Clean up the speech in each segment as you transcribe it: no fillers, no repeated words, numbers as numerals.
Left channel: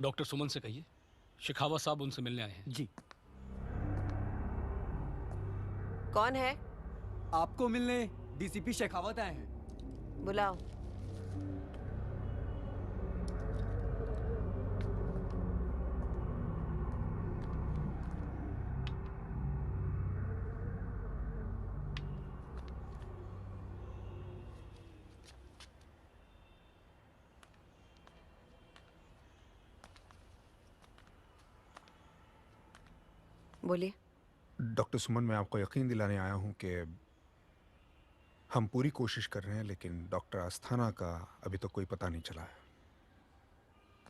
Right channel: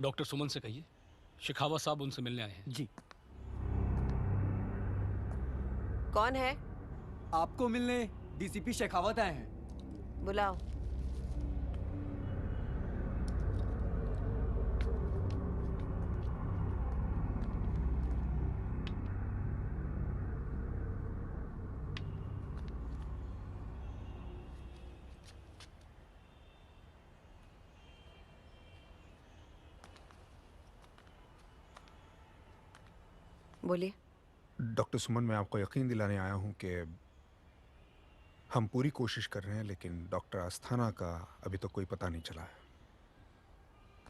Doctor सुमन से कहिए शेखावत साहब उनसे मिलने आए हैं। जी। कौन है? आपको मिलने डीसीपी शेखावत आए हैं। बुलाओ। बोलिए। डॉक्टर सुमन, मैं आपको यकीन दिलाने आया हूं कि हम पूरी कोशिश कर रहे हैं, लेकिन डॉक्टर अस्थाना का अभी तक कोई पता नहीं चला है।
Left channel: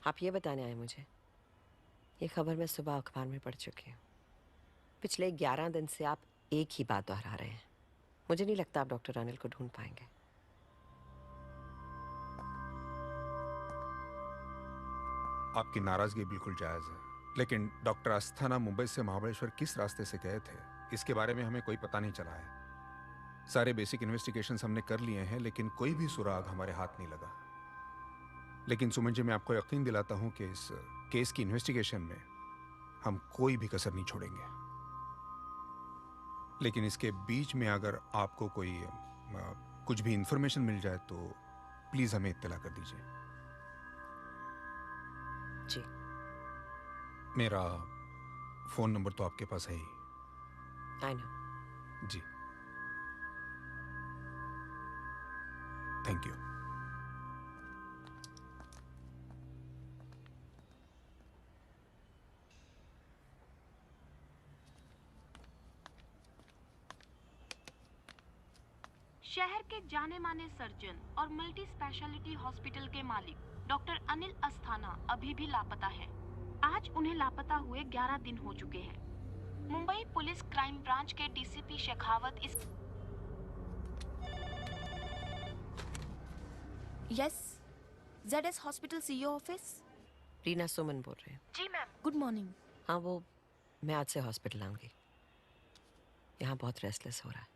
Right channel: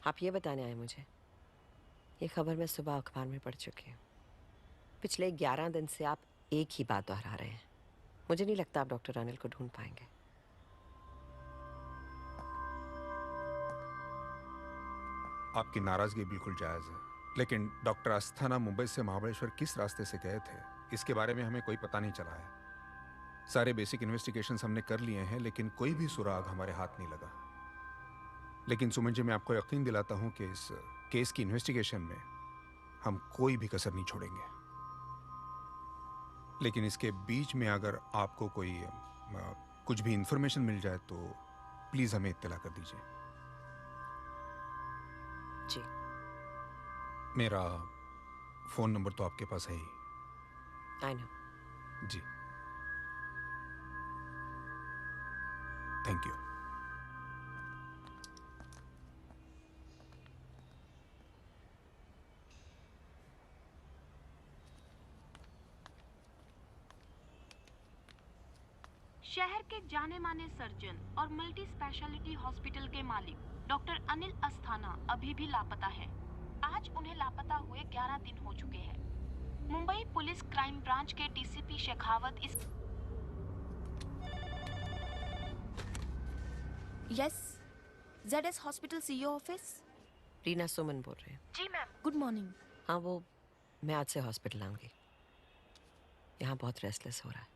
आप ये बताने आए मुझे? ये खबर मैं सुबह अखबार में पढ़ चुकी हूँ। पिछले 11 दिन से आप एक ही बात दोहरा रहे हैं। मुझे नहीं लगता आप डॉक्टर अनिल को ढूंढ पाएंगे। आपकी नाराजगी बिल्कुल जायज है, लेकिन डॉक्टर अस्थाना मुंबई से महाबलेश्वर किस रास्ते से गए थे, इसके बारे में हमें कोई पता नहीं चला है। सारे बेसिक इन्वेस्टिगेशंस हमने कर लिए हैं, लेकिन कोई भी सुराग हमारे हाथ नहीं लगा। लेकिन सुमन जी, मैं आपको यकीन दिलाता हूं कि इस केस की इन्वेस्टिगेशन में हम कोई भी कसर नहीं छोड़ेंगे। लेकिन इसके बीच में अगर आपको कोई कुछ भी इंफॉर्मेशन मिल जाए तो प्लीज हमें इत्तला कर दीजिए। जी। मेरा फोन नंबर तो आपके पास है ही। I know. जी, थैंक यू। शहर के जाने माने सर्जन और मल्टी स्पेशलिटी हॉस्पिटल के मालिक डॉक्टर अनिल अस्थाना अभी भी लापता हैं। आज उन्हें लापता हुए 11 दिन हो चुके हैं। मुंबई पुलिस क्राइम ब्रांच के डीसीपी शेखावत इस yes, ZS hospital CEO office. Reena Suman बोल रहे हैं। जी मैम। Good morning. हाँ, वो मैं आज से हॉस्पिटल आऊंगी। यहाँ बहुत रेस्टलेस हो रहा है,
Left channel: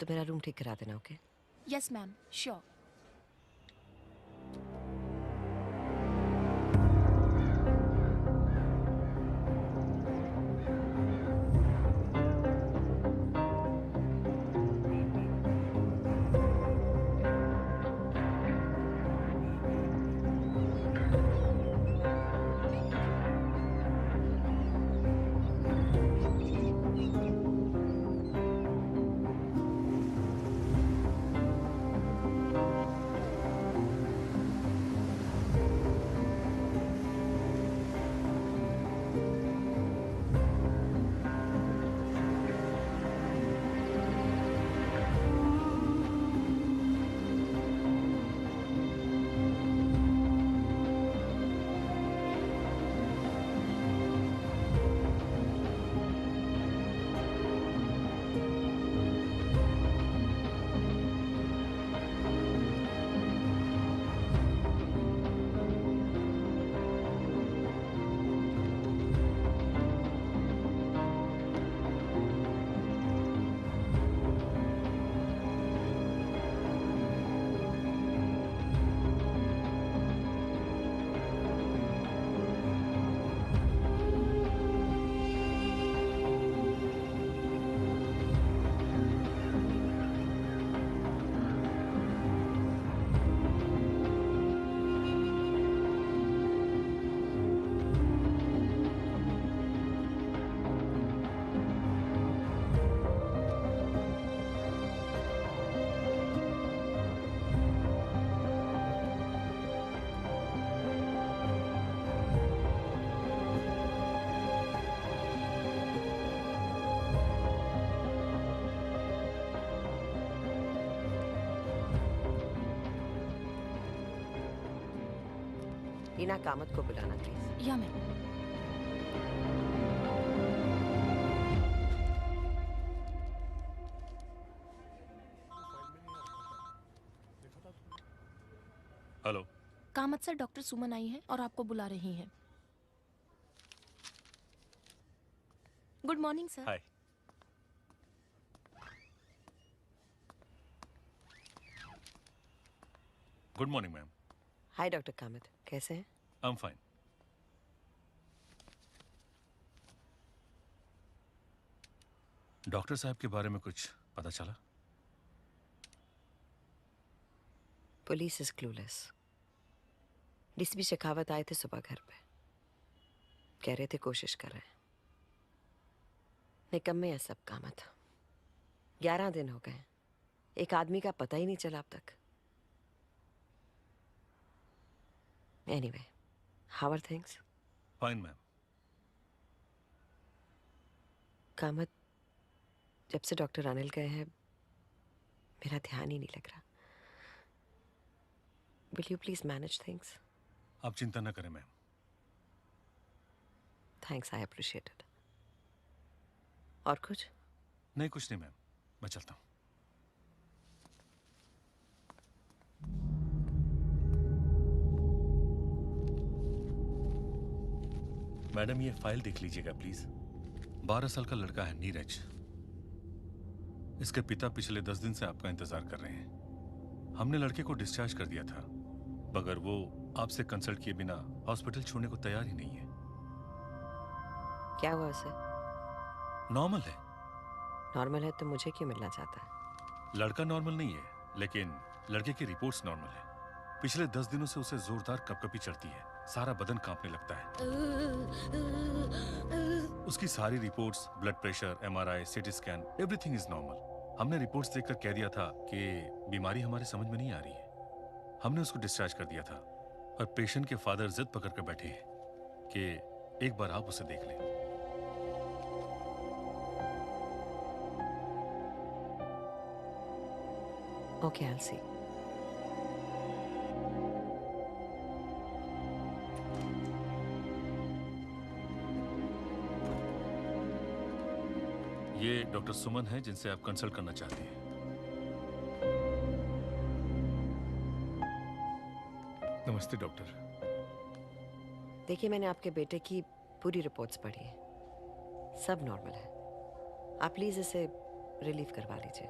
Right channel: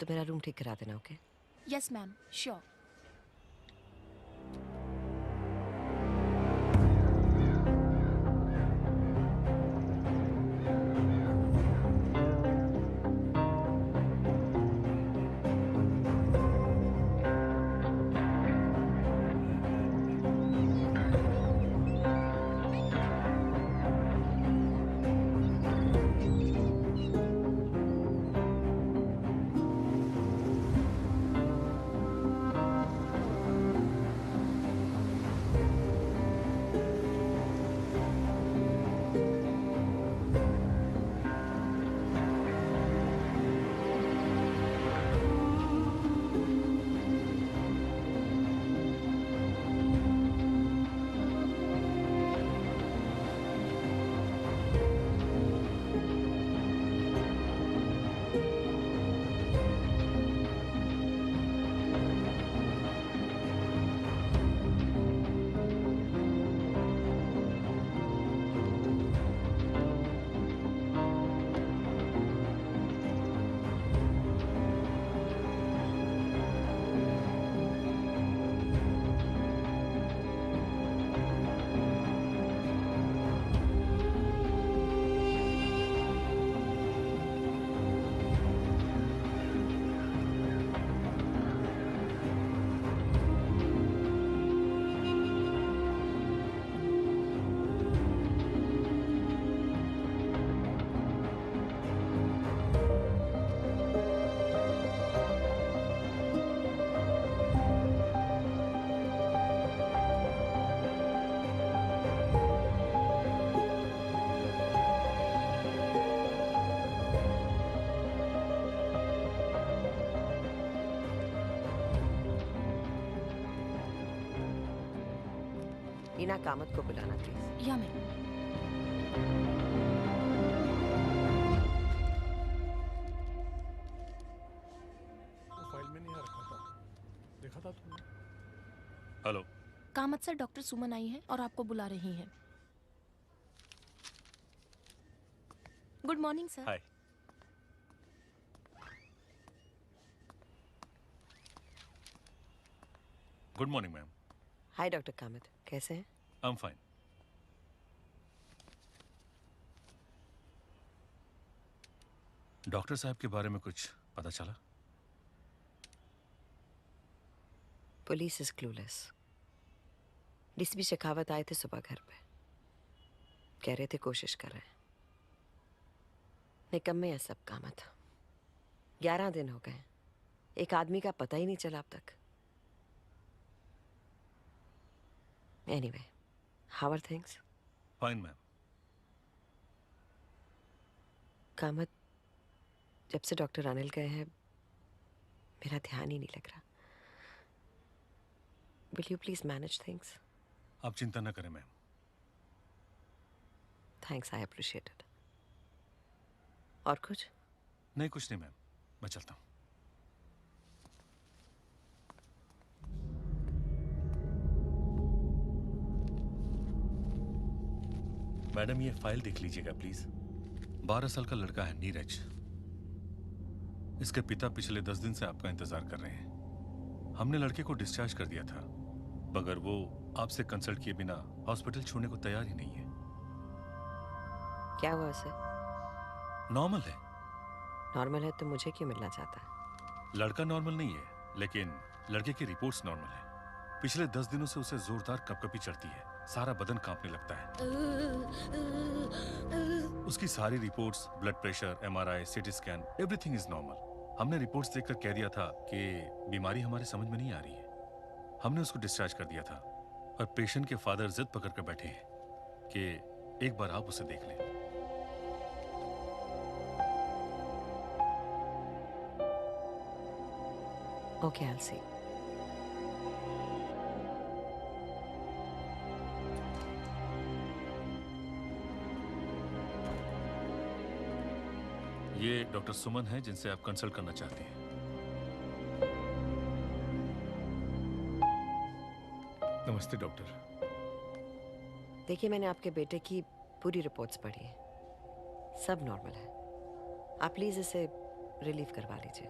तो मेरा रूम ठीक करा देना। Okay? Yes ma'am, sure. Reena Kamat को बुलाना प्लीज। या मैम। फाइल में नहीं रखा था, देखा था तुमने? Hello. Kamat sir, doctor Suman आई हैं और आपको बुला रही हैं। Good morning sir. Hi. Good morning ma'am. Hi doctor Kamat, कैसे हैं? I am fine. डॉक्टर साहब के बारे में कुछ पता चला? Police is clueless. DCP Shekhawat आए थे सुबह घर पे, कह रहे थे कोशिश कर रहे हैं। निकम्मे है सब काम था। 11 दिन हो गए, एक आदमी का पता ही नहीं चला अब तक। Anyway, how are things? Fine ma'am. Kamath, जब से डॉक्टर अनिल गए हैं मेरा ध्यान ही नहीं लग रहा। Will you please manage things? आप चिंता न करें ma'am. Thanks, I appreciate it. और कुछ? नहीं, कुछ नहीं मैम, मैं चलता हूँ। मैडम, ये फाइल देख लीजिएगा प्लीज। 12 साल का लड़का है नीरज। इसके पिता पिछले 10 दिन से आपका इंतजार कर रहे हैं। हमने लड़के को डिस्चार्ज कर दिया था, मगर वो आपसे कंसल्ट किए बिना हॉस्पिटल छोड़ने को तैयार ही नहीं है। क्या हुआ उसे? नॉर्मल है। नॉर्मल है तो मुझे क्यों मिलना चाहता है? लड़का नॉर्मल नहीं है, लेकिन लड़के की रिपोर्ट्स नॉर्मल है। पिछले 10 दिनों से उसे जोरदार कपकपी चढ़ती है, सारा बदन कांपने लगता है। उसकी सारी reports, blood pressure, MRI, CT scan, everything is normal. हमने रिपोर्ट्स देखकर कह दिया था कि बीमारी हमारे समझ में नहीं आ रही है। हमने उसको डिस्चार्ज कर दिया था, और पेशेंट के फादर जिद पकड़ कर बैठे हैं कि एक बार आप उसे देख लें। Okay, I will see. ये डॉक्टर सुमन है जिनसे आप कंसल्ट करना चाहती हैं। नमस्ते डॉक्टर। देखिए, मैंने आपके बेटे की पूरी रिपोर्ट्स पढ़ी है, सब नॉर्मल है। आप प्लीज इसे रिलीव करवा लीजिए।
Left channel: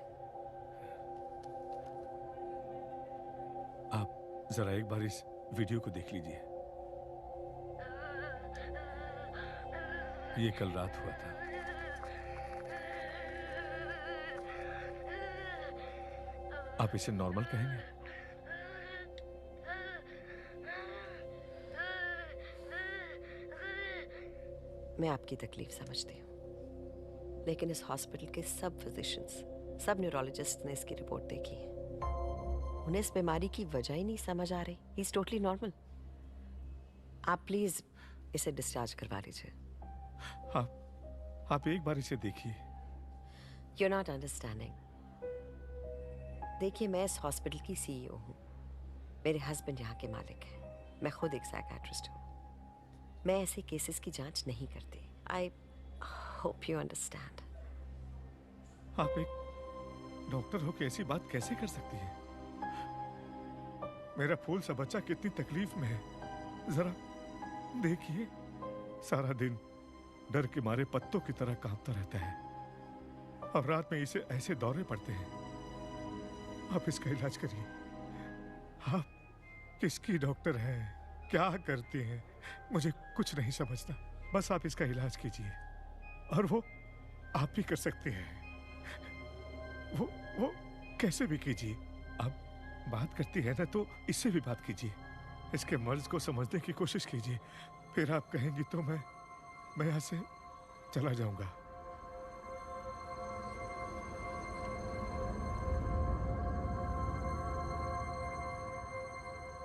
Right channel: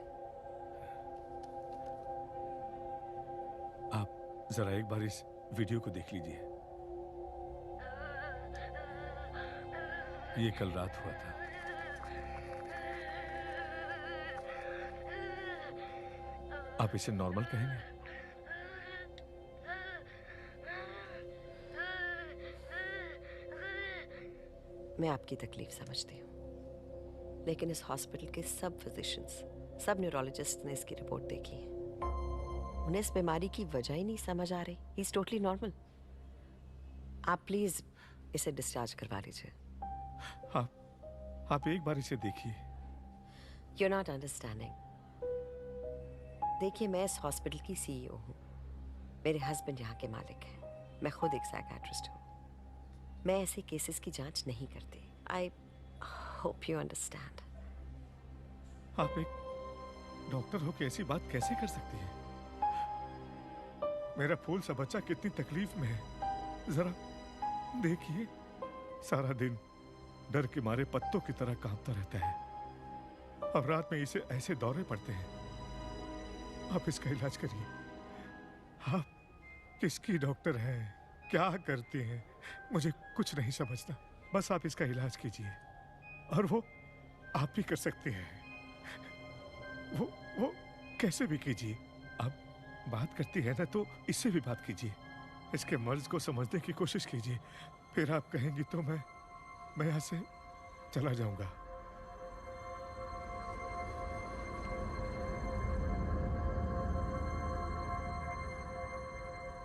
आप जरा एक बार इस वीडियो को देख लीजिए। ये कल रात हुआ था। आप इसे नॉर्मल कहेंगे? मैं आपकी तकलीफ समझती हूँ, लेकिन इस हॉस्पिटल के सब फिजिशियंस, सब न्यूरोलॉजिस्ट ने इसकी रिपोर्ट देखी है। उन्हें इस बीमारी की वजह ही नहीं समझ आ रही। He is totally normal. आप प्लीज इसे डिस्चार्ज करवा लीजिए। आप एक बार इसे देखिए। You are not understanding. देखिए, मैं इस हॉस्पिटल की सीईओ हूँ। मेरे हस्बैंड यहाँ के मालिक हैं। मैं खुद एक साइकियाट्रिस्ट हूँ। मैं ऐसे केसेस की जांच नहीं करती। I hope you understand. आप एक डॉक्टर हो के ऐसी बात कैसे कर सकती हैं? मेरा फूल सा बच्चा कितनी तकलीफ में है, जरा देखिए। सारा दिन डर के मारे पत्तों की तरह कांपता रहता है, और रात में इसे ऐसे दौरे पड़ते हैं। आप इसका इलाज करिए। आप किसकी डॉक्टर हैं, क्या करती हैं, मुझे कुछ नहीं समझता। बस आप इसका इलाज कीजिए, और वो आप ही कर सकते हैं। वो कैसे भी कीजिए। आप बात करती है ना, तो इससे भी बात कीजिए। इसके मर्ज को समझने की कोशिश कीजिए। फिर आप कहेंगी तो मैं यहाँ से चला जाऊंगा।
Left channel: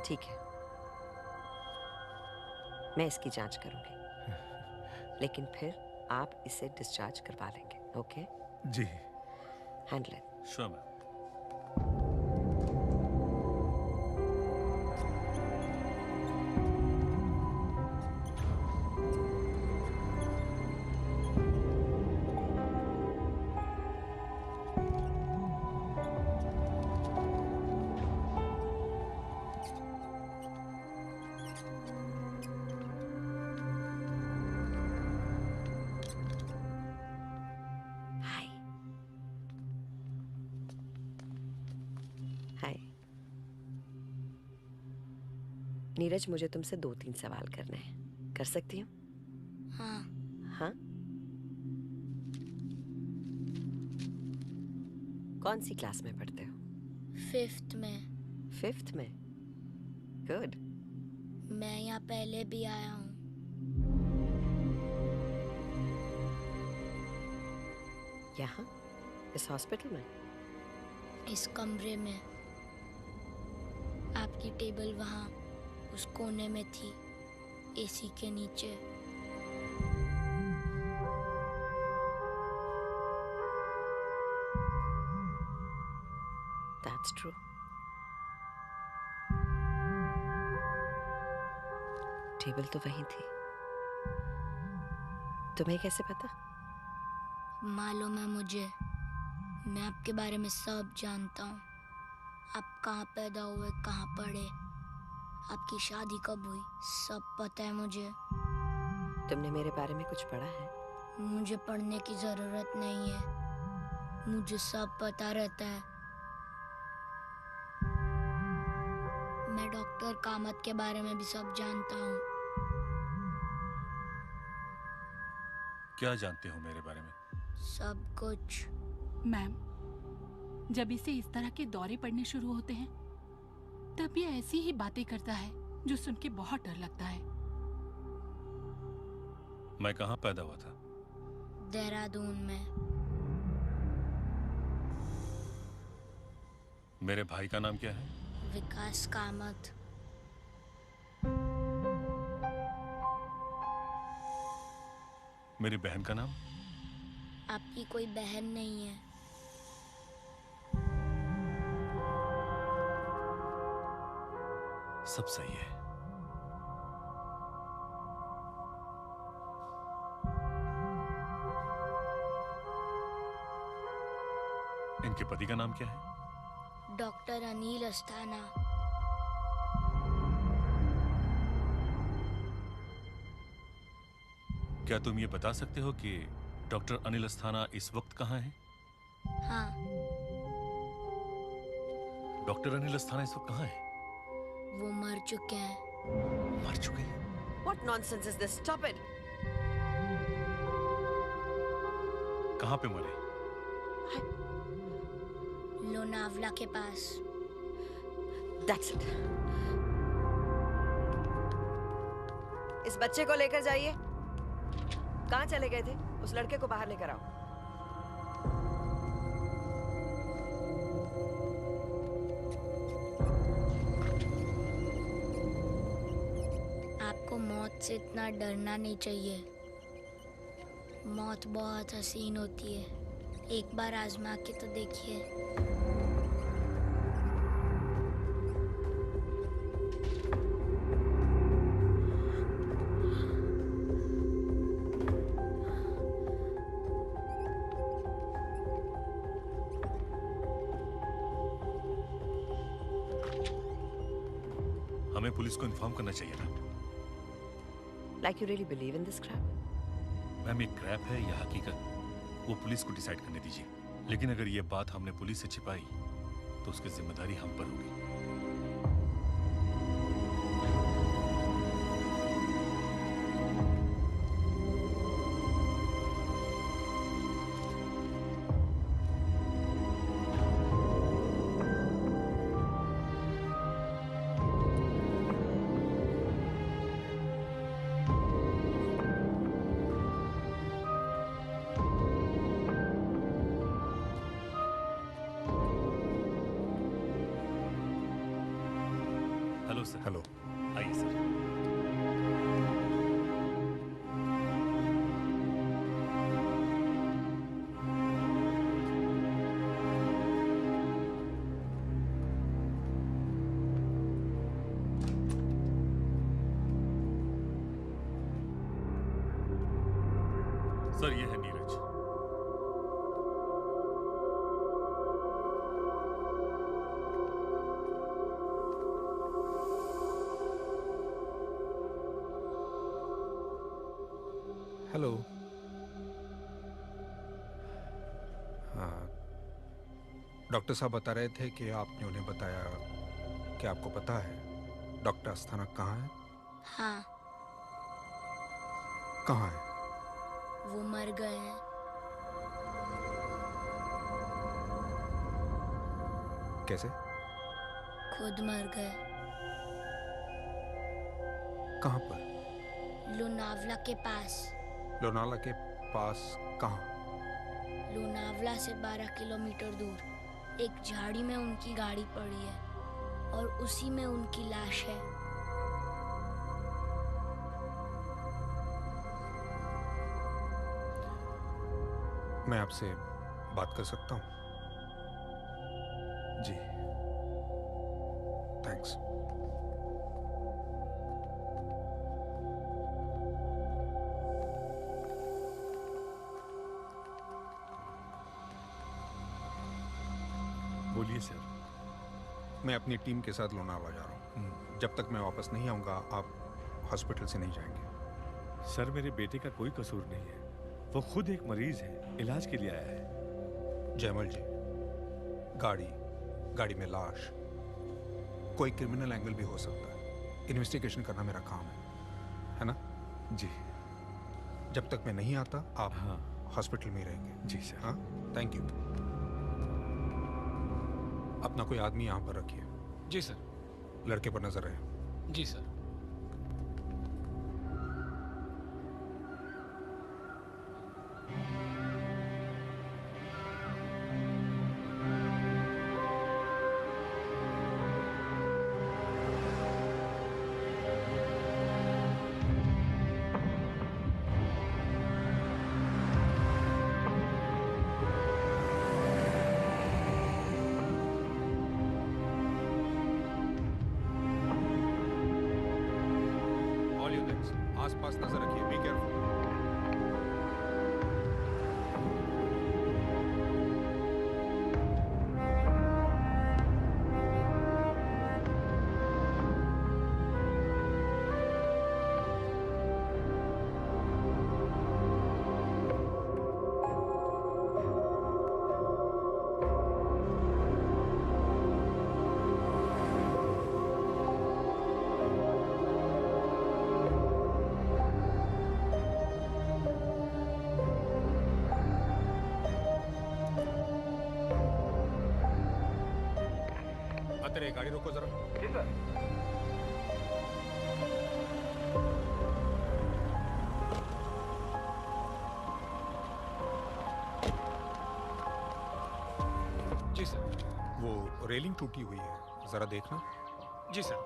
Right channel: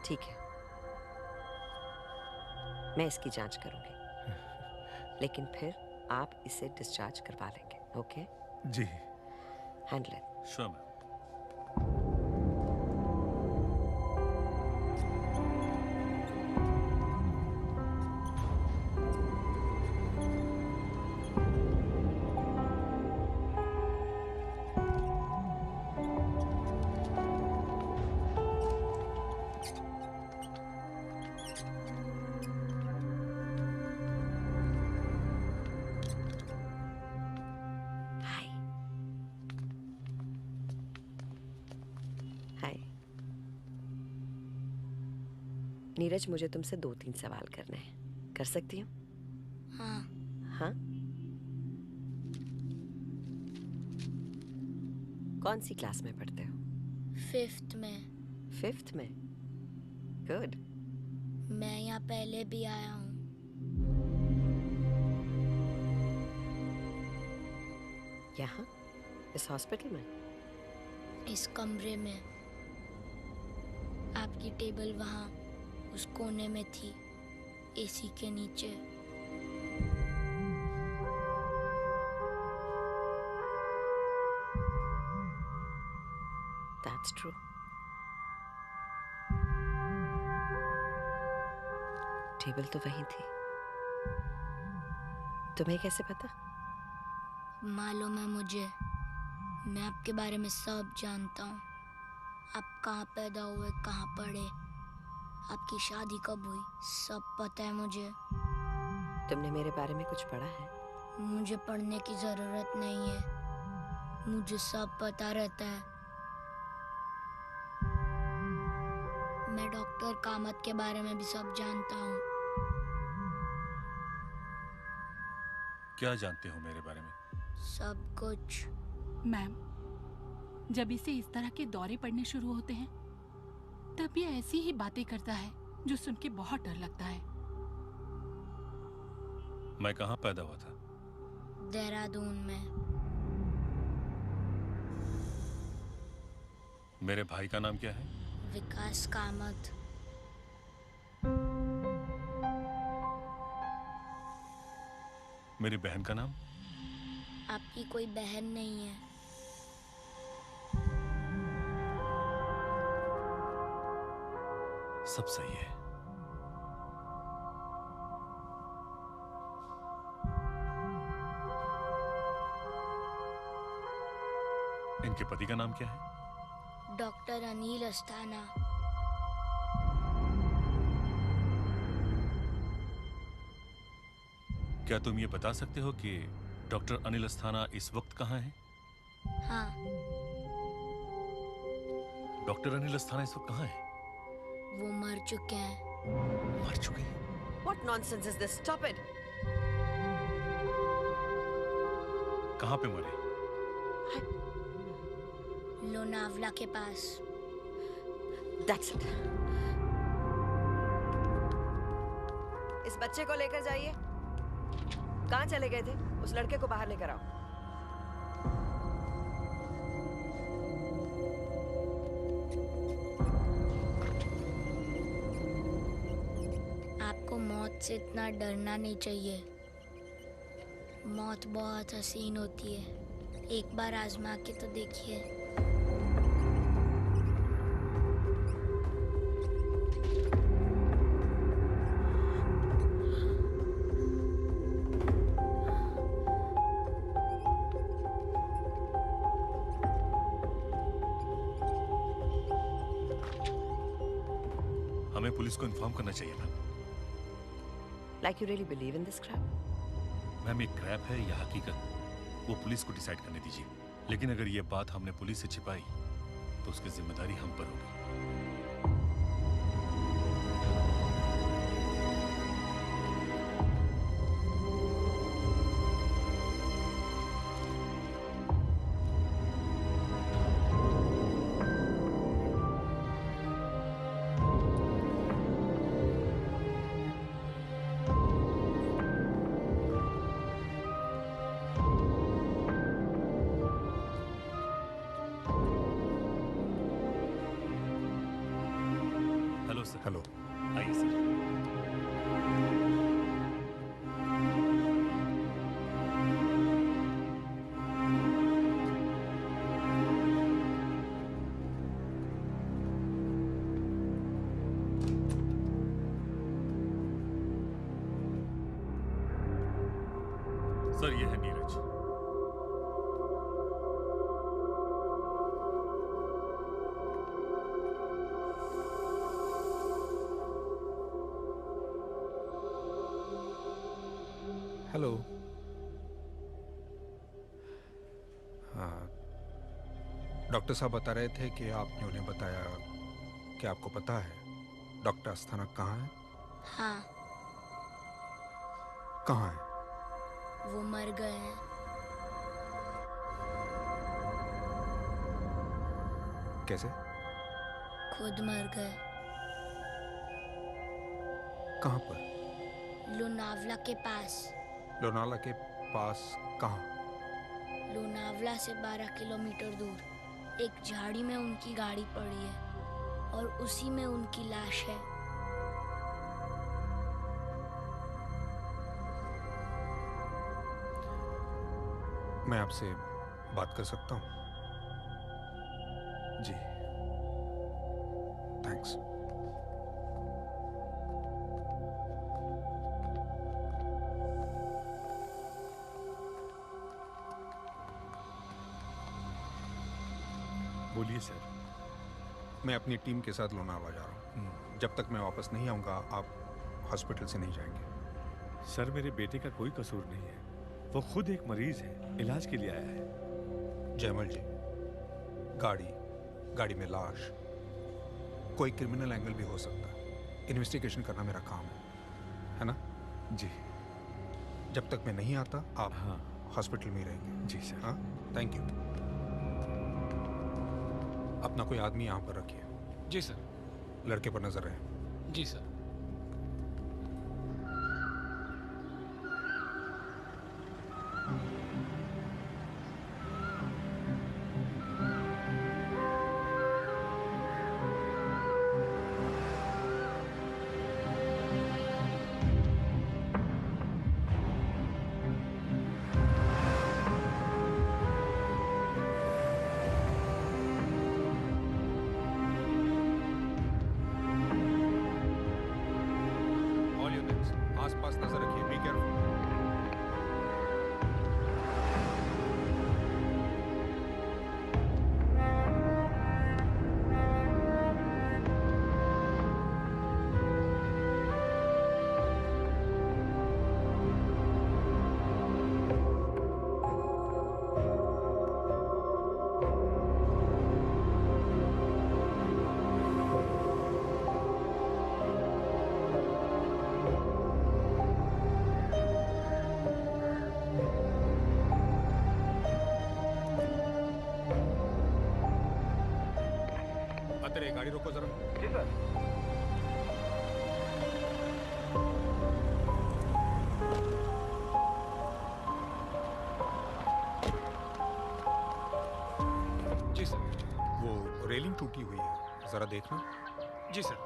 ठीक है, मैं इसकी जांच करूंगी, लेकिन फिर आप इसे डिस्चार्ज करवा लेंगे। ओके जी। Handle it. Sure ma'am. Hi. Hi Neeraj, मुझे तुमसे 2-3 सवाल करने हैं। कर सकती हूँ? हाँ। हाँ। कौन सी क्लास में पढ़ते हो? 5th में। 5th में? गुड। मैं यहाँ पहले भी आया हूँ। यहाँ? इस हॉस्पिटल में? इस कमरे में। आपकी टेबल वहाँ उस कोने में थी, एसी के नीचे। That's true. टेबल तो वहीं थी। तुम्हें कैसे पता? मालूम है मुझे। मैं आपके बारे में सब जानता हूँ। आप कहाँ पैदा हुए, कहाँ पढ़े, आपकी शादी कब हुई, सब पता है मुझे। तुमने मेरे बारे में कुछ पढ़ा है? मुझे पढ़ने की जरूरत नहीं है, मुझे सब पता रहता है। मैं डॉक्टर कामत के बारे में भी सब जानता हूँ। क्या जानते हो मेरे बारे में? सब कुछ। मैम, जब इसे इस तरह के दौरे पड़ने शुरू होते हैं तब ये ऐसी ही बातें करता है जो सुन के बहुत डर लगता है। मैं कहाँ पैदा हुआ था? देहरादून में। मेरे भाई का नाम क्या है? विकास कामत। मेरी बहन का नाम? आपकी कोई बहन नहीं है। सब सही है। इनके पति का नाम क्या है? डॉक्टर अनिल अस्थाना। क्या तुम ये बता सकते हो कि डॉक्टर अनिल अस्थाना इस वक्त कहाँ है? हाँ। डॉक्टर अनिल अस्थाना इस वक्त कहाँ है? वो मर चुके हैं। मर चुके हैं? What nonsense is this? Stop it! कहाँ पे मरे? लोनावला के पास। That's it. इस बच्चे को लेकर जाइए। कहाँ चले गए थे? उस लड़के को बाहर लेकर आओ। आपको मौत से इतना डरना नहीं चाहिए। मौत बहुत हसीन होती है, एक बार आजमा के तो देखिए। हमें पुलिस को इन्फॉर्म करना चाहिए था। Like you really believe in this crap? Ma'am, ये क्रैप है या हकीकत, वो पुलिस को डिसाइड करने दीजिए। लेकिन अगर ये बात हमने पुलिस से छिपाई तो उसकी जिम्मेदारी हम पर होगी। Hello sir. हेलो। आइए सर। सर, ये है नीरज। हेलो। हाँ, डॉक्टर साहब बता रहे थे कि आपने उन्हें बताया कि आपको पता है डॉक्टर अस्थाना कहाँ है? हाँ, कहाँ है? वो मर गए हैं। कैसे? खुद मर गए। कहाँ पर? लोनावला के पास। लोनावला के पास कहाँ? लोनावला से 12 किलोमीटर दूर एक झाड़ी में उनकी गाड़ी पड़ी है और उसी में उनकी लाश है। मैं आपसे बात कर सकता हूँ? जी। थैंक्स। बोलिए सर। मैं अपनी टीम के साथ लोनावला जा रहा हूँ। जब तक मैं वापस नहीं आऊँगा आप हॉस्पिटल से नहीं जाएंगे। सर मेरे बेटे का कोई कसूर नहीं है, वो खुद एक मरीज है, इलाज के लिए आया है। जयमल जी, गाड़ी में कोई क्रिमिनल एंगल भी हो सकता है। इन्वेस्टिगेशन करना मेरा काम है ना? जी। जब तक मैं नहीं आता आप हाँ। हॉस्पिटल में ही रहेंगे। जी सर। हाँ, थैंक यू। अपना कोई आदमी यहाँ पर रखिए। जी सर। लड़के पर नजर रहे। जी सर। आसपास नजर रखिए, बी केयरफुल। अतरे गाड़ी रोको जरा। जी सर। जी सर। वो रेलिंग टूटी हुई है, जरा देखना। जी सर।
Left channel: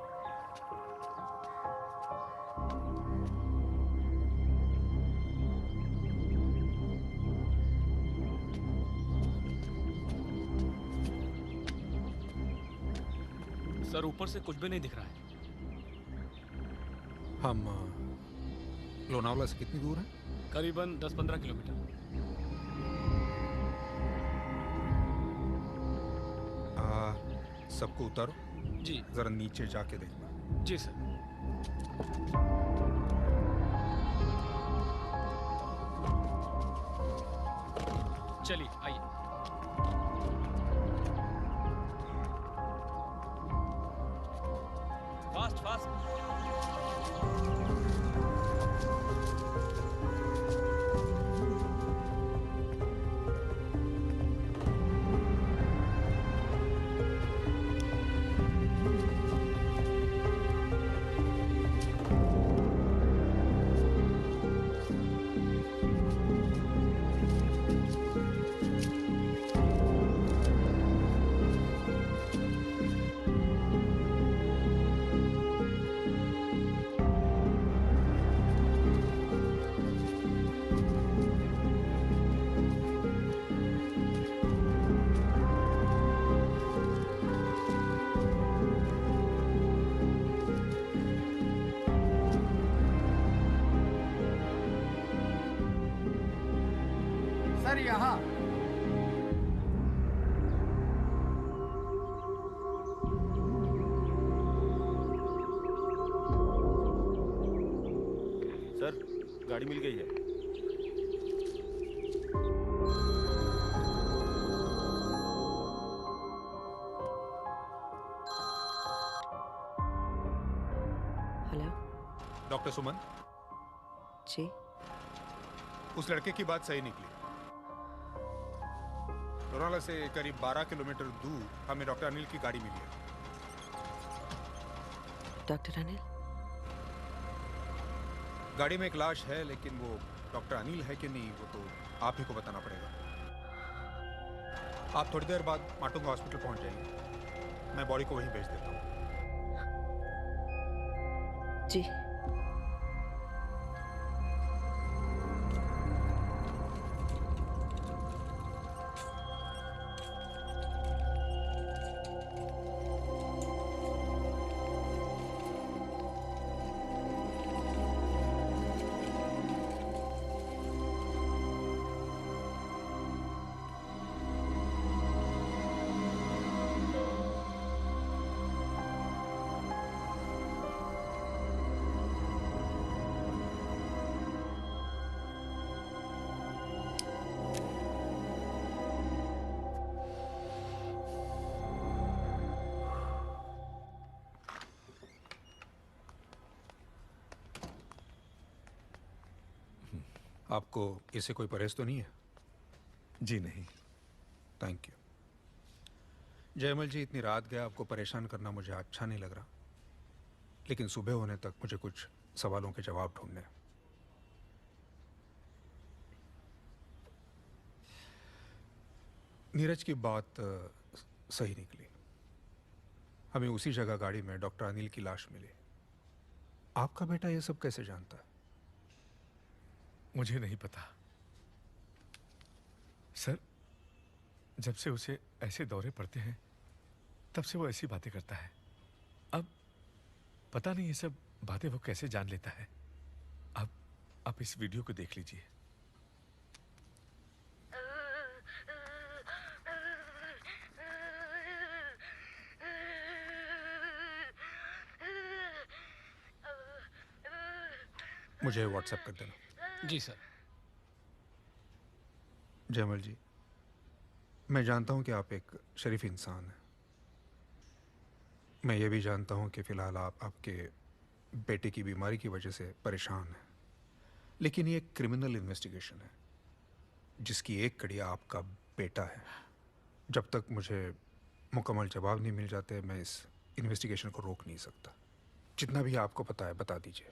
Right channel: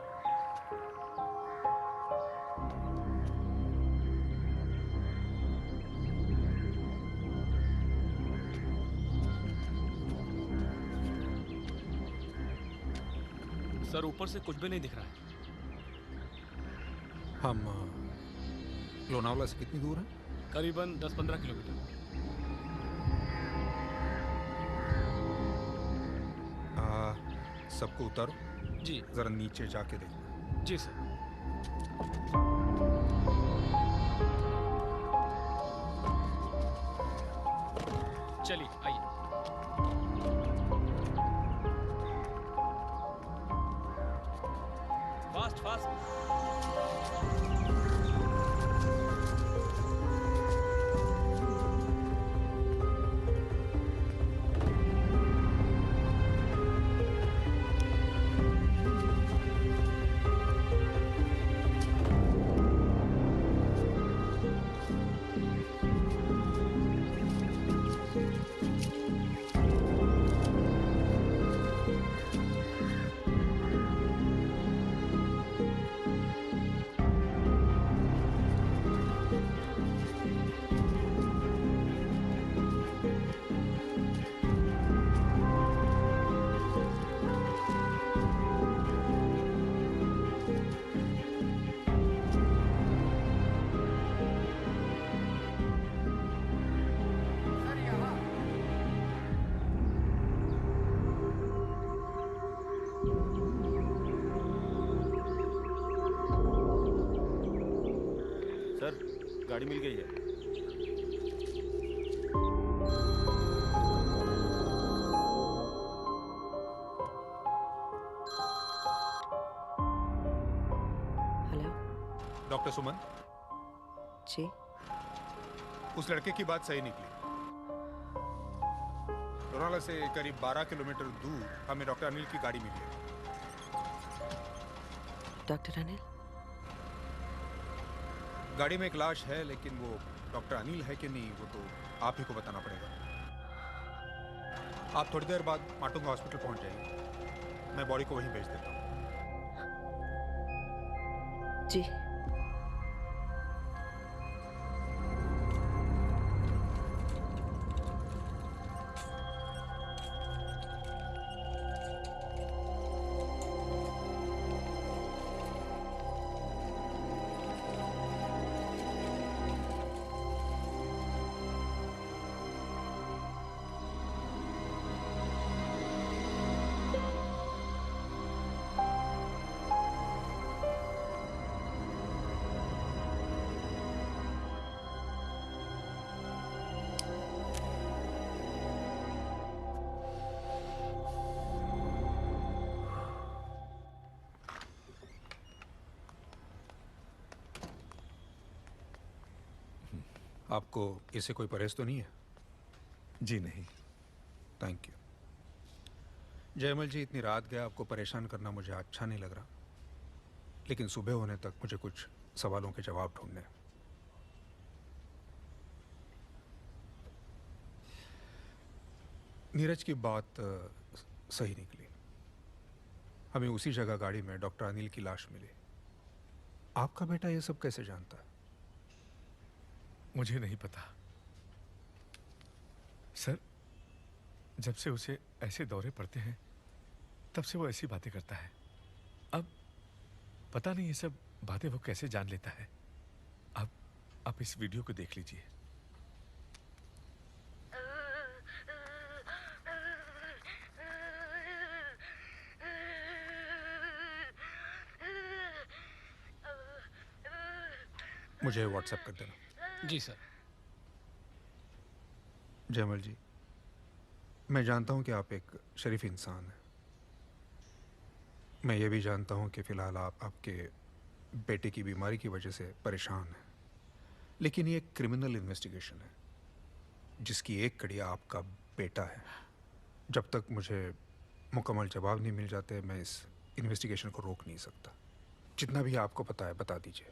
सर ऊपर से कुछ भी नहीं दिख रहा है। हम लोनावला से कितनी दूर है? करीबन 10-15 किलोमीटर। सबको उतारो। जी। जरा नीचे जाके देखना। जी सर। चलिए आइए। Fast fast. सर यहाँ। सर गाड़ी मिल गई है। हेलो। डॉक्टर सुमन, जी। उस लड़के की बात सही निकली। लोनावाला से करीब 12 किलोमीटर दूर हमें डॉक्टर अनिल की गाड़ी मिली है। डॉक्टर अनिल? गाड़ी में एक लाश है, लेकिन वो डॉक्टर अनिल है कि नहीं वो तो आप ही को बताना पड़ेगा। आप थोड़ी देर बाद माटुंगा हॉस्पिटल पहुंच जाइए, मैं बॉडी को वहीं भेज देता हूँ। जी। आपको इससे कोई परहेज तो नहीं है? जी नहीं। Thank you. जयमल जी, इतनी रात गया आपको परेशान करना मुझे अच्छा नहीं लग रहा, लेकिन सुबह होने तक मुझे कुछ सवालों के जवाब ढूंढने हैं। नीरज की बात सही निकली। हमें उसी जगह गाड़ी में डॉक्टर अनिल की लाश मिली। आपका बेटा ये सब कैसे जानता है? मुझे नहीं पता सर। जब से उसे ऐसे दौरे पड़ते हैं तब से वो ऐसी बातें करता है। अब पता नहीं ये सब बातें वो कैसे जान लेता है। अब आप इस वीडियो को देख लीजिए। मुझे व्हाट्सएप कर देना। जी सर। जयमल जी, मैं जानता हूं कि आप एक शरीफ इंसान हैं। मैं ये भी जानता हूं कि फ़िलहाल आप आपके बेटे की बीमारी की वजह से परेशान हैं, लेकिन ये एक क्रिमिनल इन्वेस्टिगेशन है जिसकी एक कड़ी आपका बेटा है। जब तक मुझे मुकम्मल जवाब नहीं मिल जाते मैं इस इन्वेस्टिगेशन को रोक नहीं सकता। जितना भी आपको पता है बता दीजिए।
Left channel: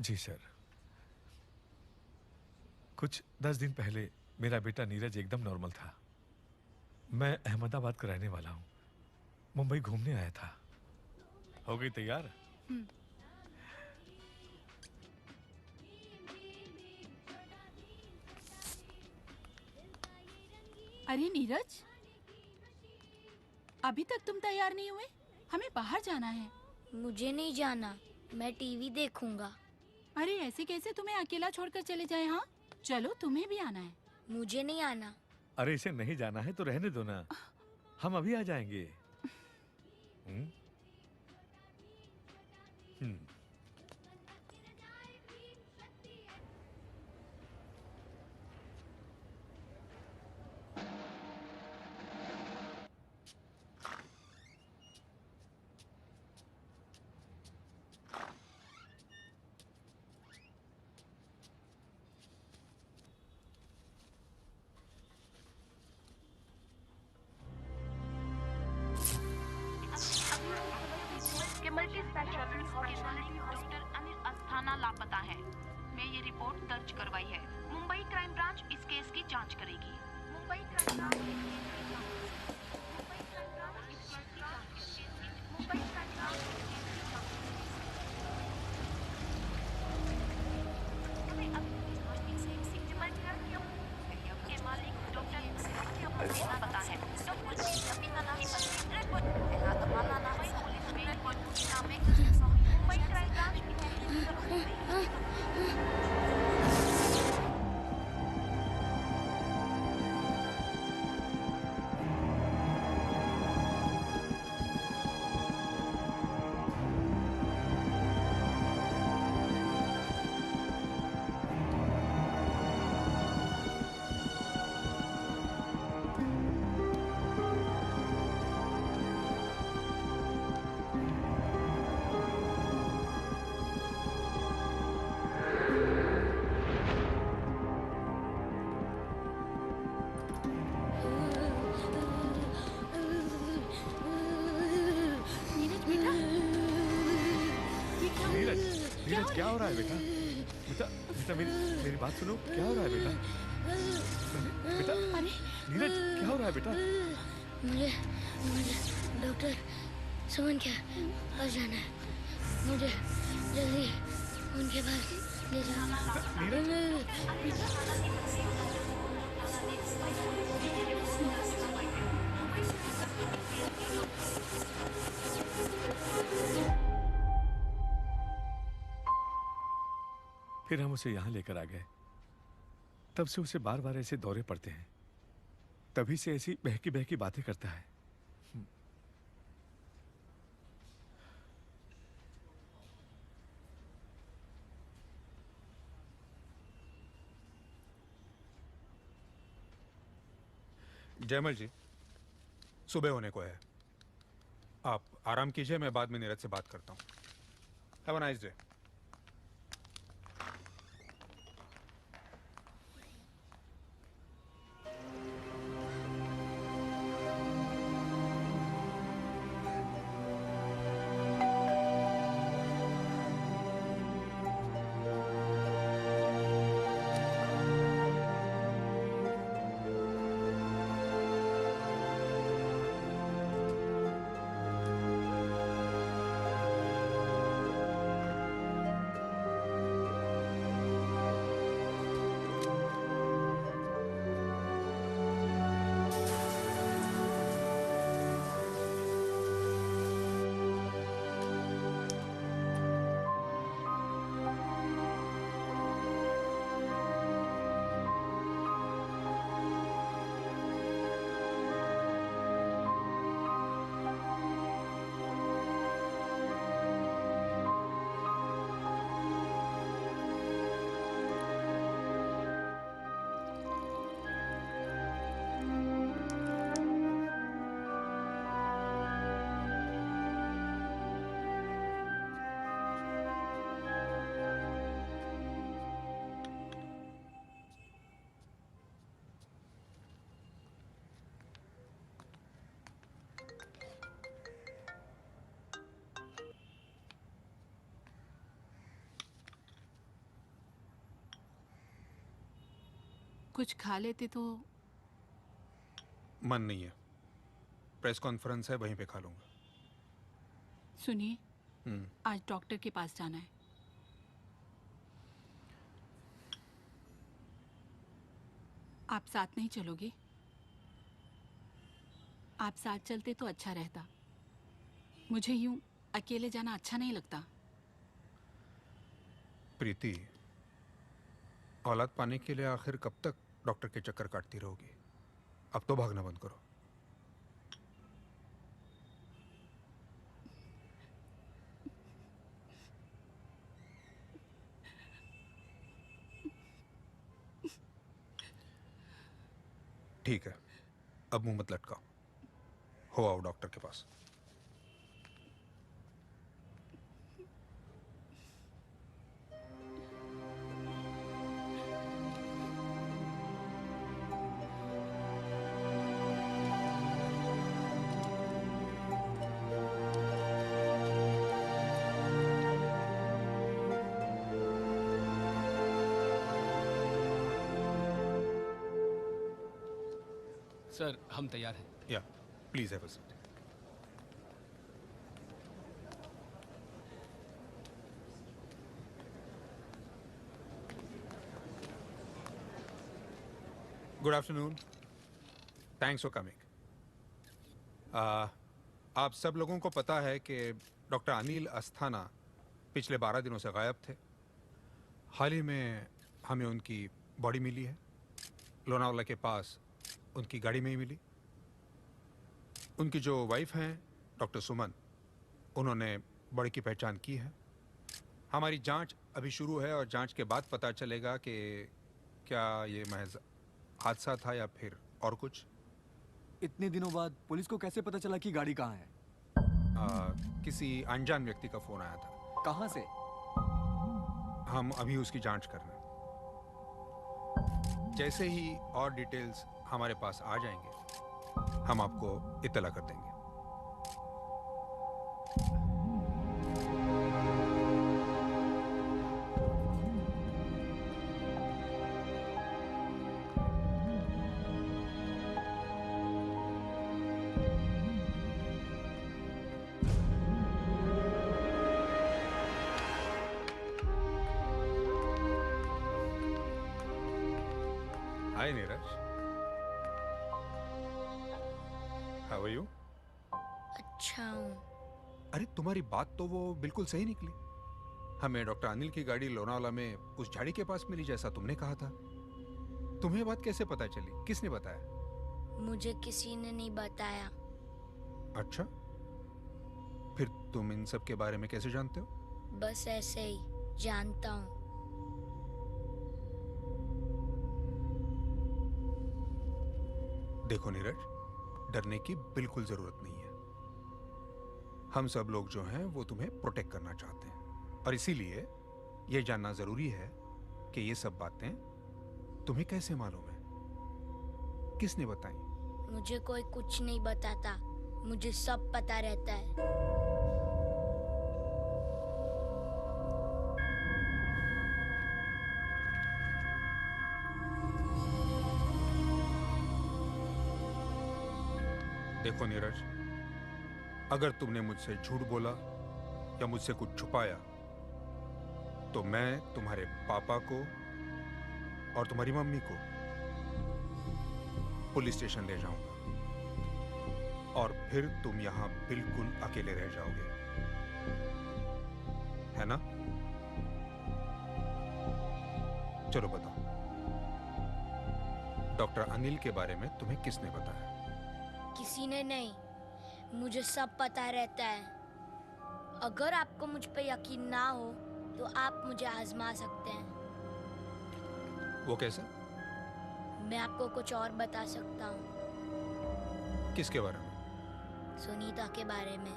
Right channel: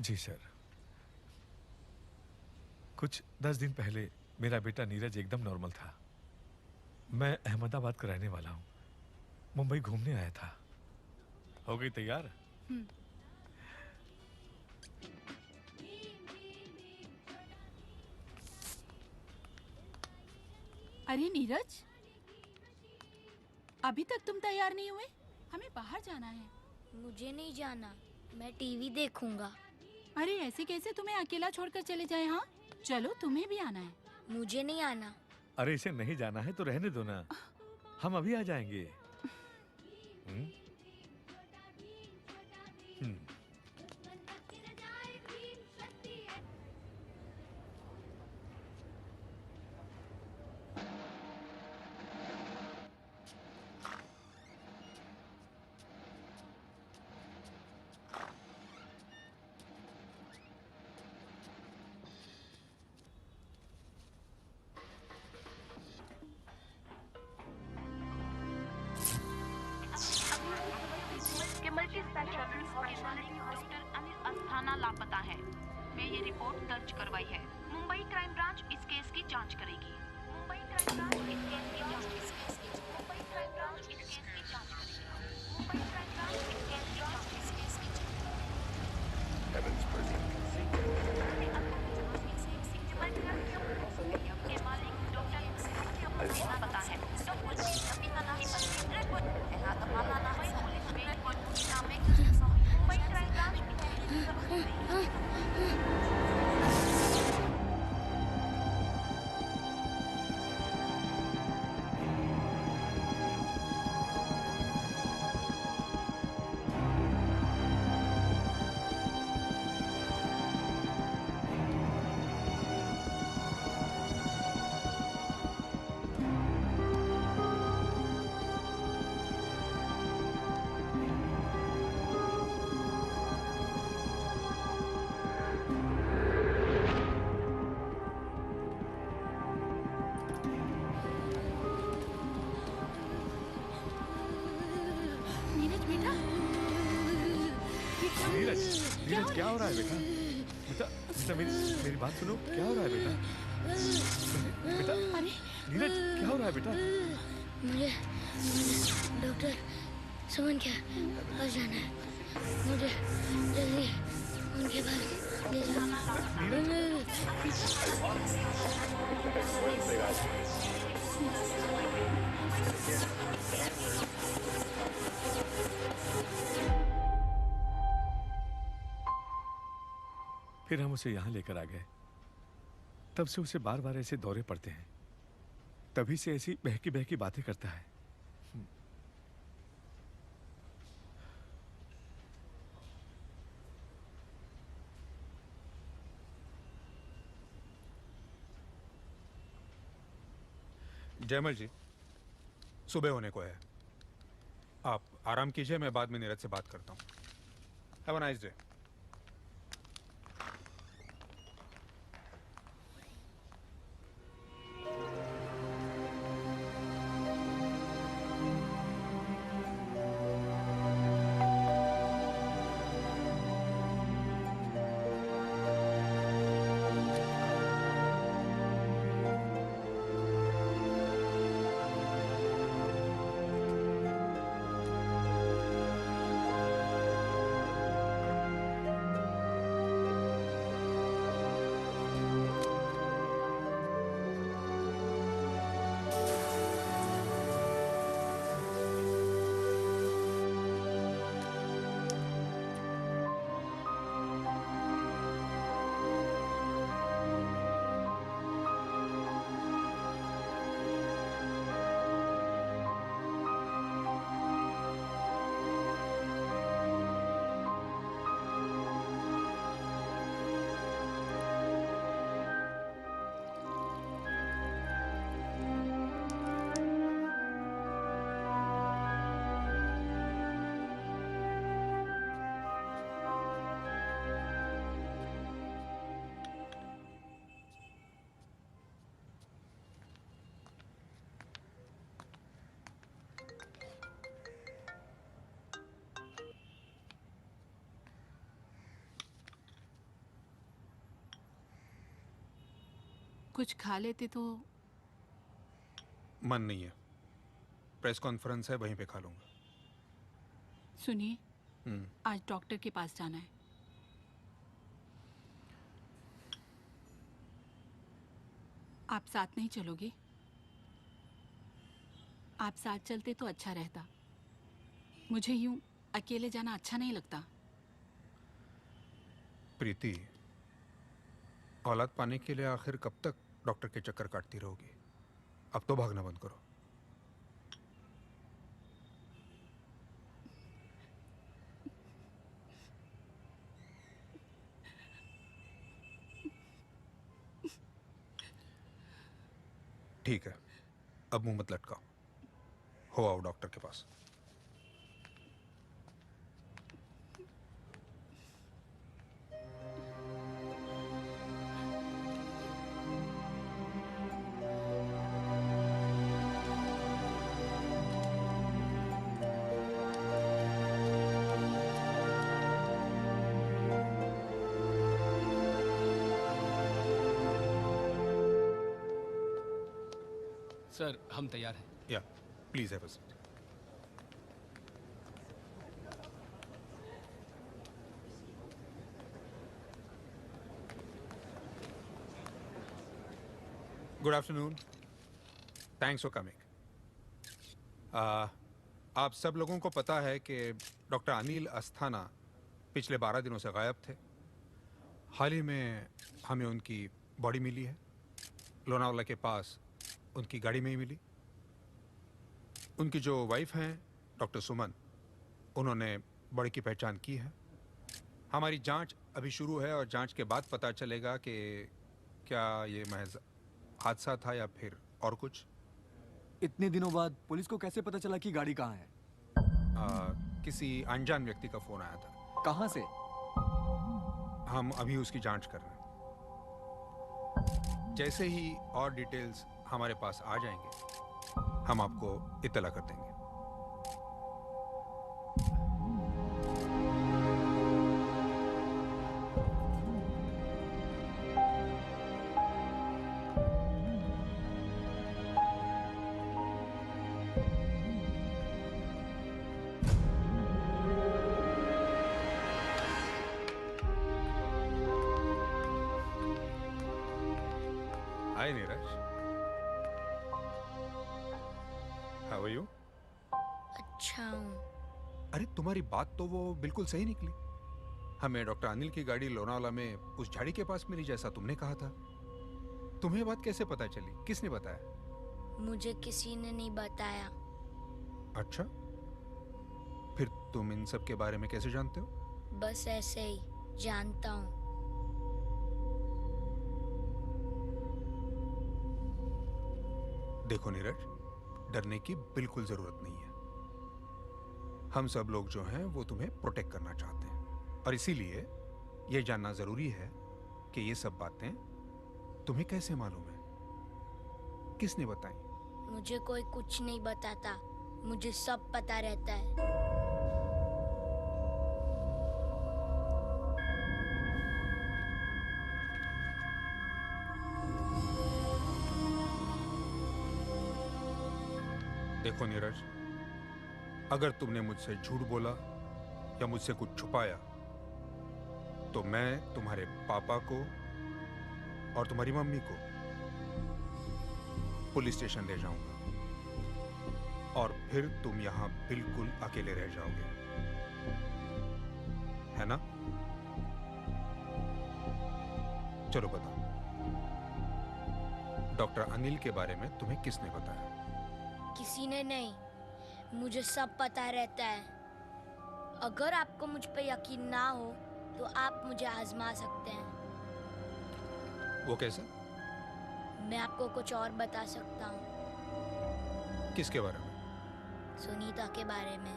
जी सर। कुछ 10 दिन पहले मेरा बेटा नीरज एकदम नॉर्मल था। मैं अहमदाबाद का रहने वाला हूँ, मुंबई घूमने आया था। हो गई तैयार? अरे नीरज, अभी तक तुम तैयार नहीं हुए? हमें बाहर जाना है। मुझे नहीं जाना, मैं टीवी देखूंगा। अरे ऐसे कैसे तुम्हें अकेला छोड़कर चले जाए? हाँ चलो, तुम्हें भी आना है। मुझे नहीं आना। अरे इसे नहीं जाना है तो रहने दो ना, हम अभी आ जाएंगे। Multi speciality doctor Anil Asthana लापता है। मैं ये रिपोर्ट दर्ज करवाई है। मुंबई क्राइम ब्रांच इस केस की जांच करेगी। मुंबई क्राइम ब्रांच इस केस की जांच करेगी। मुंबई क्राइम ब्रांच इस केस की जांच करेगी। मुंबई क्राइम ब्रांच इस केस की जांच करेगी। के मालिक डॉक्टर पता है। मुंबई क्राइम ब्रांच नीरज क्या हो रहा है बेटा? बेटा बेटा मेरी बात सुनो, क्या हो रहा है बेटा? बेटा नीरज क्या हो रहा है बेटा? मुझे डॉक्टर सुमन के पास जाना है। मुझे जल्दी उनके पास ले जाओ। फिर हम उसे यहाँ लेकर आ गए। तब से उसे बार बार ऐसे दौरे पड़ते हैं, तभी से ऐसी बहकी बहकी बातें करता है। जयमल जी, सुबह होने को है, आप आराम कीजिए, मैं बाद में नीरज से बात करता हूँ। Have a nice day. कुछ खा लेते तो। मन नहीं है, प्रेस कॉन्फ्रेंस है, वहीं पे खा लूंगा। सुनिए, आज डॉक्टर के पास जाना है। आप साथ नहीं चलोगे? आप साथ चलते तो अच्छा रहता। मुझे यूं अकेले जाना अच्छा नहीं लगता। प्रीति, औलाद पाने के लिए आखिर कब तक डॉक्टर के चक्कर काटती रहोगी? अब तो भागना बंद करो। ठीक है, अब मुंह मत लटकाओ, हो आओ डॉक्टर के पास। सर, हम तैयार हैं। या please have a seat. Good afternoon, thanks for coming. आप सब लोगों को पता है कि डॉक्टर अनिल अस्थाना पिछले 12 दिनों से गायब थे। हाल ही में हमें उनकी बॉडी मिली है, लोनावाला के पास उनकी गाड़ी में ही मिली। उनकी जो वाइफ हैं डॉक्टर सुमन, उन्होंने बॉडी की पहचान की है। हमारी जांच अभी शुरू है और जांच के बाद पता चलेगा कि क्या ये महज हादसा था या फिर और कुछ। इतने दिनों बाद पुलिस को कैसे पता चला कि गाड़ी कहाँ है? किसी अनजान व्यक्ति का फोन आया था। कहाँ से? हम अभी उसकी जांच कर रहे हैं। जैसे ही और डिटेल्स हमारे पास आ जाएंगे, हम आपको इत्तला कर देंगे। हाय नीरज, हाउ आर यू? अच्छा हूँ। अरे तुम्हारी बात तो वो बिल्कुल सही निकली। हमें डॉक्टर अनिल की गाड़ी लोनावाला में उस झाड़ी के पास मिली जैसा तुमने कहा था। तुम्हें बात कैसे पता चली? किसने बताया? मुझे किसी ने नहीं बताया। अच्छा, फिर तुम इन सब के बारे में कैसे जानते हो? बस ऐसे ही जानता हूँ। देखो नीरज, डरने की बिल्कुल जरूरत नहीं है। हम सब लोग जो हैं वो तुम्हें प्रोटेक्ट करना चाहते हैं, और इसीलिए यह जानना जरूरी है कि ये सब बातें तुम्हें कैसे मालूम है, किसने बताई? मुझे कोई कुछ नहीं बताता, मुझे सब पता रहता है। देखो नीरज, अगर तुमने मुझसे झूठ बोला या मुझसे कुछ छुपाया तो मैं तुम्हारे पापा को और तुम्हारी मम्मी को पुलिस स्टेशन ले जाऊंगा, और फिर तुम यहां बिल्कुल अकेले रह जाओगे, है ना? चलो बताओ, डॉक्टर अनिल के बारे में तुम्हें किसने बताया? किसी ने नहीं, मुझे सब पता रहता है। अगर आपको मुझ पे यकीन ना हो तो आप मुझे आजमा सकते हैं। वो कैसे? मैं आपको कुछ और बता सकता हूँ। किसके बारे में? सुनीता के बारे में।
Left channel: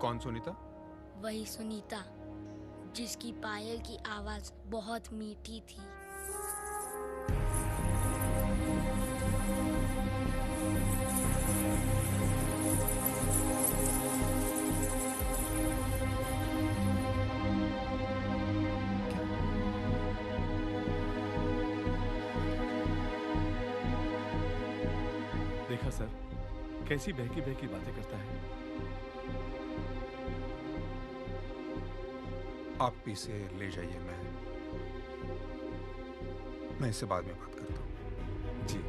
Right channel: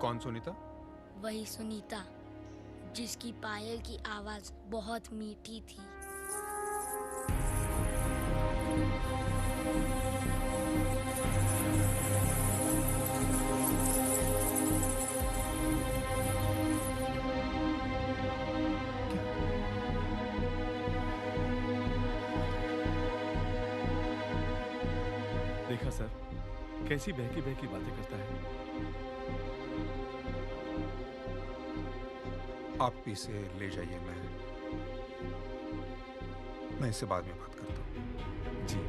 कौन सुनीता? वही सुनीता जिसकी पायल की आवाज बहुत मीठी थी। देखा सर, कैसी बहकी बहकी बातें करता है। आप इसे ले जाइए, मैं इससे बाद में बात करता हूँ। जी।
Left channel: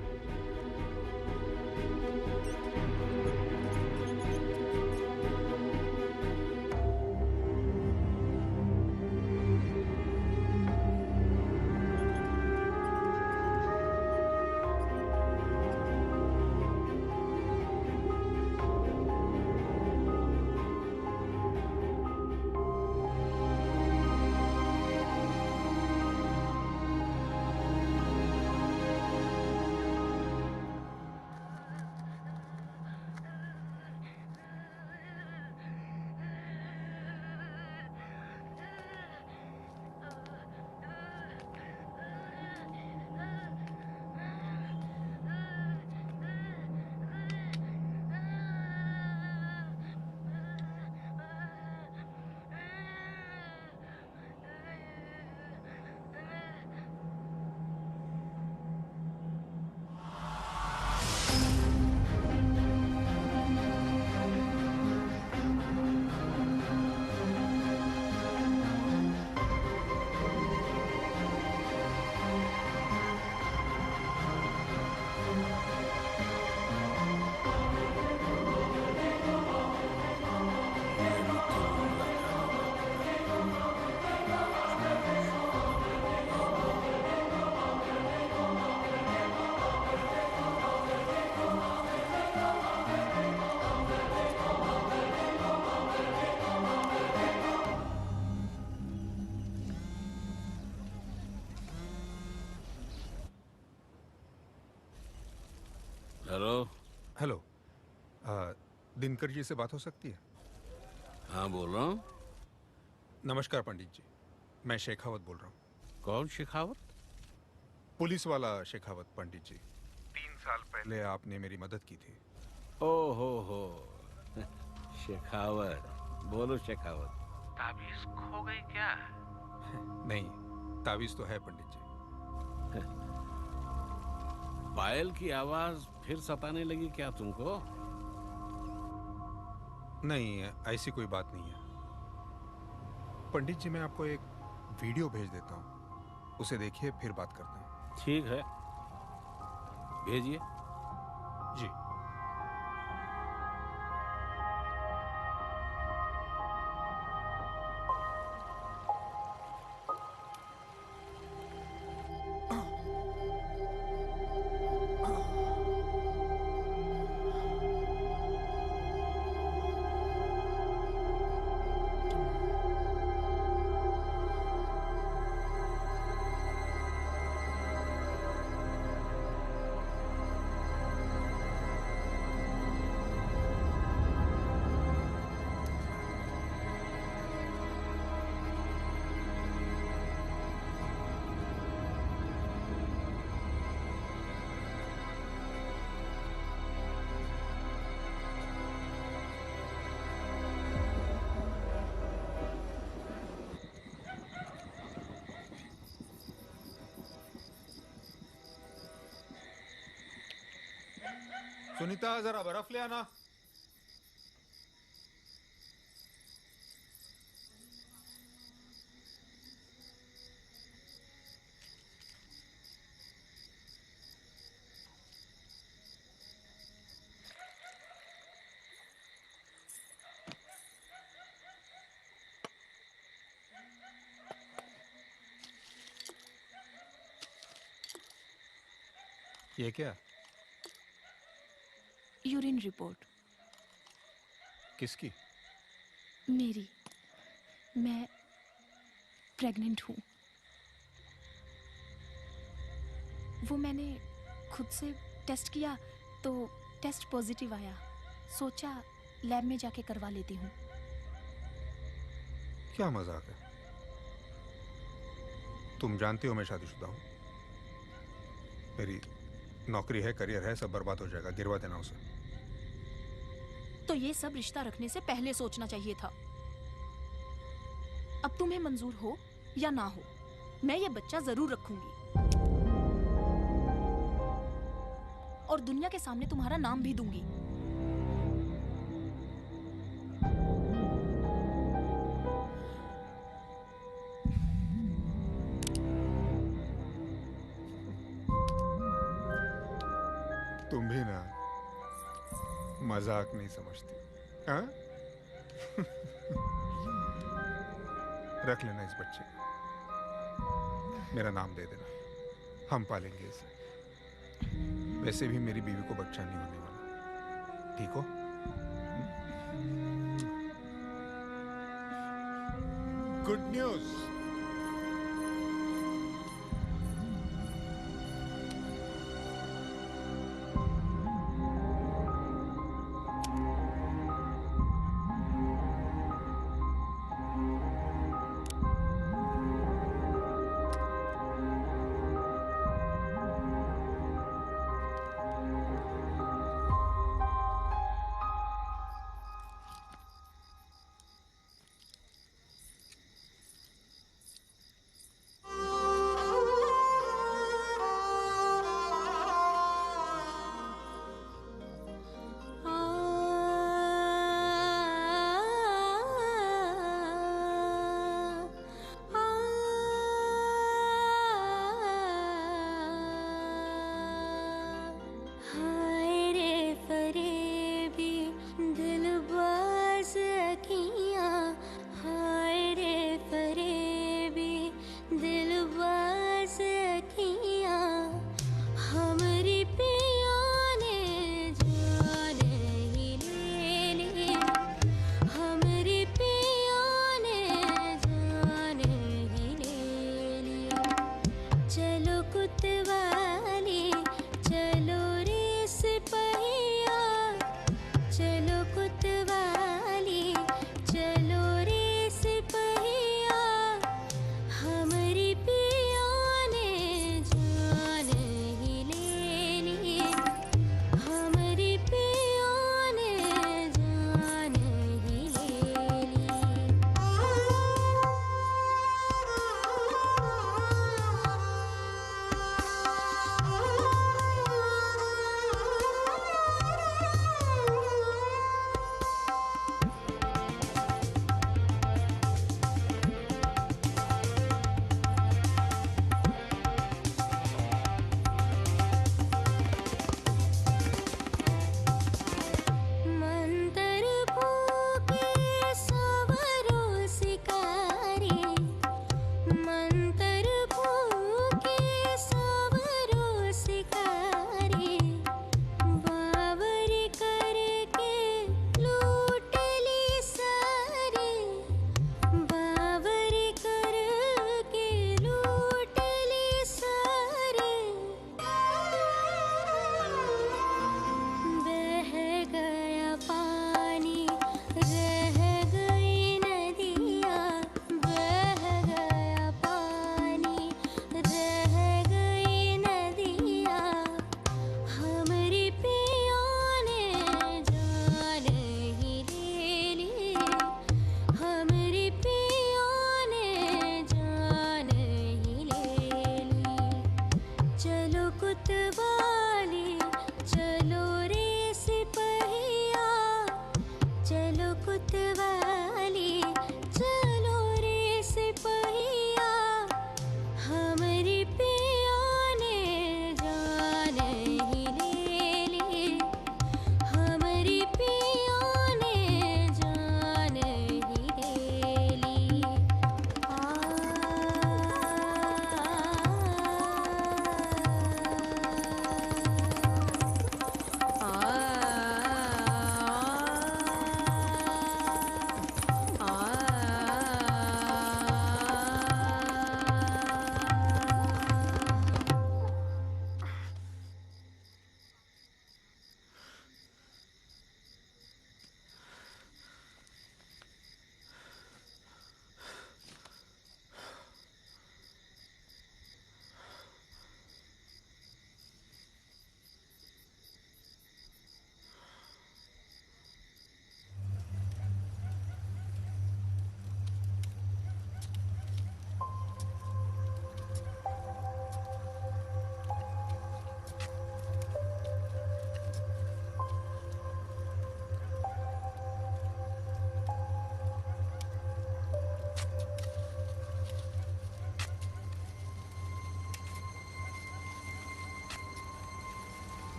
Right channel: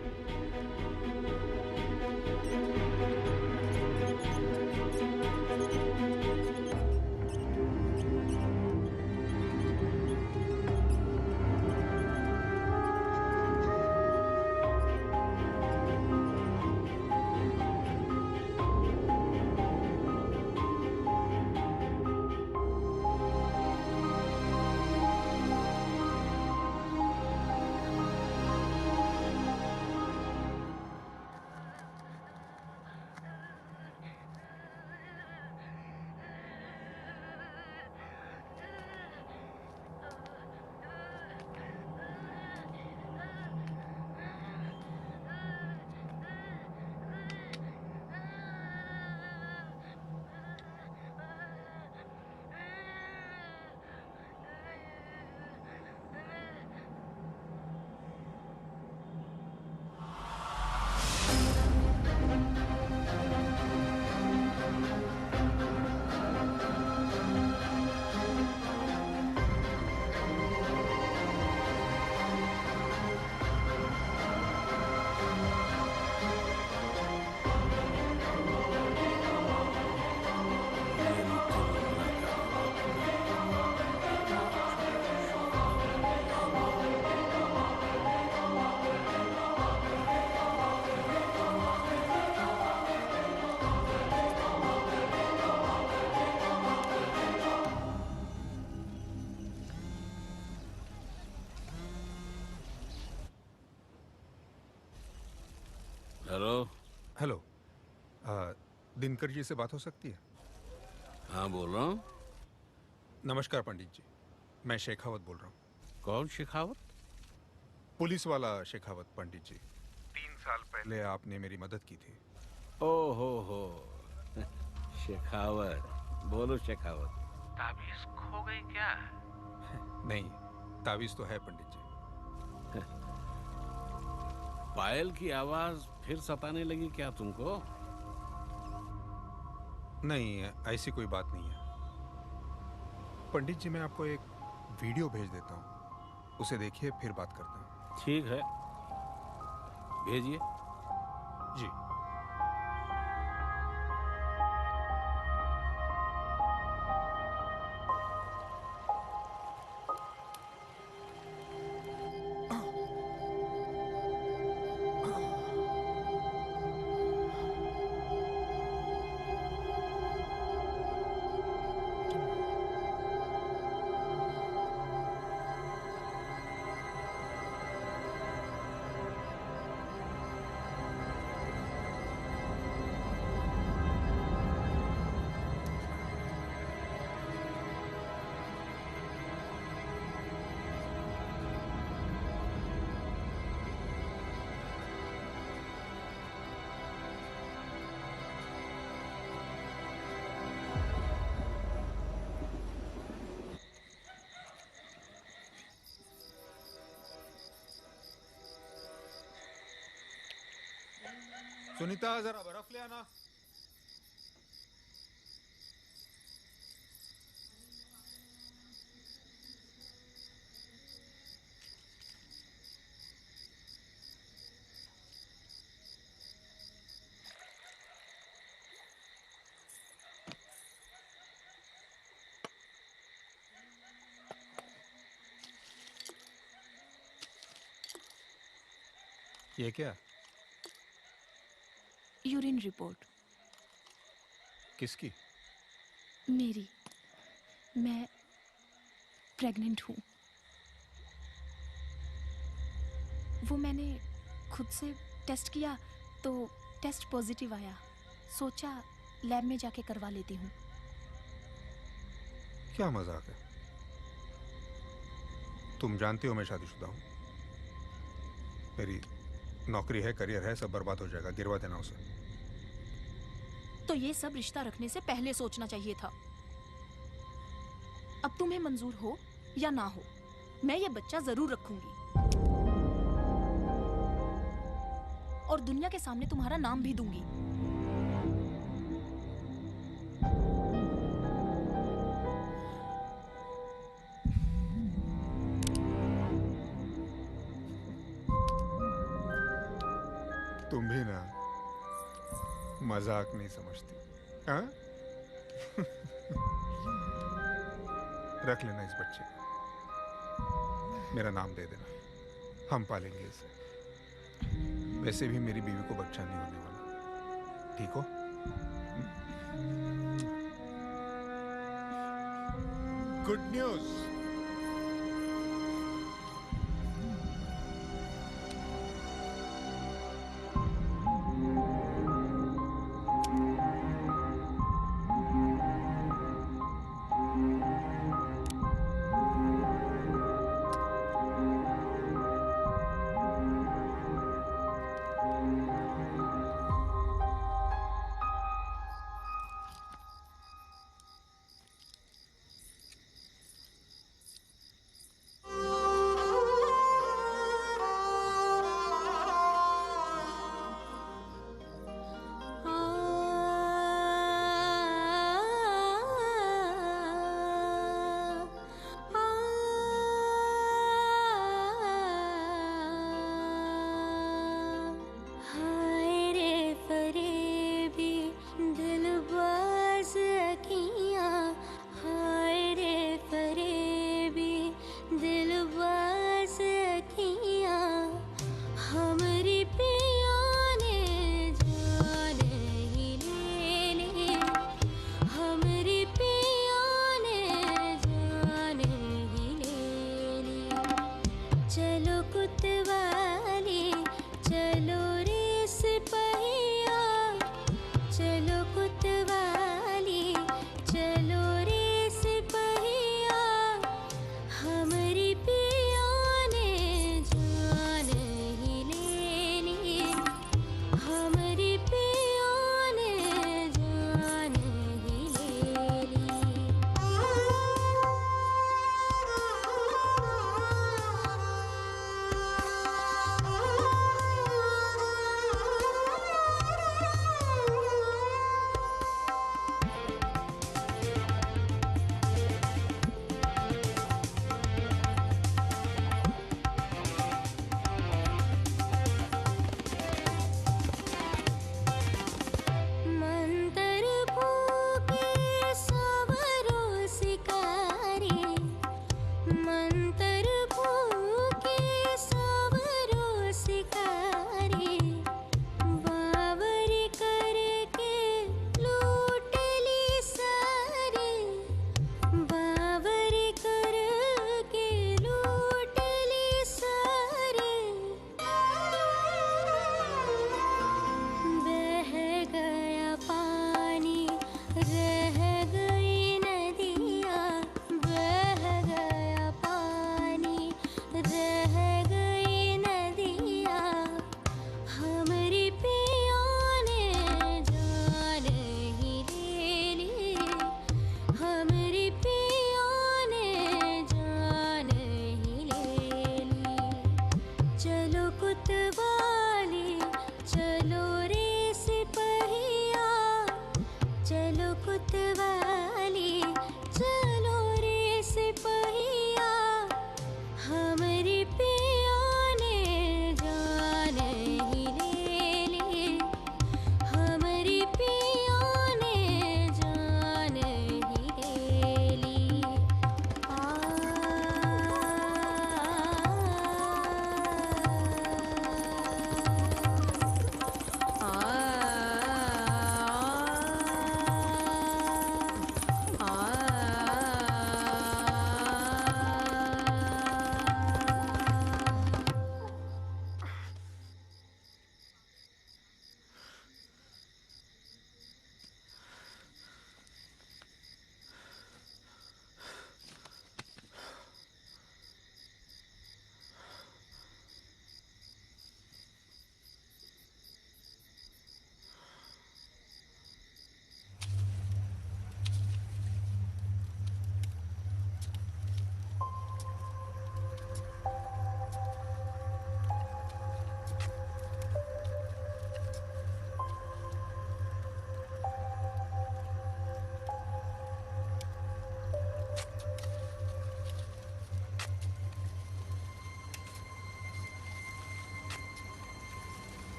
हेलो। हेलो, दिनकर जी से बात हो सकती है? हाँ, बोल रहा हूँ। नमस्कार पंडित जी, मैं शेखावत बोल रहा हूँ। कौन शेखावत? पुलिस वाला शेखावत पंडित जी। 3 साल पहले आपने मेरी मदद की थी। ओ हो शेखावत, बोलो शेखावत। ताबीज खो गई क्या? नहीं, ताबीज तो है पंडित जी। पायल की आवाज फिर सताने लगी क्या तुमको? नहीं, ऐसी कोई बात नहीं है पंडित जी। मैं आपको एक वीडियो भेज देता हूँ, उसे देखिए, फिर बात करते हैं। ठीक है, भेजिए। जी। सुनीता जरा बर्फ ले आना। ये क्या? Urine report. किसकी? मेरी। मैं प्रेग्नेंट हूँ। वो मैंने खुद से टेस्ट किया तो टेस्ट पॉजिटिव आया। सोचा लैब में जाके करवा लेती हूँ। क्या मजाक है? तुम जानती हो मैं शादीशुदा हूँ। मेरी नौकरी है, करियर है, सब बर्बाद हो जाएगा। गिरवा देना उसे। तो ये सब रिश्ता रखने से पहले सोचना चाहिए था। अब तुम्हें मंजूर हो या ना हो, मैं ये बच्चा जरूर रखूंगी और दुनिया के सामने तुम्हारा नाम भी दूंगी। तुम भी ना मजाक नहीं समझती, हाँ? रख लेना इस बच्चे को, मेरा नाम दे देना, हम पालेंगे इसे। वैसे भी मेरी बीवी को बच्चा नहीं होने वाला, ठीक हो? Good news.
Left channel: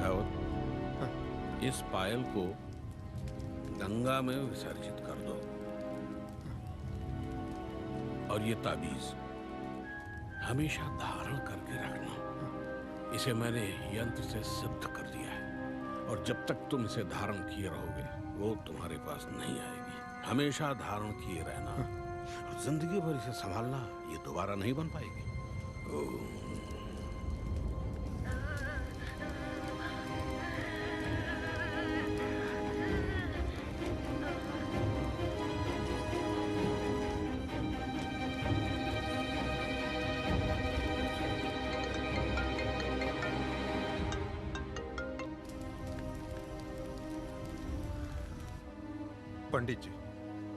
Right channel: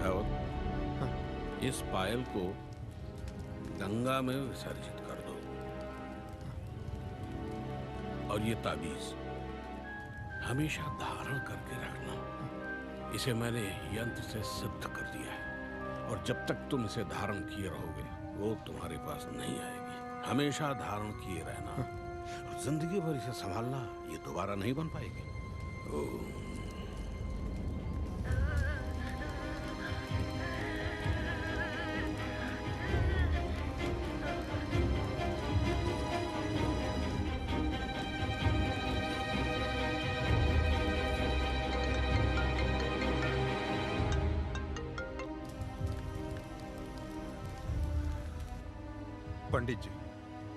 शेखावत, इस पायल को गंगा में विसर्जित कर दो और ये ताबीज हमेशा धारण करके रखना। इसे मैंने यंत्र से सिद्ध कर दिया है और जब तक तुम इसे धारण किए रहोगे वो तुम्हारे पास नहीं आएगी। हमेशा धारण किए रहना और जिंदगी भर इसे संभालना, ये दोबारा नहीं बन पाएगी। पंडित जी,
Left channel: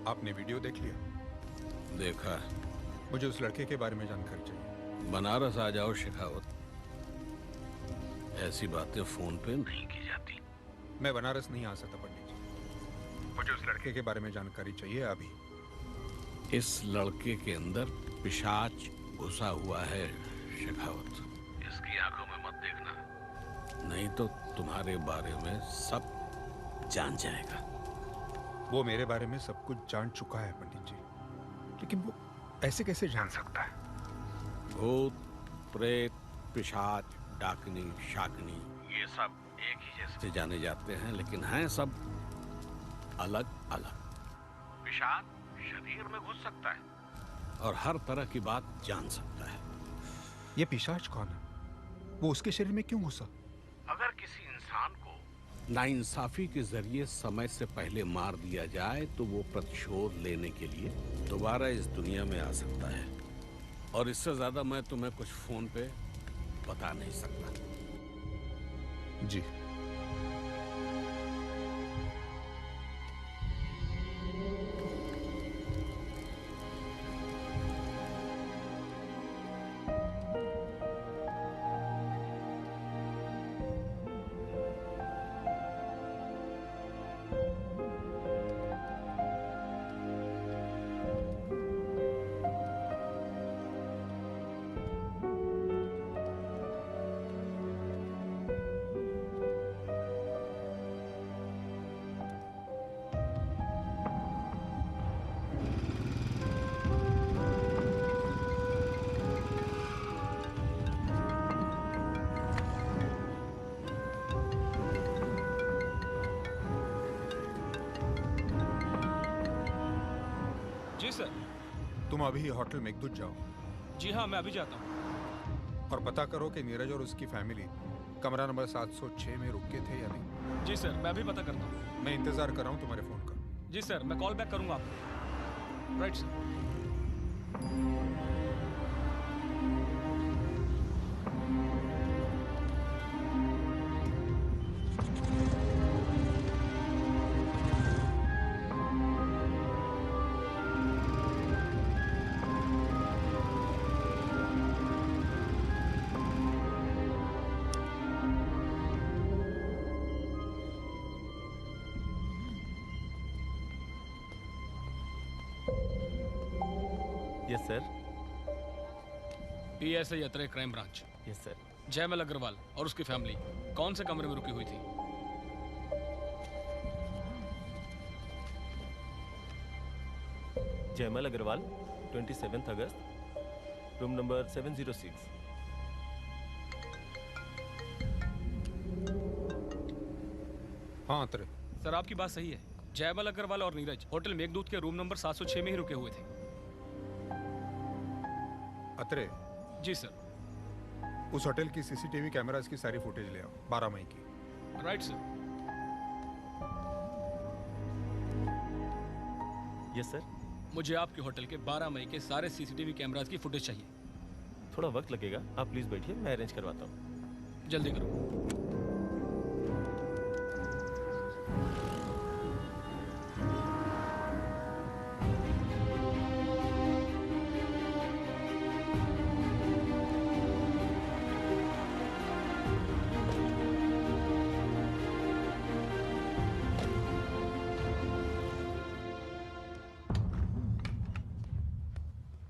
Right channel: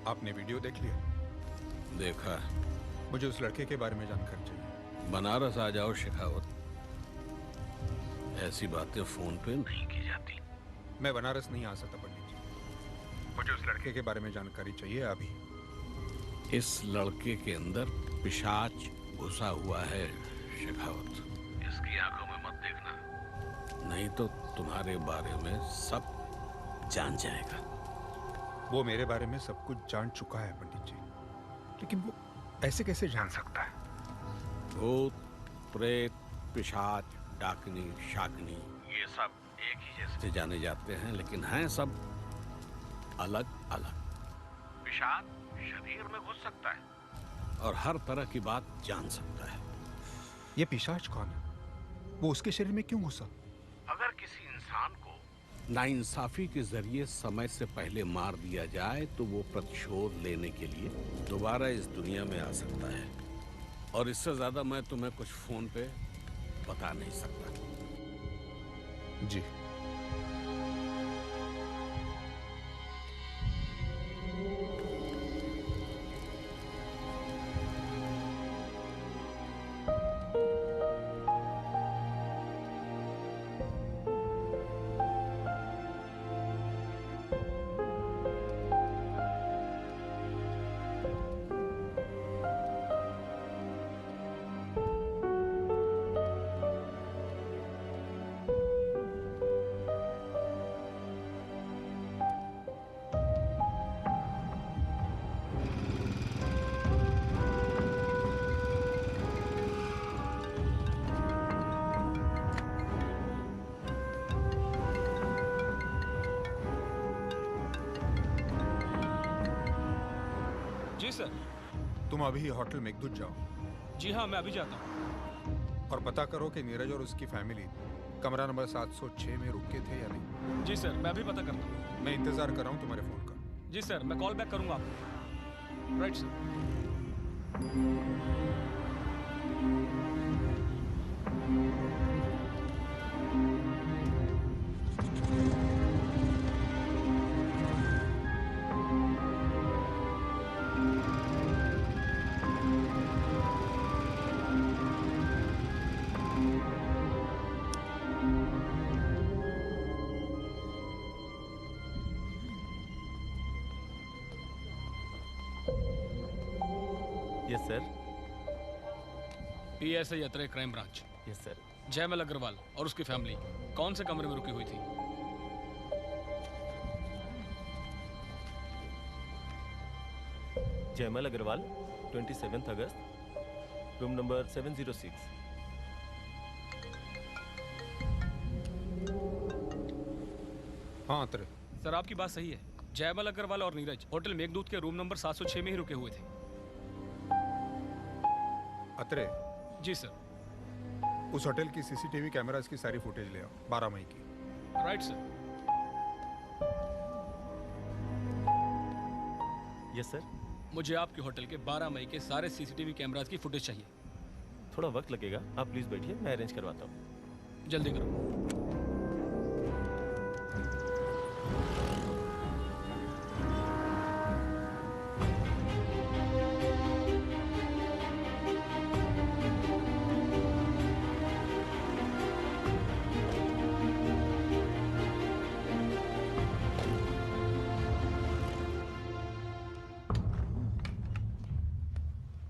आपने वीडियो देख लिया? देखा। मुझे उस लड़के के बारे में जानकारी चाहिए। बनारस आ जाओ शेखावत, ऐसी बातें फोन पे नहीं की जाती। मैं बनारस नहीं आ सकता पंडित जी, मुझे उस लड़के के बारे में जानकारी चाहिए अभी। इस लड़के के अंदर पिशाच घुसा हुआ है शेखावत, इसकी आंखों में मत देखना, नहीं तो तुम्हारे बारे में सब जान जाएगा। वो मेरे बारे में सब कुछ जान चुका है पंडित जी, लेकिन वो ऐसे कैसे जान सकता है? भूत, प्रेत, पिशाच, डाकनी, शाकनी, ये सब एक ही जैसे जाने जाते हैं, लेकिन हैं सब अलग अलग। पिशाच शरीर में घुस सकता है और हर तरह की बात जान सकता है। ये पिशाच कौन है? वो उसके शरीर में क्यों घुसा? अगर किसी इंसान को नाइंसाफी के जरिए समय से पहले मार दिया जाए तो वो प्रतिशोध लेने के लिए दोबारा इस दुनिया में आ सकता है, और इससे ज्यादा मैं तुम्हें कुछ फोन पे बता नहीं सकता। जी। जी सर। तुम अभी होटल मेघदूत जाओ। जी हाँ, मैं अभी जाता हूँ। और पता करो कि नीरज और उसकी फैमिली कमरा नंबर 706 में रुके थे या नहीं। जी सर, मैं अभी पता करता हूँ। मैं इंतजार कर रहा हूँ तुम्हारे फोन का। जी सर, मैं कॉल बैक करूंगा आपको। Right sir. Yes sir. PSI Atre, crime branch. Yes sir. Jaymal Agarwal और उसकी फैमिली कौन से कमरे में रुकी हुई थी? जयमल अग्रवाल, 27 अगस्त, रूम नंबर 706। हाँ अत्रे। सर, आपकी बात सही है। जयमल अग्रवाल और नीरज होटल मेघदूत के रूम नंबर 706 में ही रुके हुए थे। अत्रे। जी सर। उस होटल की सीसीटीवी कैमरास की सारी फुटेज ले आओ, 12 मई की। Right sir. Yes sir. मुझे आपके होटल के 12 मई के सारे सीसीटीवी कैमरास की फुटेज चाहिए। थोड़ा वक्त लगेगा, आप प्लीज बैठिए, मैं अरेंज करवाता हूँ। जल्दी करो।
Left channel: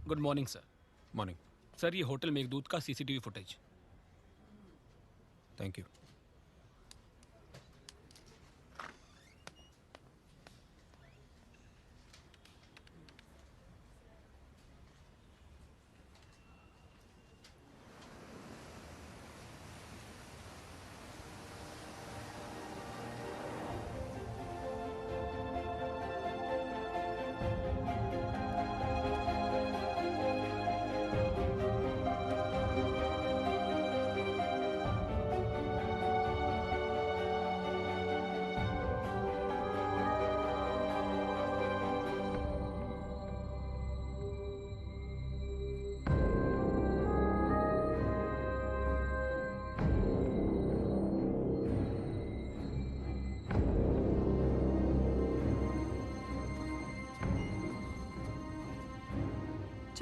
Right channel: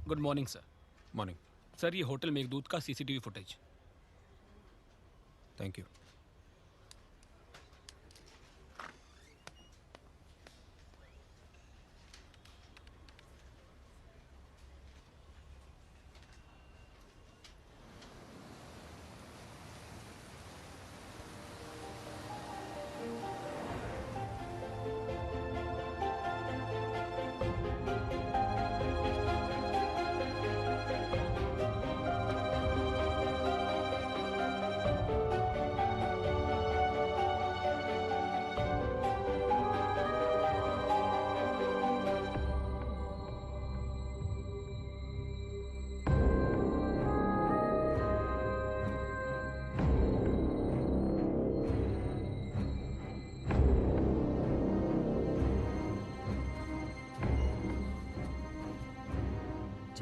Good morning sir. Morning sir, ये होटल मेघदूत का सीसीटीवी फुटेज। Thank you.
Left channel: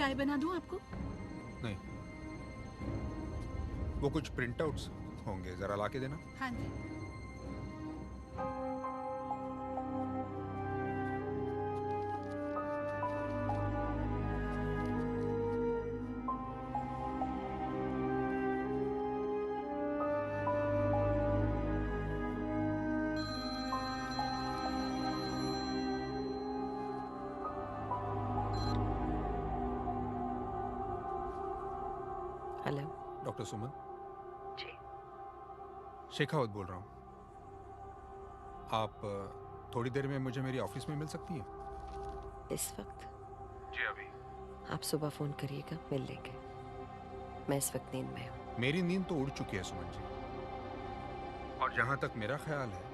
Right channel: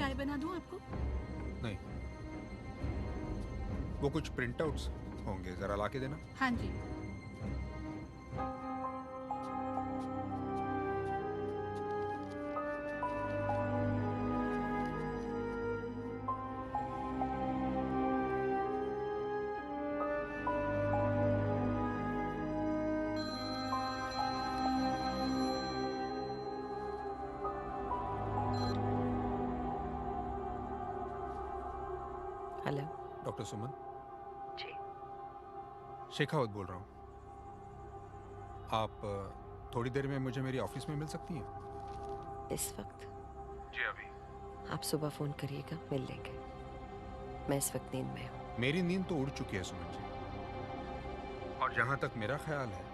चाय बना दूं आपको? नहीं, वो कुछ प्रिंटआउट्स होंगे, जरा ला के देना। हाँ जी। हेलो डॉक्टर सुमन। जी। शेखावत बोल रहा हूँ। आप थोड़ी देर में मुझे मेरी ऑफिस में मिल सकती हैं? इस वक्त? जी अभी। आप सुबह फोन करिएगा, मिल लेंगे। मैं इस वक्त नींद में हूँ। मेरी नींद तो उड़ चुकी है सुमन जी, और जहां तक मेरा ख्याल है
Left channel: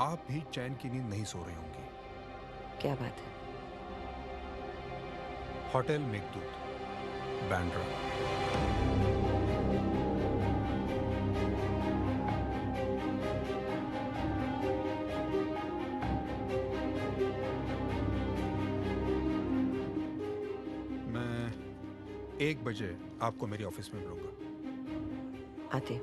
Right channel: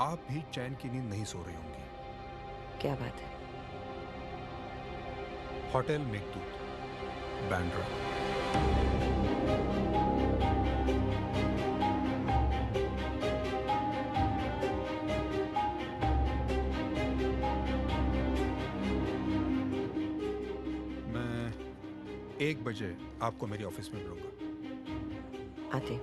आप भी चैन की नींद नहीं सो रही होंगी। क्या बात है? होटल मेघदूत, बांद्रा। मैं 1 बजे आपको मेरी ऑफिस में मिलूंगा। आते।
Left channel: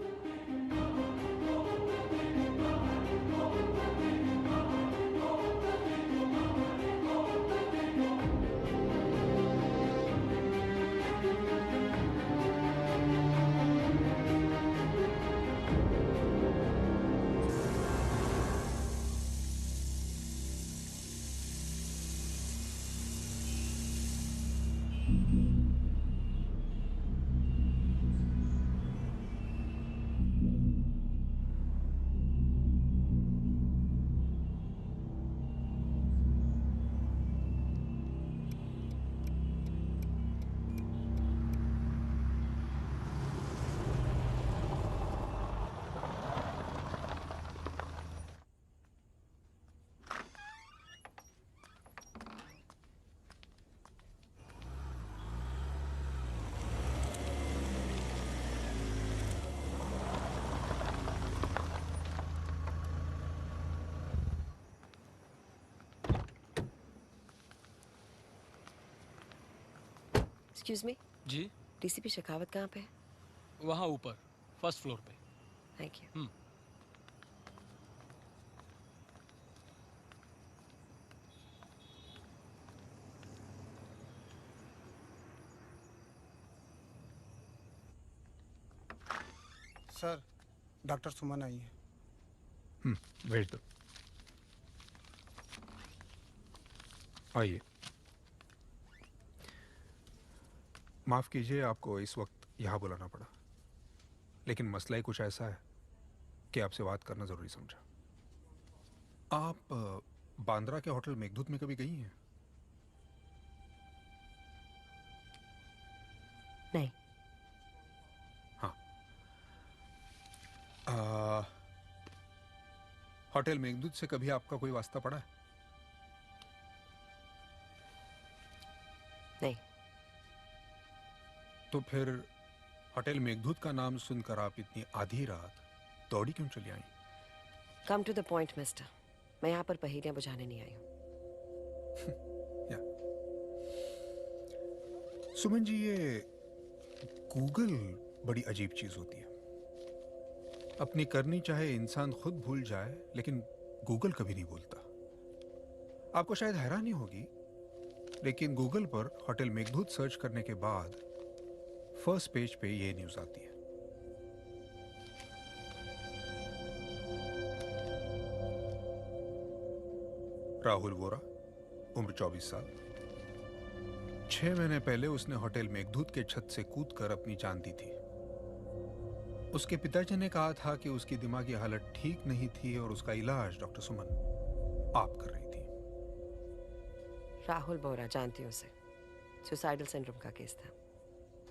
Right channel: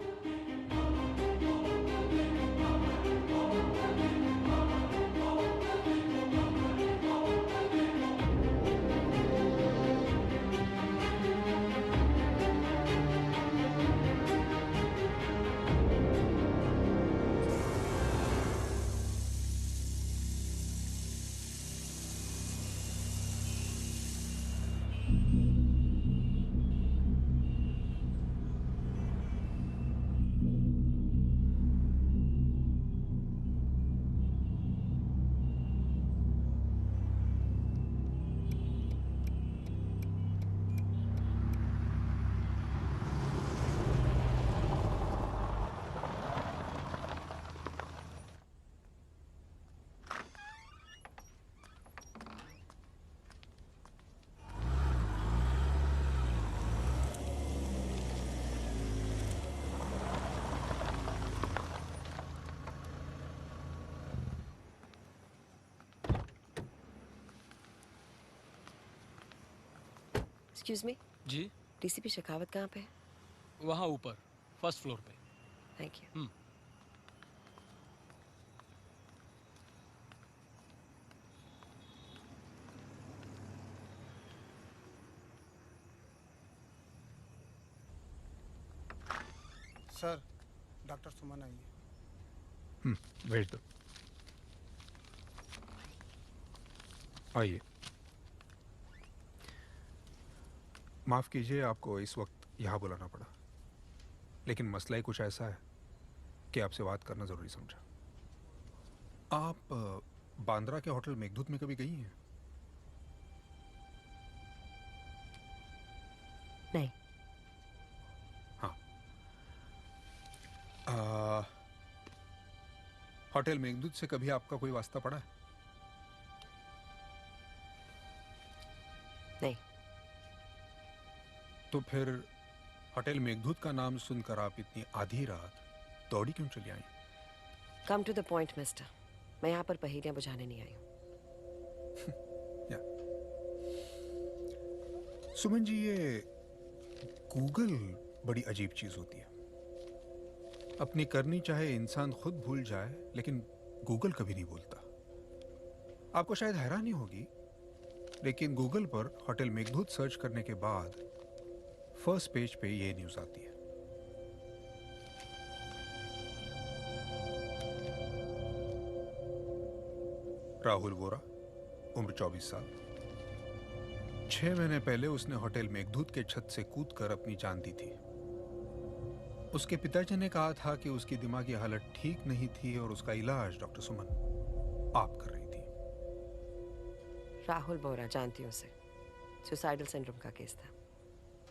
Excuse me. जी। डीसीपी शेखावत कहाँ पे है? वहाँ ऊपर, फर्स्ट फ्लोर पे। Thank you. Sir, doctor Suman आई है। भेज दो। आइए। माफ कीजिए आपको इस वक्त यहाँ बुलाना पड़ा, लेकिन मसला ही कुछ ऐसा है कि आपसे बात करना जरूरी समझा। आप बांद्रा के होटल मेघदूत में कभी गई हैं? नहीं। हाँ। होटल मेघदूत से कभी आपका कोई वास्ता पड़ा है? नहीं। तो फिर होटल मेघदूत का नाम सुनकर आप इतनी आधी रात दौड़ी क्यों चली आई? Come to the point mister, मैं यहाँ पर पहेलियां बुझाने नहीं आई हूँ। सुमन जी, ये गूगल बड़ी अजीब चीज होती है। अपनी करनी चाहे इंसान खुद भूल जाए, लेकिन गूगल कभी नहीं भूलता। आपको शायद हैरानी होगी, लेकिन गूगल पर होटल मेघदूत सर्च करने के बाद फर्स्ट पेज पे ये न्यूज आती है। राहुल वोरा, उम्र 24 साल। 6 महीने पहले उसने होटल मेघदूत के छत से कूदकर अपनी जान दी थी। उसके पिताजी ने कहा था कि उसकी दिमागी हालत ठीक नहीं थी और उसका इलाज डॉक्टर सुमन आप कर रही थी। राहुल बोरा, जानती हूँ उसे। सुसाइडल सिंड्रोम का केस था।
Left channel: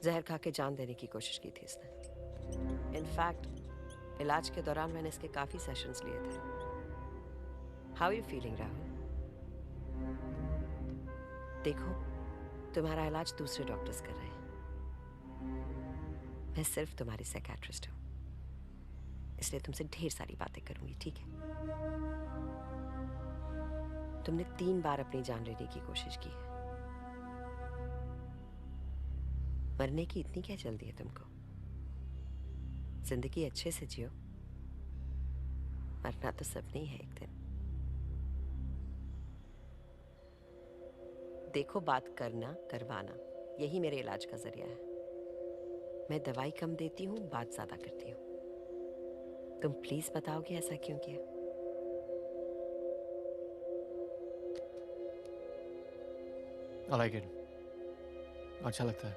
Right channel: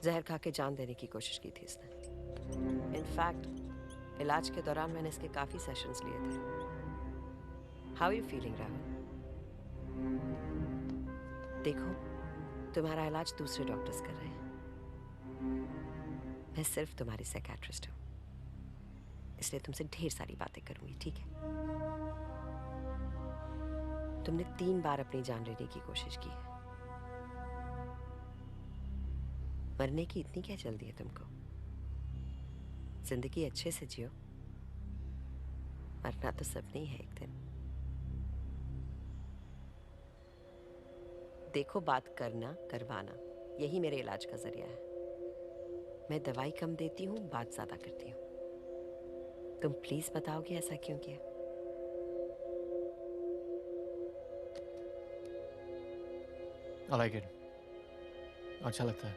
जहर खा के जान देने की कोशिश की थी इसने। इनफैक्ट इलाज के दौरान मैंने इसके काफी सेशंस लिए थे। How are you feeling Rahul? देखो, तुम्हारा इलाज दूसरे डॉक्टर्स कर रहे हैं। मैं सिर्फ तुम्हारी साइकियाट्रिस्ट हूँ, इसलिए तुमसे ढेर सारी बातें करूंगी, ठीक है? तुमने 3 बार अपनी जान लेने की कोशिश की है। मरने की इतनी क्या जल्दी है तुमको? जिंदगी अच्छे से जियो, मरना तो सबने ही है एक दिन। देखो, बात करना करवाना यही मेरे इलाज का जरिया है। मैं दवाई कम देती हूँ, बात ज्यादा करती हूँ। तुम प्लीज बताओगे ऐसा क्यों किया? I like it. अच्छा लगता है।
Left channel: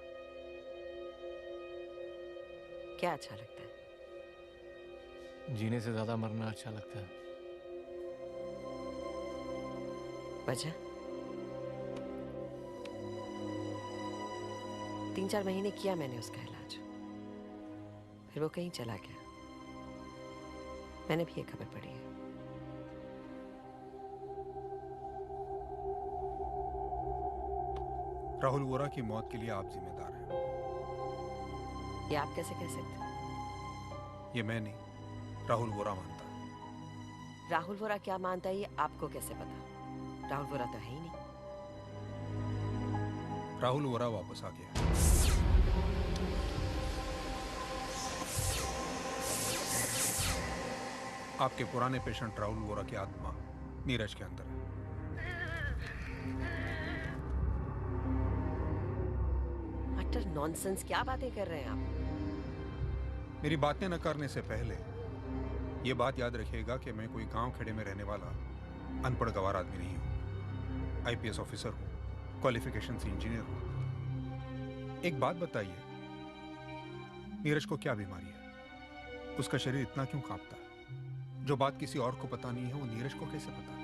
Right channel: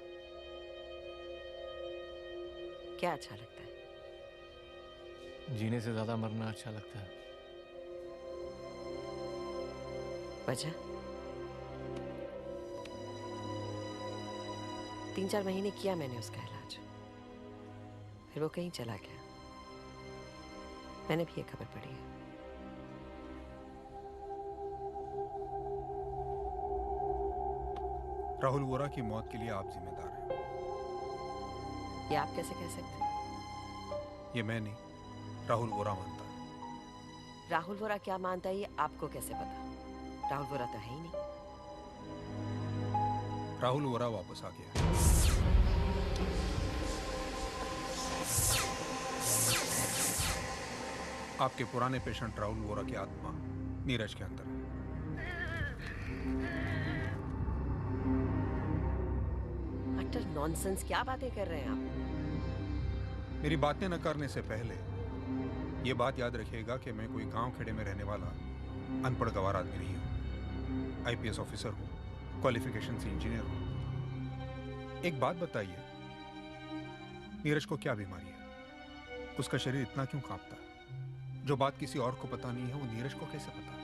क्या अच्छा लगता है? जीने से ज्यादा मरना अच्छा लगता है। वजह? 3-4 महीने किया मैंने उसका इलाज, फिर वो कहीं चला गया। मैंने भी ये खबर पढ़ी है। राहुल वोरा की मौत के लिए आप जिम्मेदार हैं। ये आप कैसे कह सकते हैं? ये मैं नहीं, राहुल वोरा मानता है। राहुल वोरा क्या मानता है ये आपको कैसे पता? राहुल वोरा तो है ही नहीं। राहुल वोरा वापस आ गया। आपके पुराने पेशेंट राहुल वोरा की आत्मा नीरज के अंदर है। अटर नॉनसेंस, क्या बातें कर रहे हैं आप? मेरी बातें न करने से पहले ये बात याद रखिएगा कि मैं कोई गांव खेड़े में रहने वाला अनपढ़ गवार आदमी नहीं हूं। आईपीएस ऑफिसर हूं, क्वालिफिकेशन से इंजीनियर हूं। एक बात बताइए, नीरज को क्या बीमारी है? उसका शरीर इतना क्यों कांपता है? जो बात किसी और को पता नहीं है वो नीरज को कैसे पता है?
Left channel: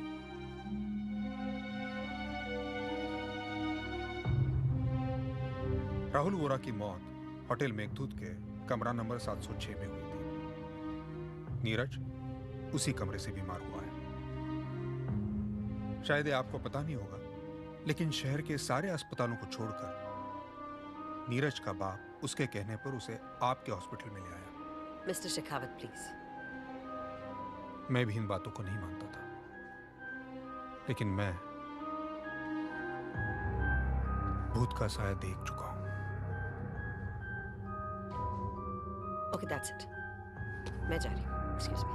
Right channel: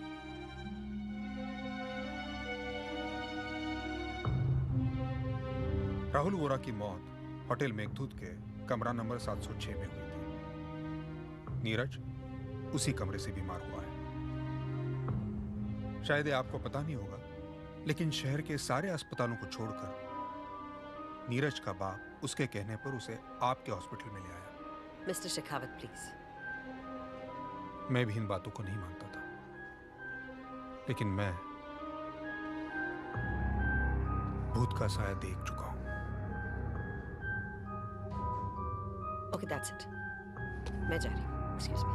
राहुल वोरा की मौत होटल मेघदूत के कमरा नंबर 706 में हुई थी। नीरज उसी कमरे से बीमार हुआ है। शायद ये आपको पता नहीं होगा, लेकिन शहर के सारे अस्पतालों को छोड़कर नीरज का बाप उसके कहने पर उसे आपके हॉस्पिटल में ले आया। Mister Shekhawat please. मैं भी इन बातों को नहीं मानता था, लेकिन मैं भूत का साया देख चुका हूं। Okay, that's it. मैं जा रही हूँ। Excuse me.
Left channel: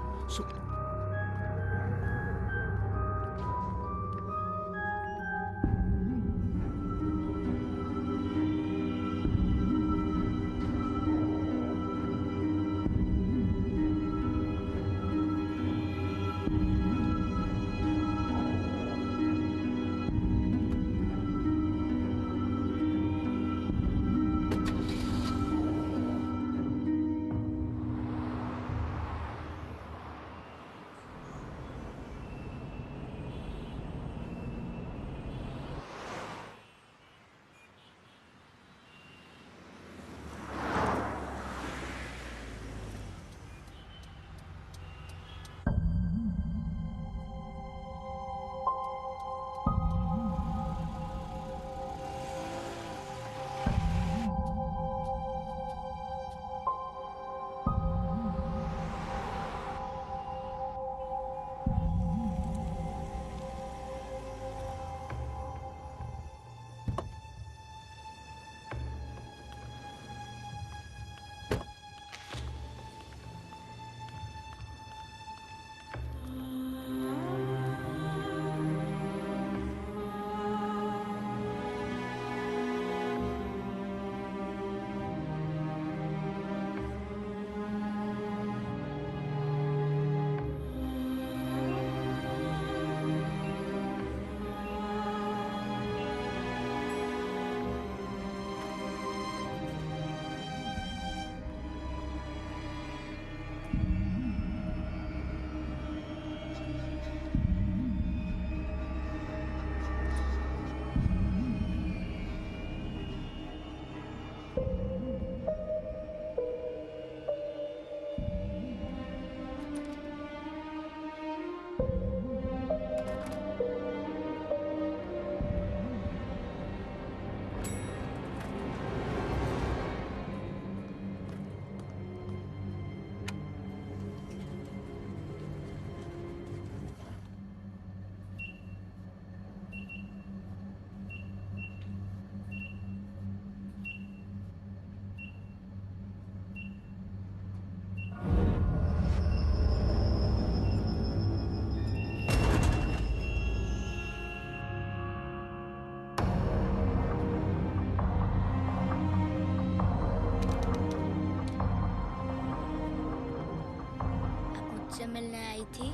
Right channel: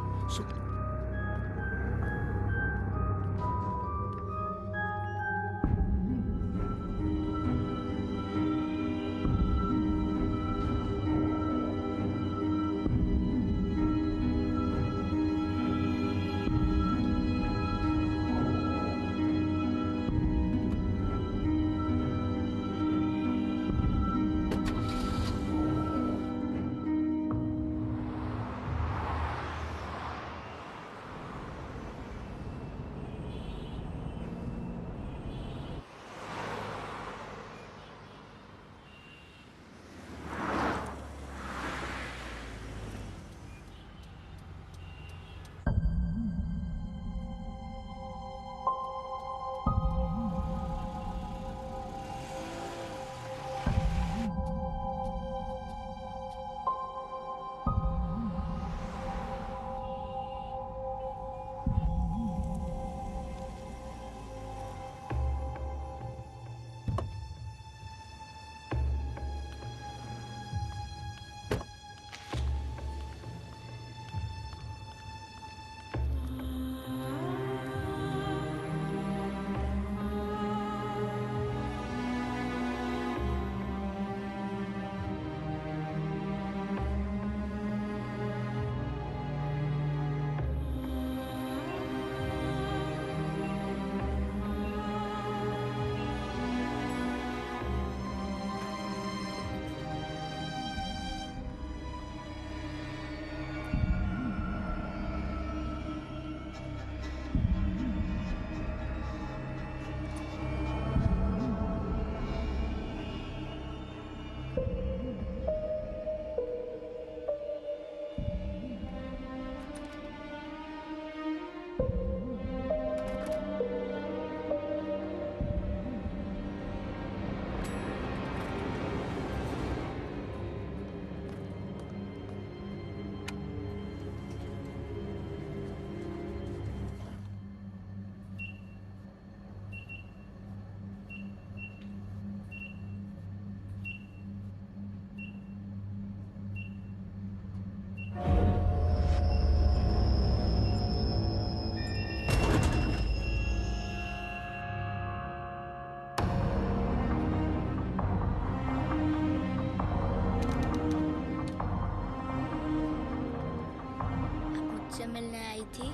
मिलने आई थी?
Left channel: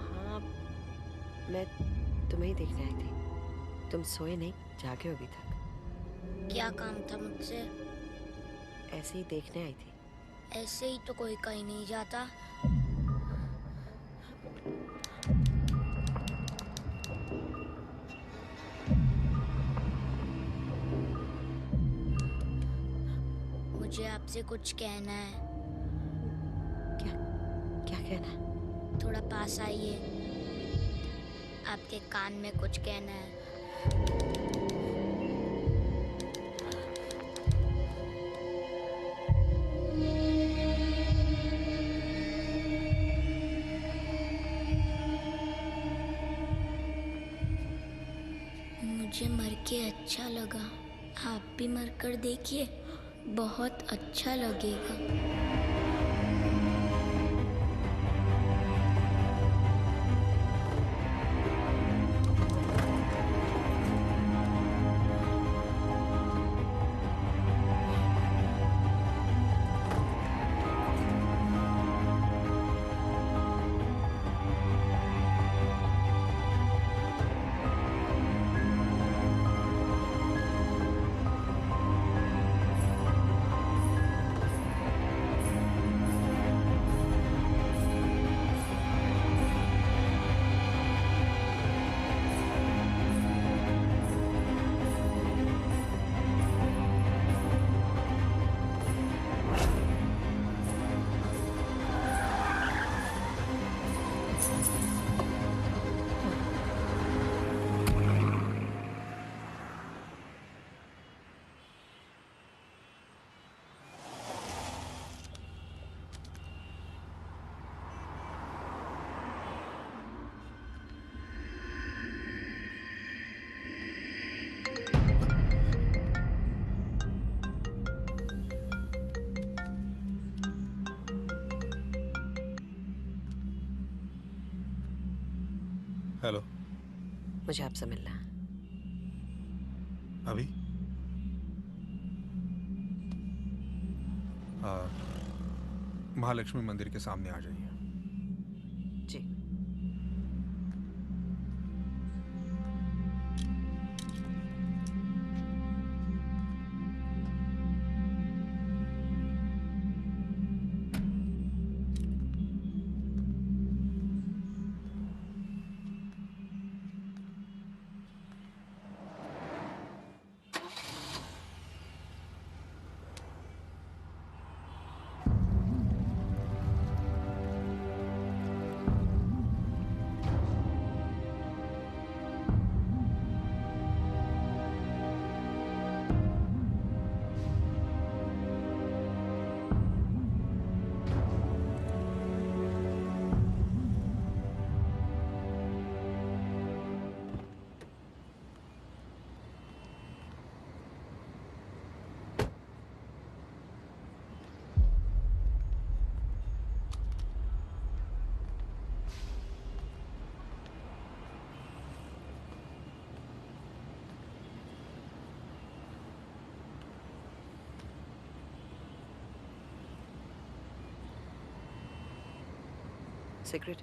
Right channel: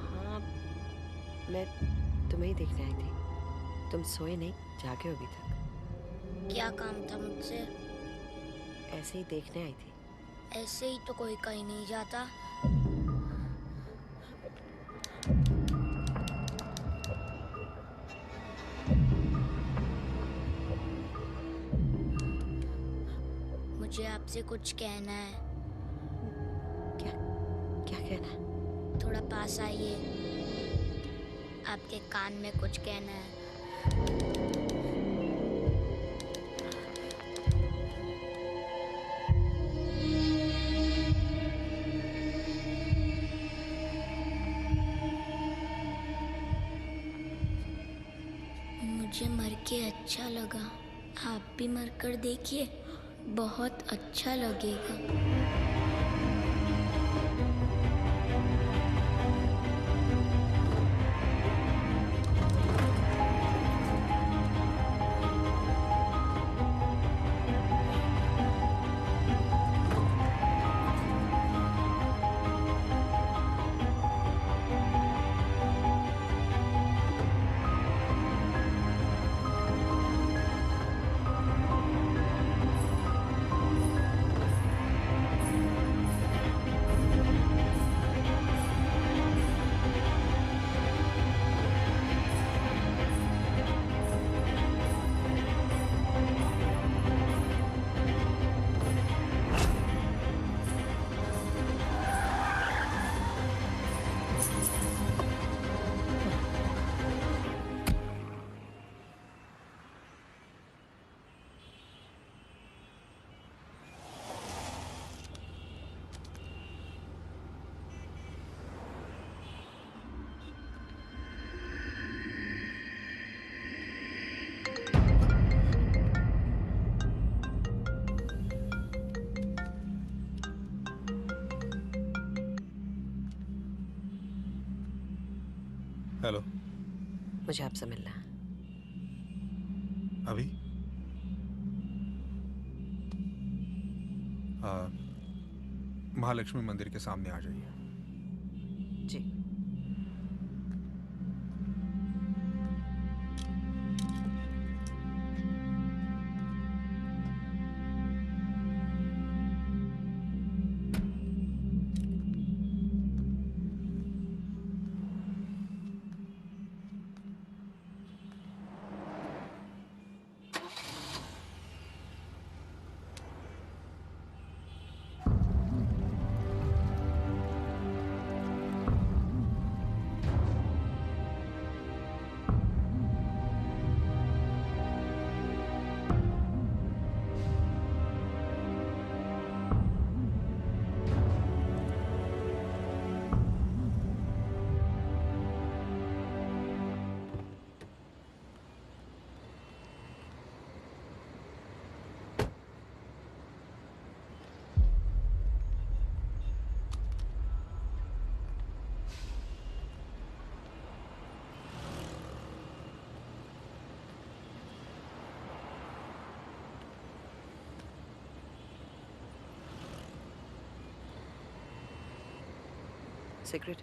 हाँ, मैं तुम्हें ही देखने आई थी। तुम सोए नहीं, जागे हो अभी तक। क्या काम था मुझसे? ऐसे ही देखने आई थी। ऐसे ही तो कोई कहीं नहीं जाता। मुझे आपसे कुछ कहना है। क्या कहना है? थोड़ा पास आइए, आपके कान में कुछ कहना है। मुझे मर के अच्छा लगा। आप भी मर कर देखिए, बहुत अच्छा लगेगा। हेलो। मुझे आपसे मिलना है। अभी? महालक्ष्मी मंदिर के सामने आ जाइए। जी। सिगरेट?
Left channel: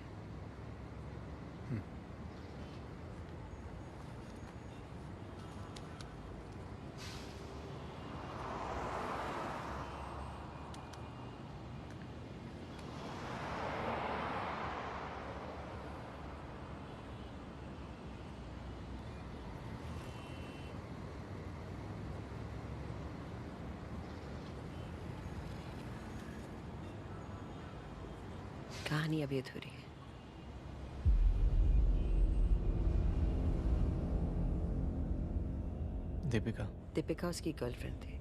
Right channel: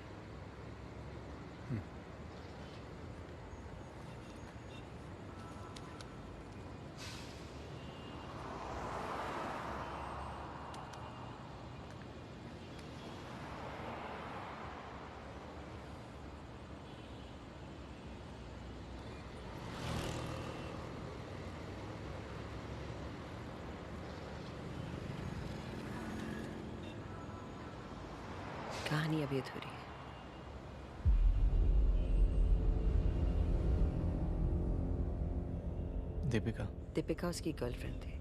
कहानी अभी अधूरी है। दीपिका उसकी गर्लफ्रेंड थी।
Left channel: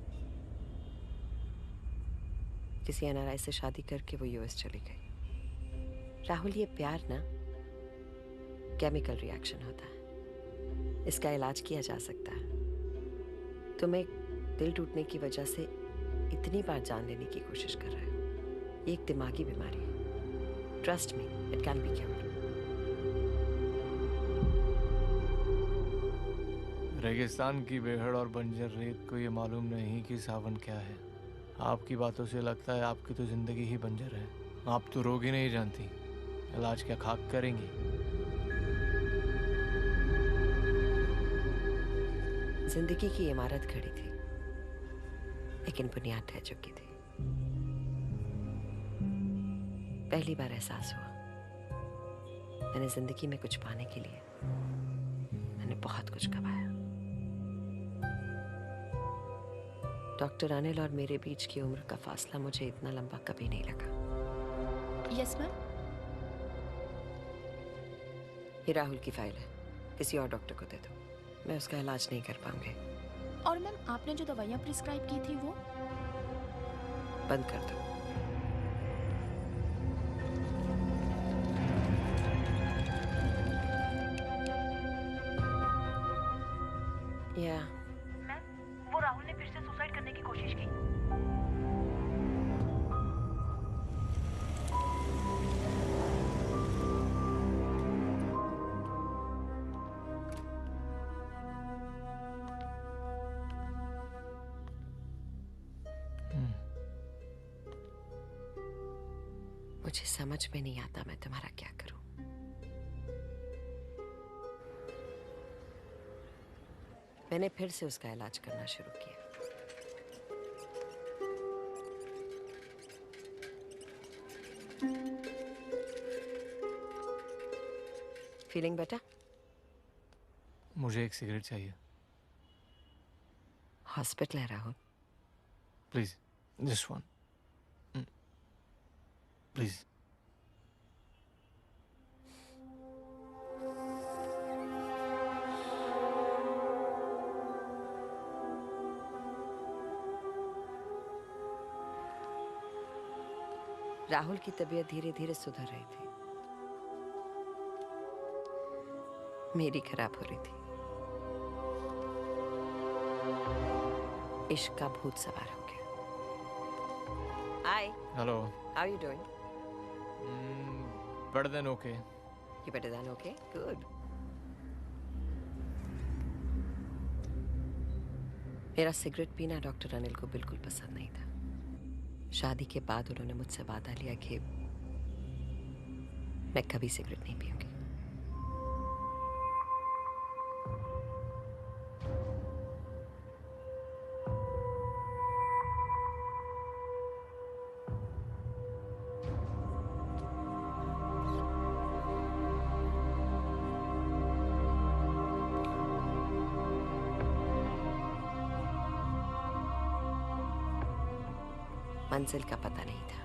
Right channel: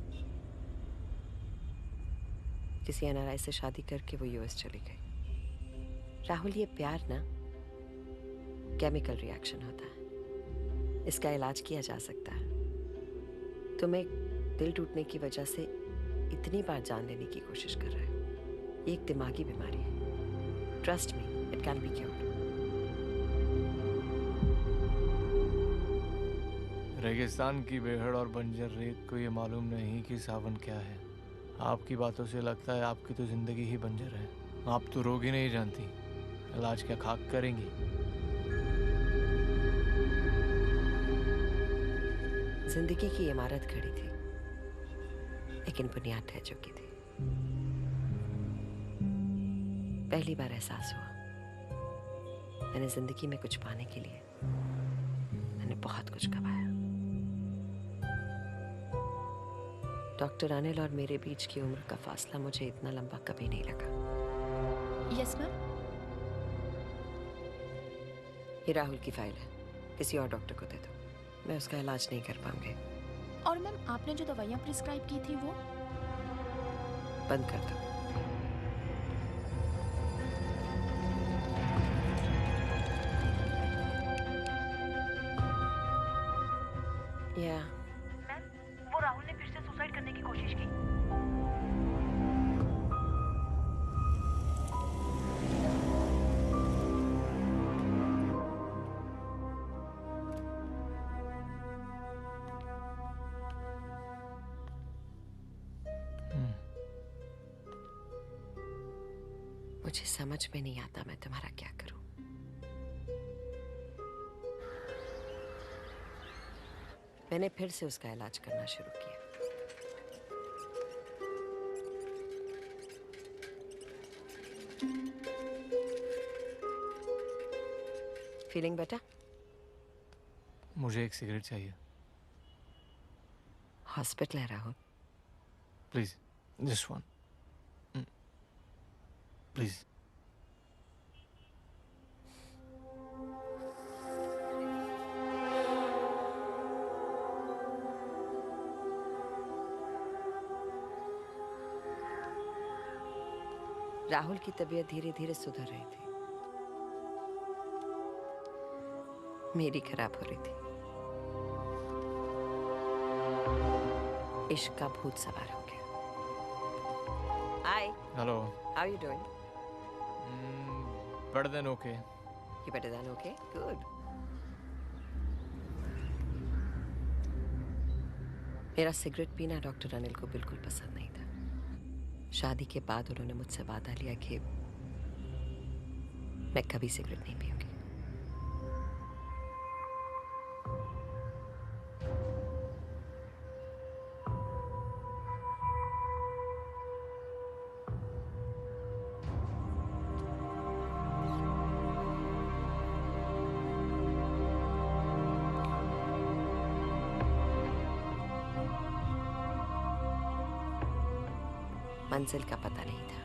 किसी एनआरआई से शादी करके वो यूएस चली गई। राहुल, ये प्यार ना केमिकल रिएक्शन होता है। इसका इलाज किया जा सकता है। तुम एक दिल टूटने की वजह से इतनी बार जान लेने की कोशिश कर रहे हो। ये एक दिमागी बीमारी है। Trust me, it can be cured. रेगिस्तान की बेहड़ और बंजर रेत को ये मालूम नहीं कि सावन क्या है। आपकी बातों से लगता है आपकी तो जिंदगी ही बंजर है। आप तो रोग ही नहीं जानती, इलाज क्या खाक करेंगी? जिंदगी की इमारत खड़ी थी, लेकिन बुनियाद ढह चुकी थी। पहली बार एहसास हुआ मैंने जिंदगी में कुछ पाने के लिए मैंने बहुत कुछ गंवाया। डॉक्टर अनिल और मेरे बीच की उम्र का फासला मुझे इतना लंबा कभी नहीं लगा। Yes ma'am. ये राहुल की फाइल है, किसी और डॉक्टर को दे दो, मैं उसका इलाज नहीं कर पाऊंगी। और मैम आपने जो दवाइयाँ प्रिस्क्राइब की थी वो बंद कर दो। या मैम, वो राहुल ने फिर से सुसाइड करने की कोशिश की। मुझे समझ में नहीं आता मैं तुम्हारा क्या करूं। मैंने फिर से उसका इलाज करना शुरू किया। Feeling better? मुझे एक सिगरेट चाहिए। हॉस्पिटल है Rahul. Please, just one. Please. Rahul की तबीयत धीरे धीरे सुधर रही थी, मेरी खराब हो रही थी। इश्क का भूत सवार हो गया। Hi. Hello. How you doing? Better than okay. You better than okay? Good. मेरा सिगरेट पीना डॉक्टर अनिल को बिल्कुल पसंद नहीं था। शादी के बाद उन्होंने मुझसे वादा लिया कि मैं कभी सिगरेट नहीं पीऊंगी। मंजिल का पता नहीं था,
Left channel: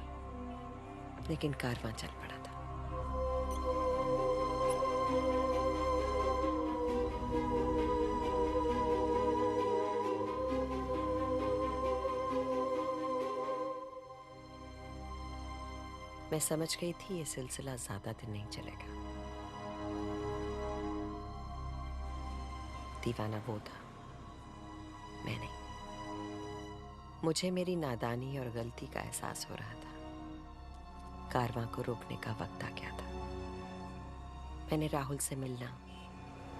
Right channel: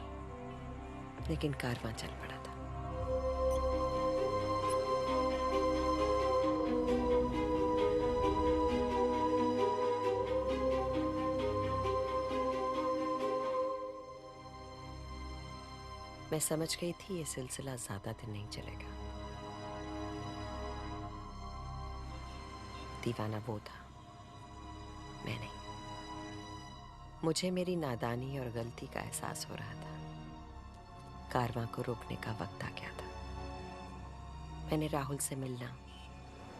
लेकिन कारवां चल पड़ा था। मैं समझ गई थी ये सिलसिला ज्यादा दिन नहीं चलेगा। दीवाना वो था, मैं नहीं। मुझे मेरी नादानी और गलती का एहसास हो रहा था। कारवां को रोकने का वक्त आ गया था। मैंने राहुल से मिलना,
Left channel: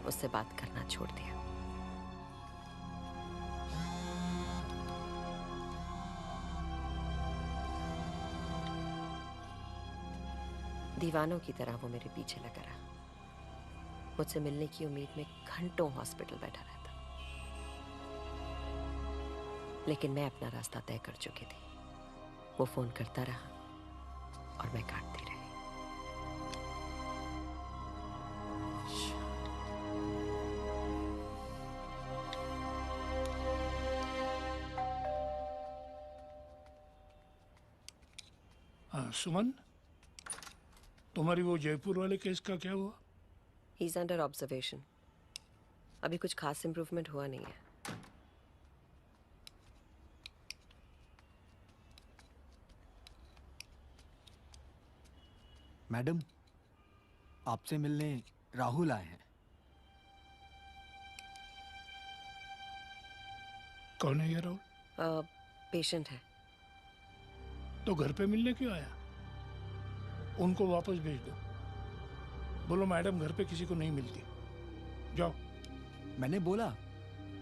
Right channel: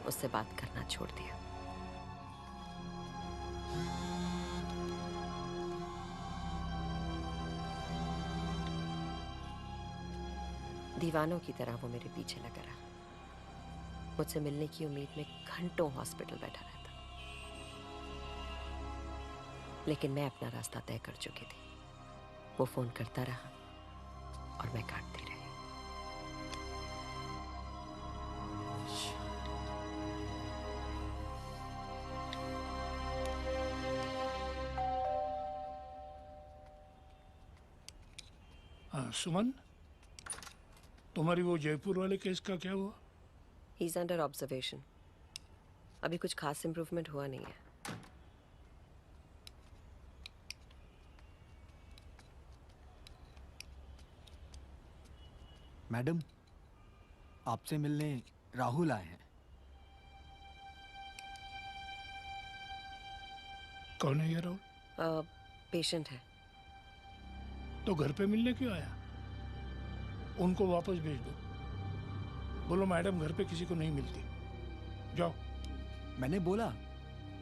उससे बात करना छोड़ दिया। दीवानों की तरह वो मेरे पीछे लगा रहा। मुझसे मिलने की उम्मीद में घंटों हॉस्पिटल बैठा रहता, लेकिन मैं अपना रास्ता तय कर चुकी थी। वो फोन करता रहा और मैं काटती रही। हाँ सुमन, तुम्हारी वो जयपुर वाले केस का क्या हुआ? He is under observation. अभी कुछ खास इंप्रूवमेंट हुआ नहीं है। मैडम, आपसे मिलने राहुल आए हैं। कौन है ये राहुल? पेशेंट है। तो घर पे मिलने क्यों आया? उनको वापस भेज दो। बोलो मैडम घर पे किसी को नहीं मिलती। जाओ। मैंने बोला,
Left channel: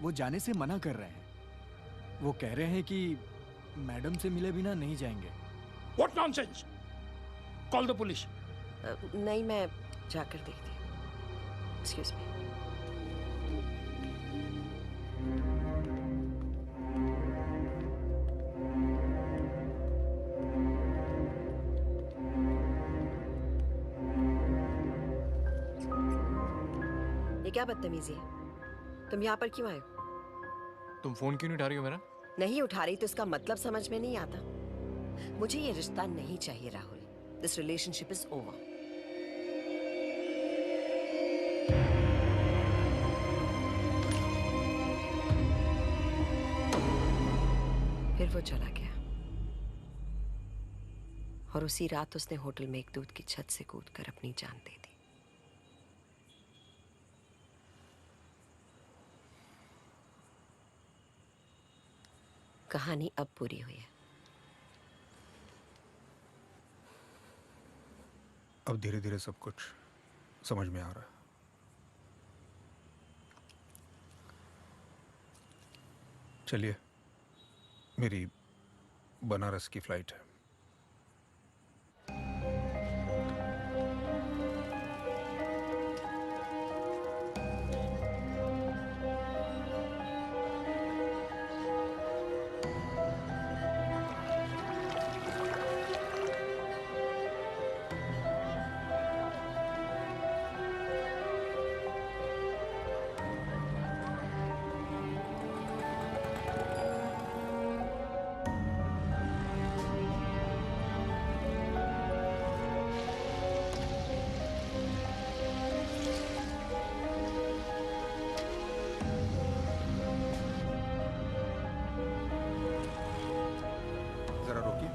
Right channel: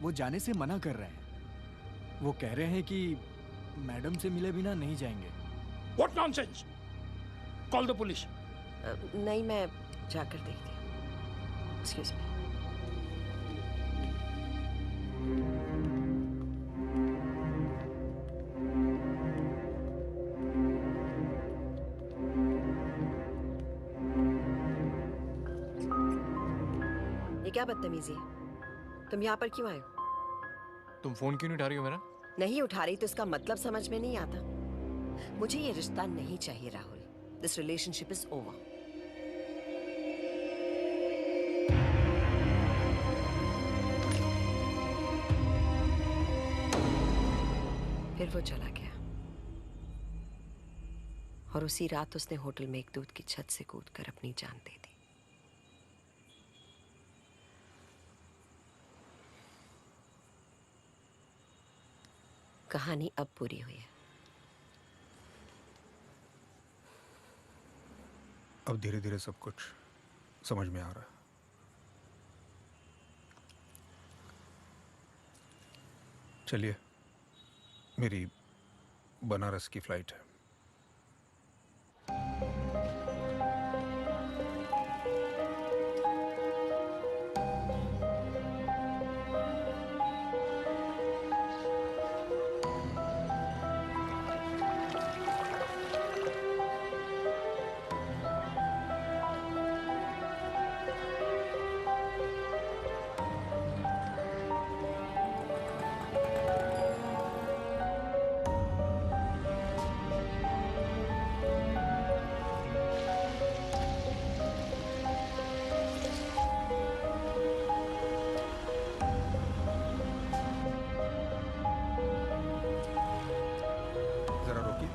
वो जाने से मना कर रहे हैं। वो कह रहे हैं कि मैडम से मिले बिना नहीं जाएंगे। What nonsense! Call the police. नहीं, मैं जाकर देखती हूँ। Excuse me. ये क्या बदतमीजी है? तुम यहाँ पर क्यों आए हो? तुम फोन क्यों नहीं उठा रही हो मेरा? नहीं उठा रही तो इसका मतलब समझ में नहीं आता। मुझे ये रिश्ता नहीं चाहिए Rahul. This relationship is over. फिर वो चला गया और उसी रात उसने होटल मेघदूत की छत से कूदकर अपनी जान दे दी। कहानी अब पूरी हुई है। अब धीरे धीरे सब कुछ समझ में आ रहा है। चलिए, मेरी बनारस की फ्लाइट है। जरा रोकिए।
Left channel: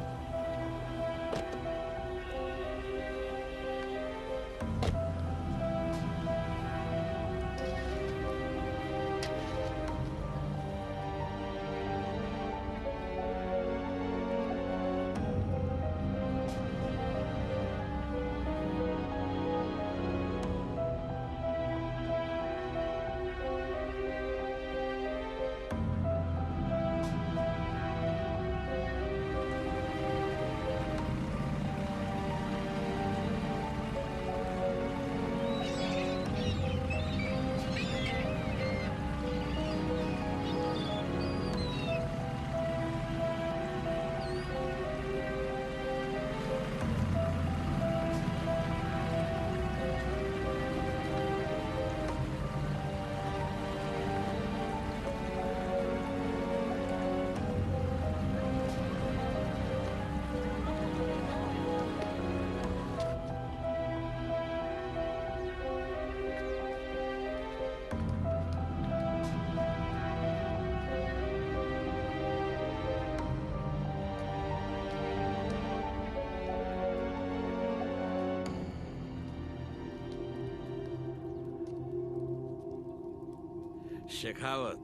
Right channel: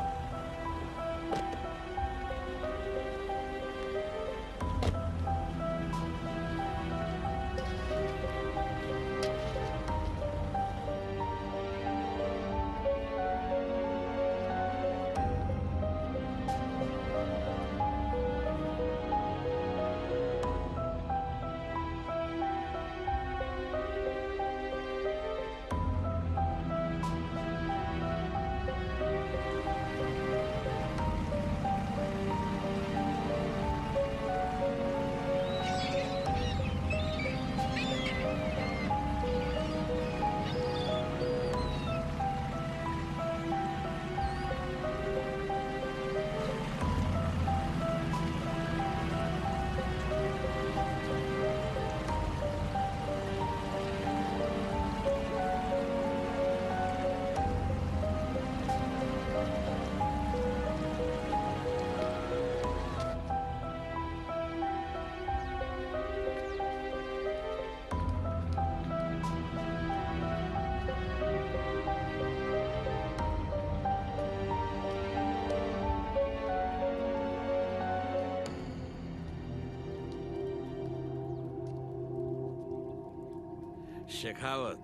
शेखावत,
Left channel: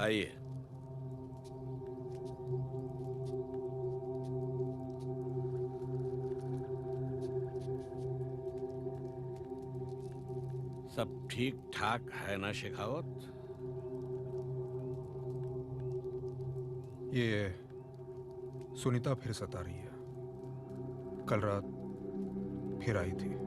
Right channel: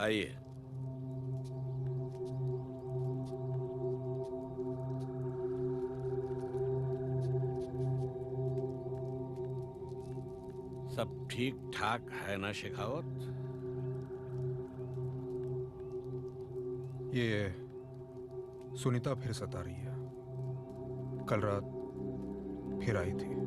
आइए। सब ठीक ठाक है ना शेखावत? ये सुनीता फिर सता रही है। कल रात फिर आई थी।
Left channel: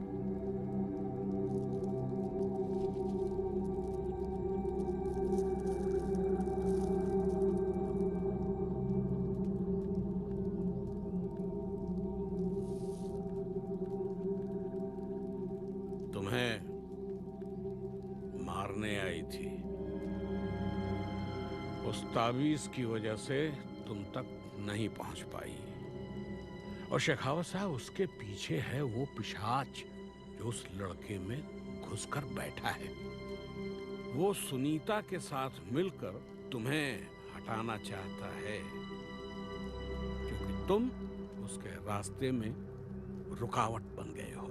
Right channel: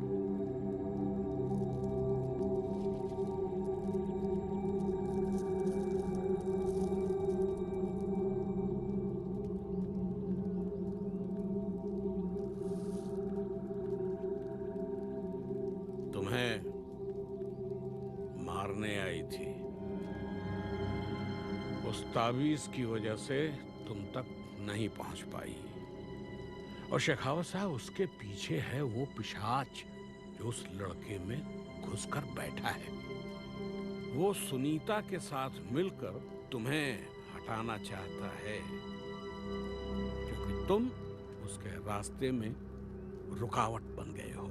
तुम्हें मारने आई थी। उस तावीज की वजह से तुम तक नहीं पहुंच पाई। और शेखावत साहब, उसके पीछे है वो पिशाच जो उस लड़के में घुसकर बैठा है। वो सुनीता के साथ मिलकर तुम्हें हटाना चाहता है क्योंकि तुम उसके रास्ते में रुकावट बन गए हो।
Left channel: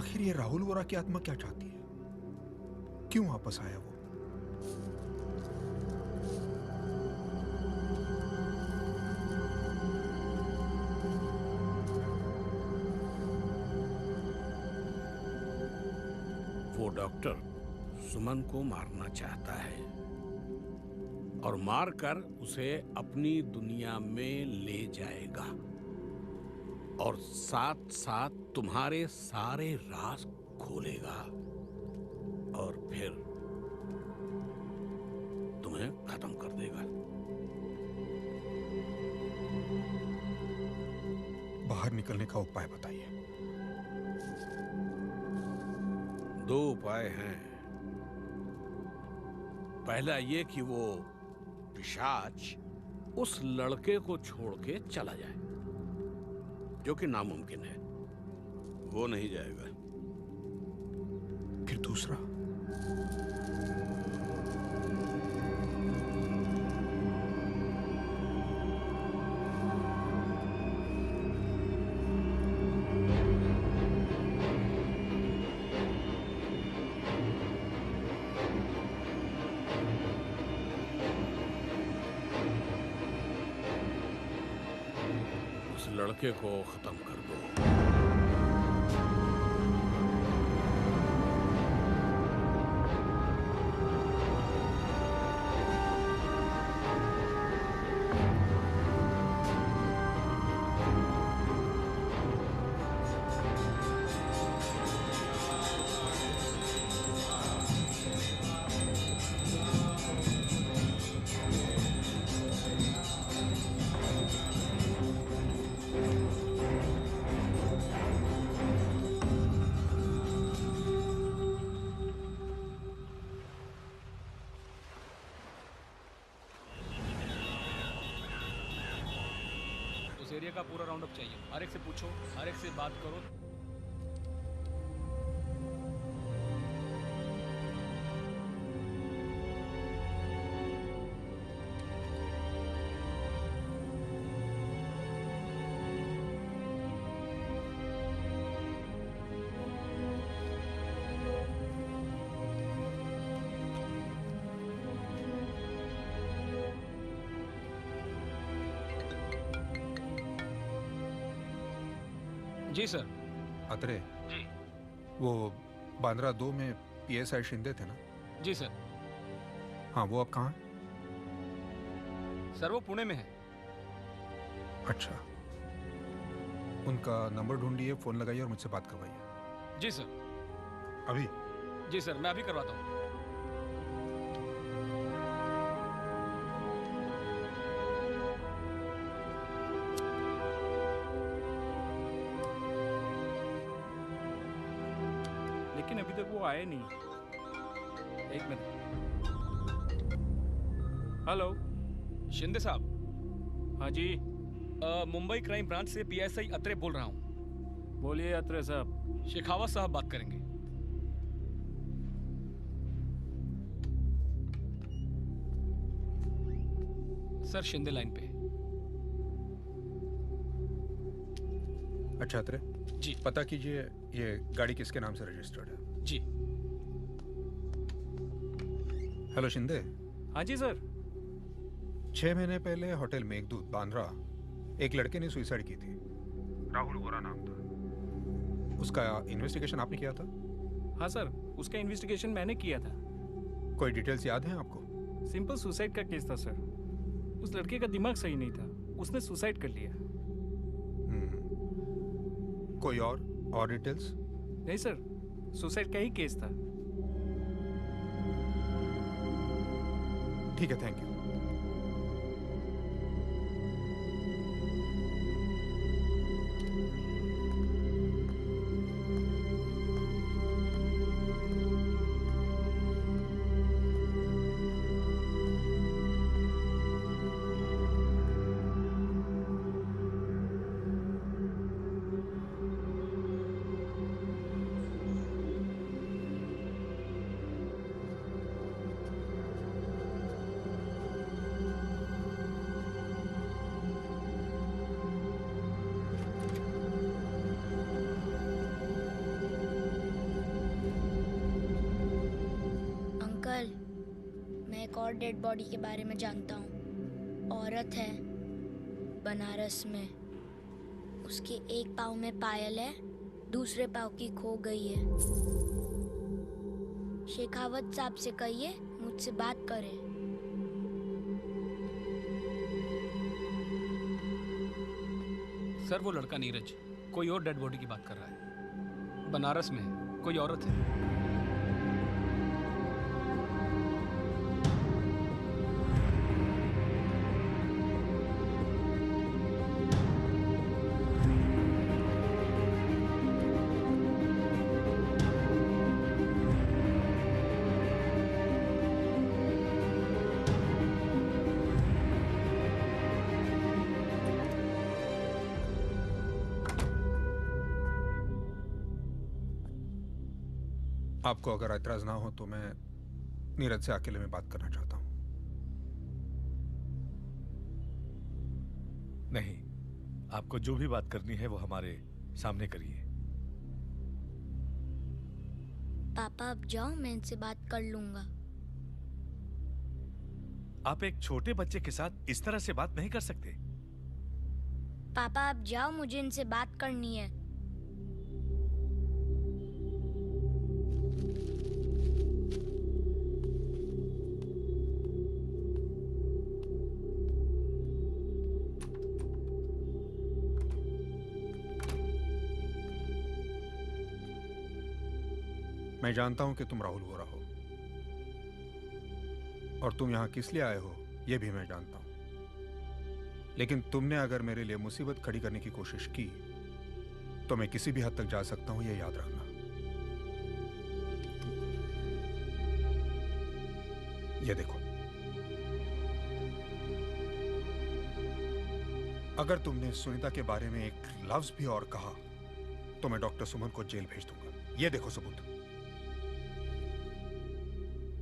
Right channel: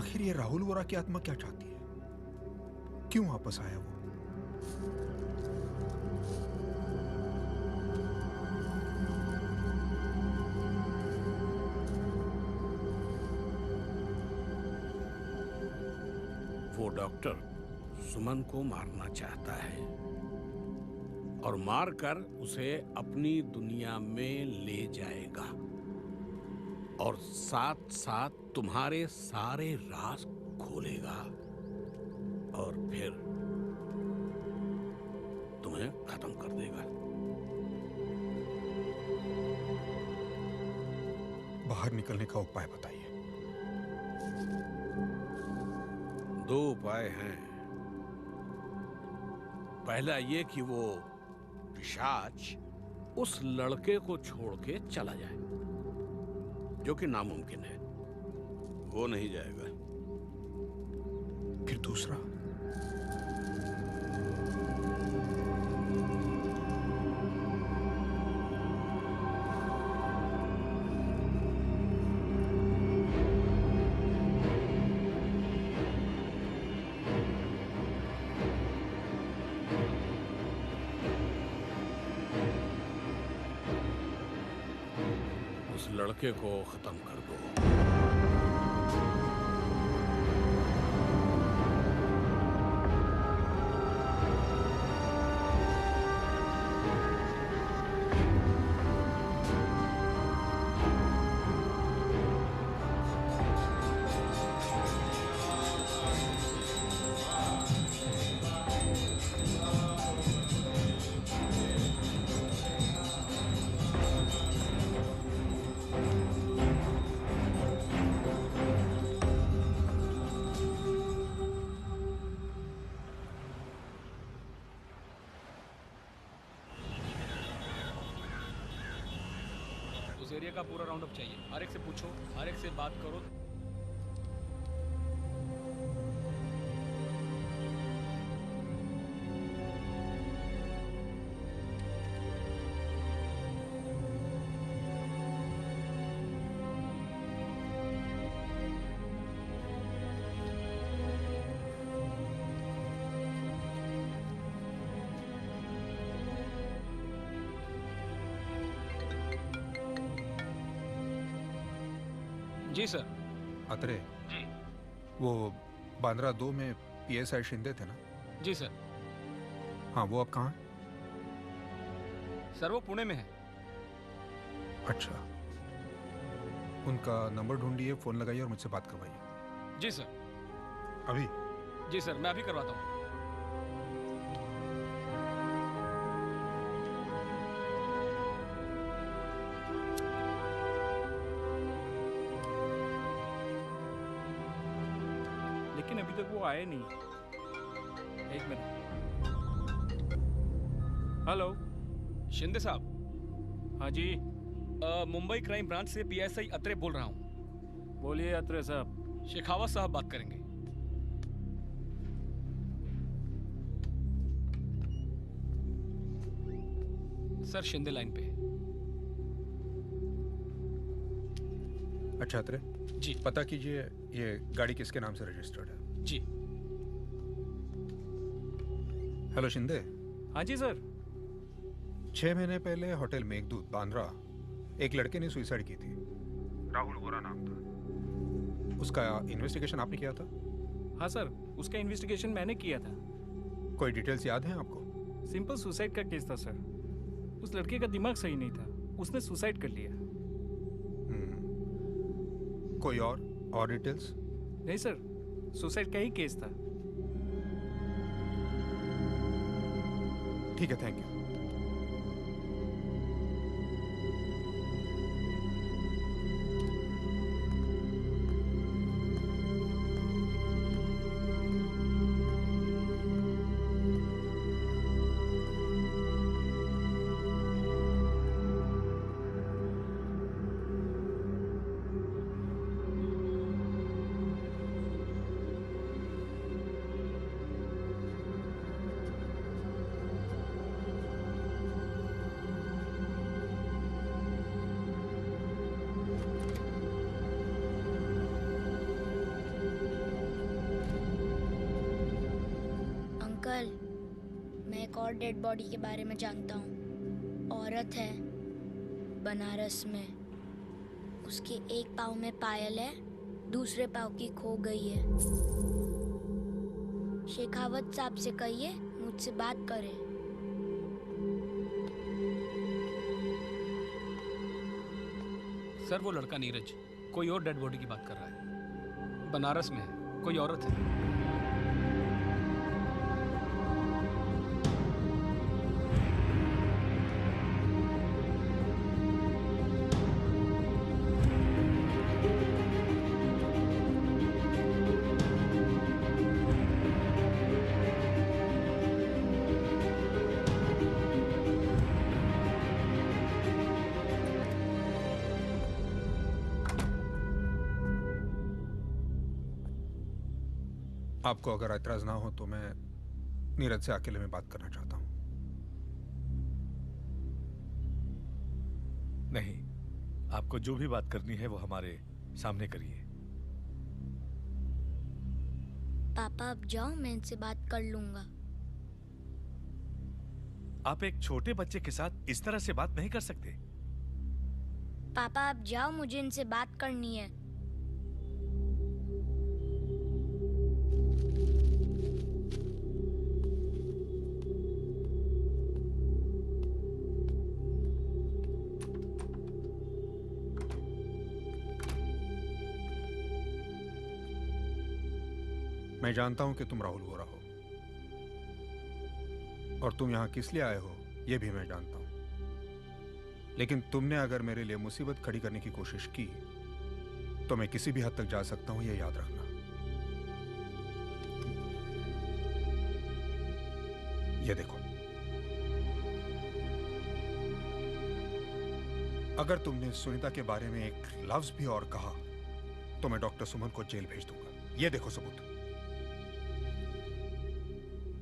आखिर ये राहुल वोरा की आत्मा क्या चाहती है? क्यों वापस आया वो? वो डॉक्टर सुमन को मारना चाहता है और मारकर उसे अपनी दुनिया में ले जाएगा और साथ साथ तुम्हारे सारे राज खोलेगा और फिर तुम्हें खत्म कर देगा। बाहर निकलने का उपाय बताइए। 2 उपाय हैं। पहला ये कि वो पिशाच उस लड़के को छोड़ के चला जाए, जो कि नामुमकिन है, वो नहीं जाएगा। फिर दूसरा? उस लड़के को खत्म कर दो। उस एरिया का पूरा राउंड अप चाहिए। हर एक से पूछो, हर एक से बात करो। जी सर। अत्रे जी। वो बांद्रा 2 में PSI शिंदे थे ना? जी सर। हाँ, वो अब कहाँ है? सर वो पुणे में है। अच्छा, उनका नंबर ढूंढिए, फोन लगाइए और मुझसे बात करवाइए। जी सर। अभी? जी सर, मैं अभी करवाता हूँ। लेकिन अभी तक वो आए नहीं। एक मिनट। हेलो शिंदे साहब। हाँ जी। मुंबई क्राइम ब्रांच से PSI अत्रे बोल रहा हूँ। बोलिए अत्रे साहब। शेखावत साहब बात करेंगे। सर शिंदे लाइन पे। अच्छा अत्रे जी। पता कीजिए ये गाड़ी किसके नाम से रजिस्टर्ड है। जी। हेलो शिंदे। हाँ जी सर। 6 महीने पहले होटल मेघदूत बांद्रा एक लड़के ने सुसाइड की थी। राहुल गोरा नाम था उसका। इन्वेस्टिगेशन आपने किया था? हाँ सर, उसका इन्वेस्टिगेशन मैंने किया था। कोई डिटेल्स याद हैं आपको? सिंपल सुसाइड का केस था सर। उस लड़के का दिमाग सही नहीं था, उसने सुसाइड कर लिया। कोई और डिटेल्स? नहीं सर, सुसाइड का ही केस था। ठीक है, थैंक यू। अंकल, मैं एक और डेड बॉडी के बारे में जानता हूँ। औरत है, बनारस में। उसके एक पाँव में पायल है, दूसरे पाँव की खो गई है। शेखावत साहब से कहिए मुझसे बात करें। सर वो लड़का नीरज कोई और डेड बॉडी की बात कर रहा है। बनारस में है, कोई औरत है। आपको अगर एतराज ना हो तो मैं नीरज से अकेले में बात करना चाहता हूं। नहीं, आपको जो भी बात करनी है वो हमारे सामने करिए। पापा आप जाओ, मैं इनसे बात कर लूंगा। आप एक छोटे बच्चे के साथ इस तरह से बात नहीं कर सकते। पापा आप जाओ, मुझे इनसे बात करनी है। मैं जानता हूं कि तुम राहुल वोरा हो और तुम यहां किस लिए आए हो यह भी मैं जानता हूं, लेकिन तुमने अगर मेरे लिए मुसीबत खड़ी करने की कोशिश की तो मैं किसी भी हद तक जा सकता हूं, यह याद रखना। यह देखो, अगर तुमने सुनीता के बारे में एक लफ्ज भी और कहा तो मैं डॉक्टर सुमन को जेल भेज दूंगा। यह देखो सबूत।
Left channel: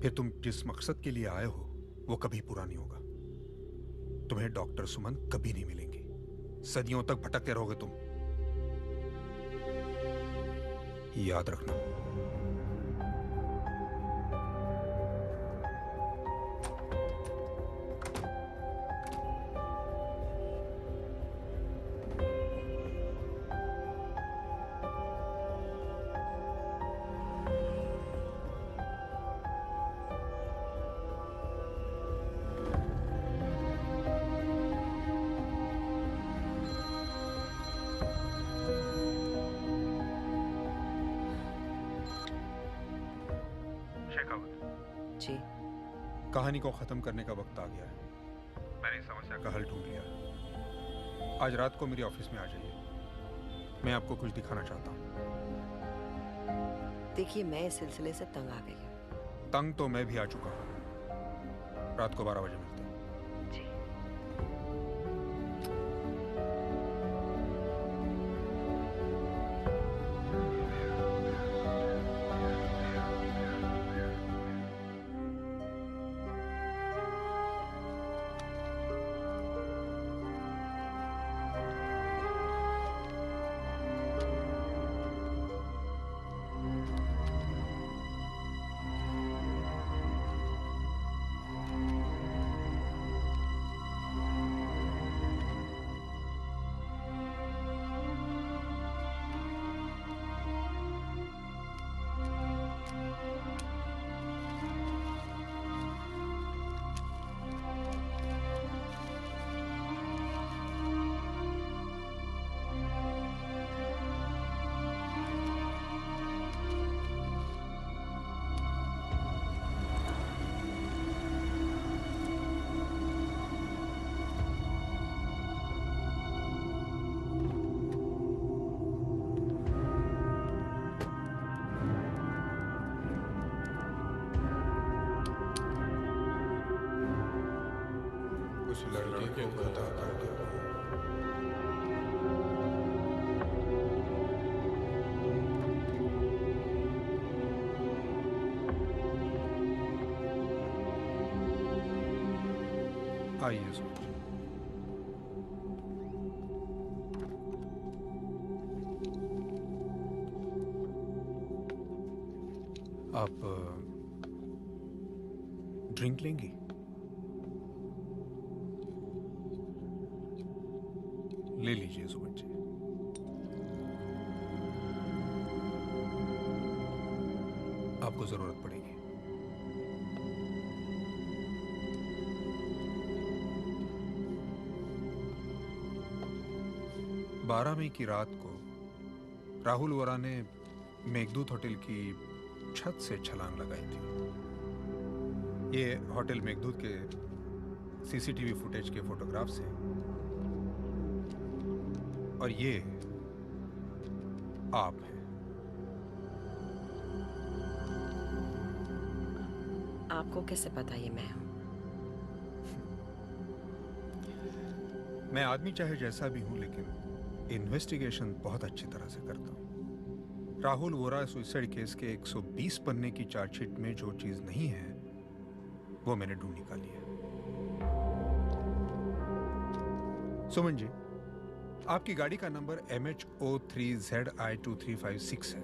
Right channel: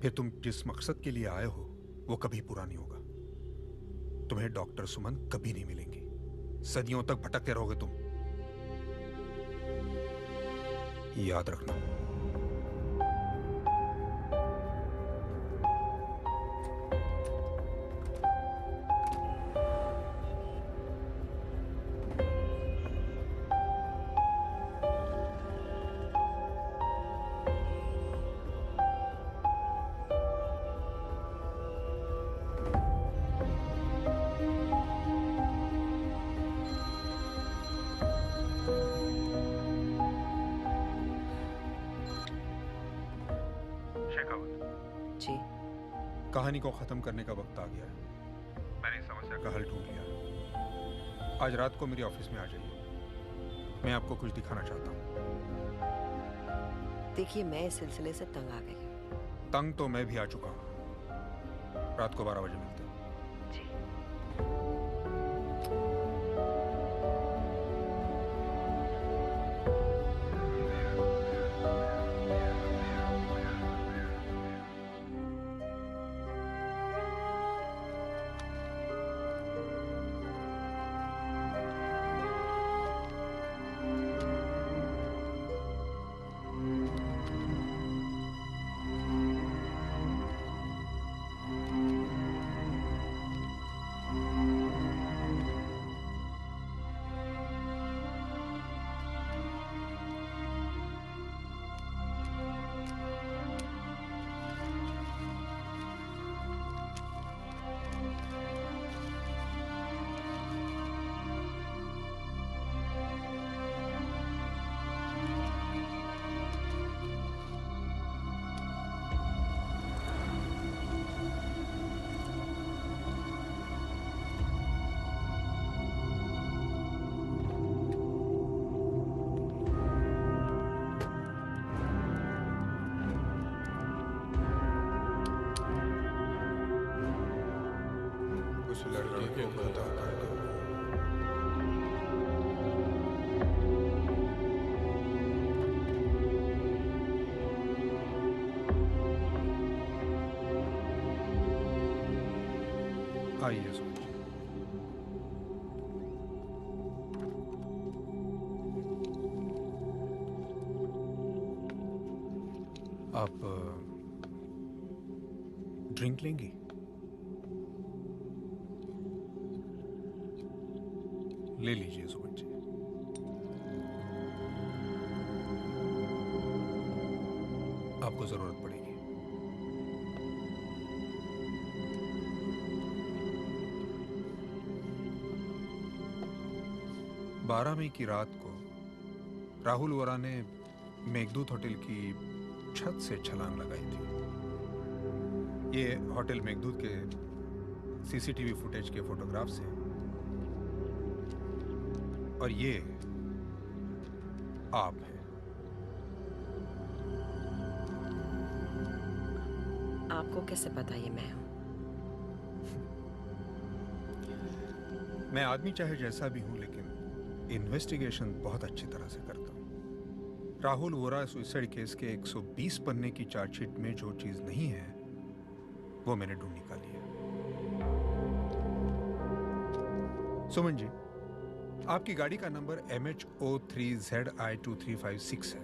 फिर तुम जिस मकसद के लिए आए हो वो कभी पूरा नहीं होगा। तुम्हें डॉक्टर सुमन कभी नहीं मिलेंगी। सदियों तक भटकते रहोगे तुम, याद रखना। जी, कहानी को खत्म करने का वक्त आ गया है। मैंने इस समस्या का हल ढूंढ लिया। आज रात को मेरे ऑफिस में आ जाइए, मैं आपको कुछ दिखाना चाहता हूँ। देखिए मैं इस सिलसिले से तंग आ गई हूँ। तंग तो मैं भी आ चुका हूँ। रात को 12 बजे मिलते हैं। उस लड़के को खता कर दो। आइए सुन। आप ड्रिंक लेंगी? ले लीजिए सुमन जी। आपको जरूरत पड़ेगी। 12 मई की रात को राहुल वोरा ने मेघदूत होटल की छत से छलांग लगाई थी। ये होटल मेघदूत के सीसीटीवी फुटेज के फोटोग्राफ्स हैं और ये आप हैं। आपको कैसे पता ये मैं हूं? मैं आदमी चाहे जैसा भी हूं, लेकिन इन्वेस्टिगेशन बहुत अच्छी तरह से करता हूं। राहुल वोरा सुसाइड केस के 120 पन्ने की चार्जशीट में जो चीज नहीं है वो मैंने ढूंढ निकाली है। सुमन जी, आपकी गाड़ी का नंबर MH03ZI2356 है,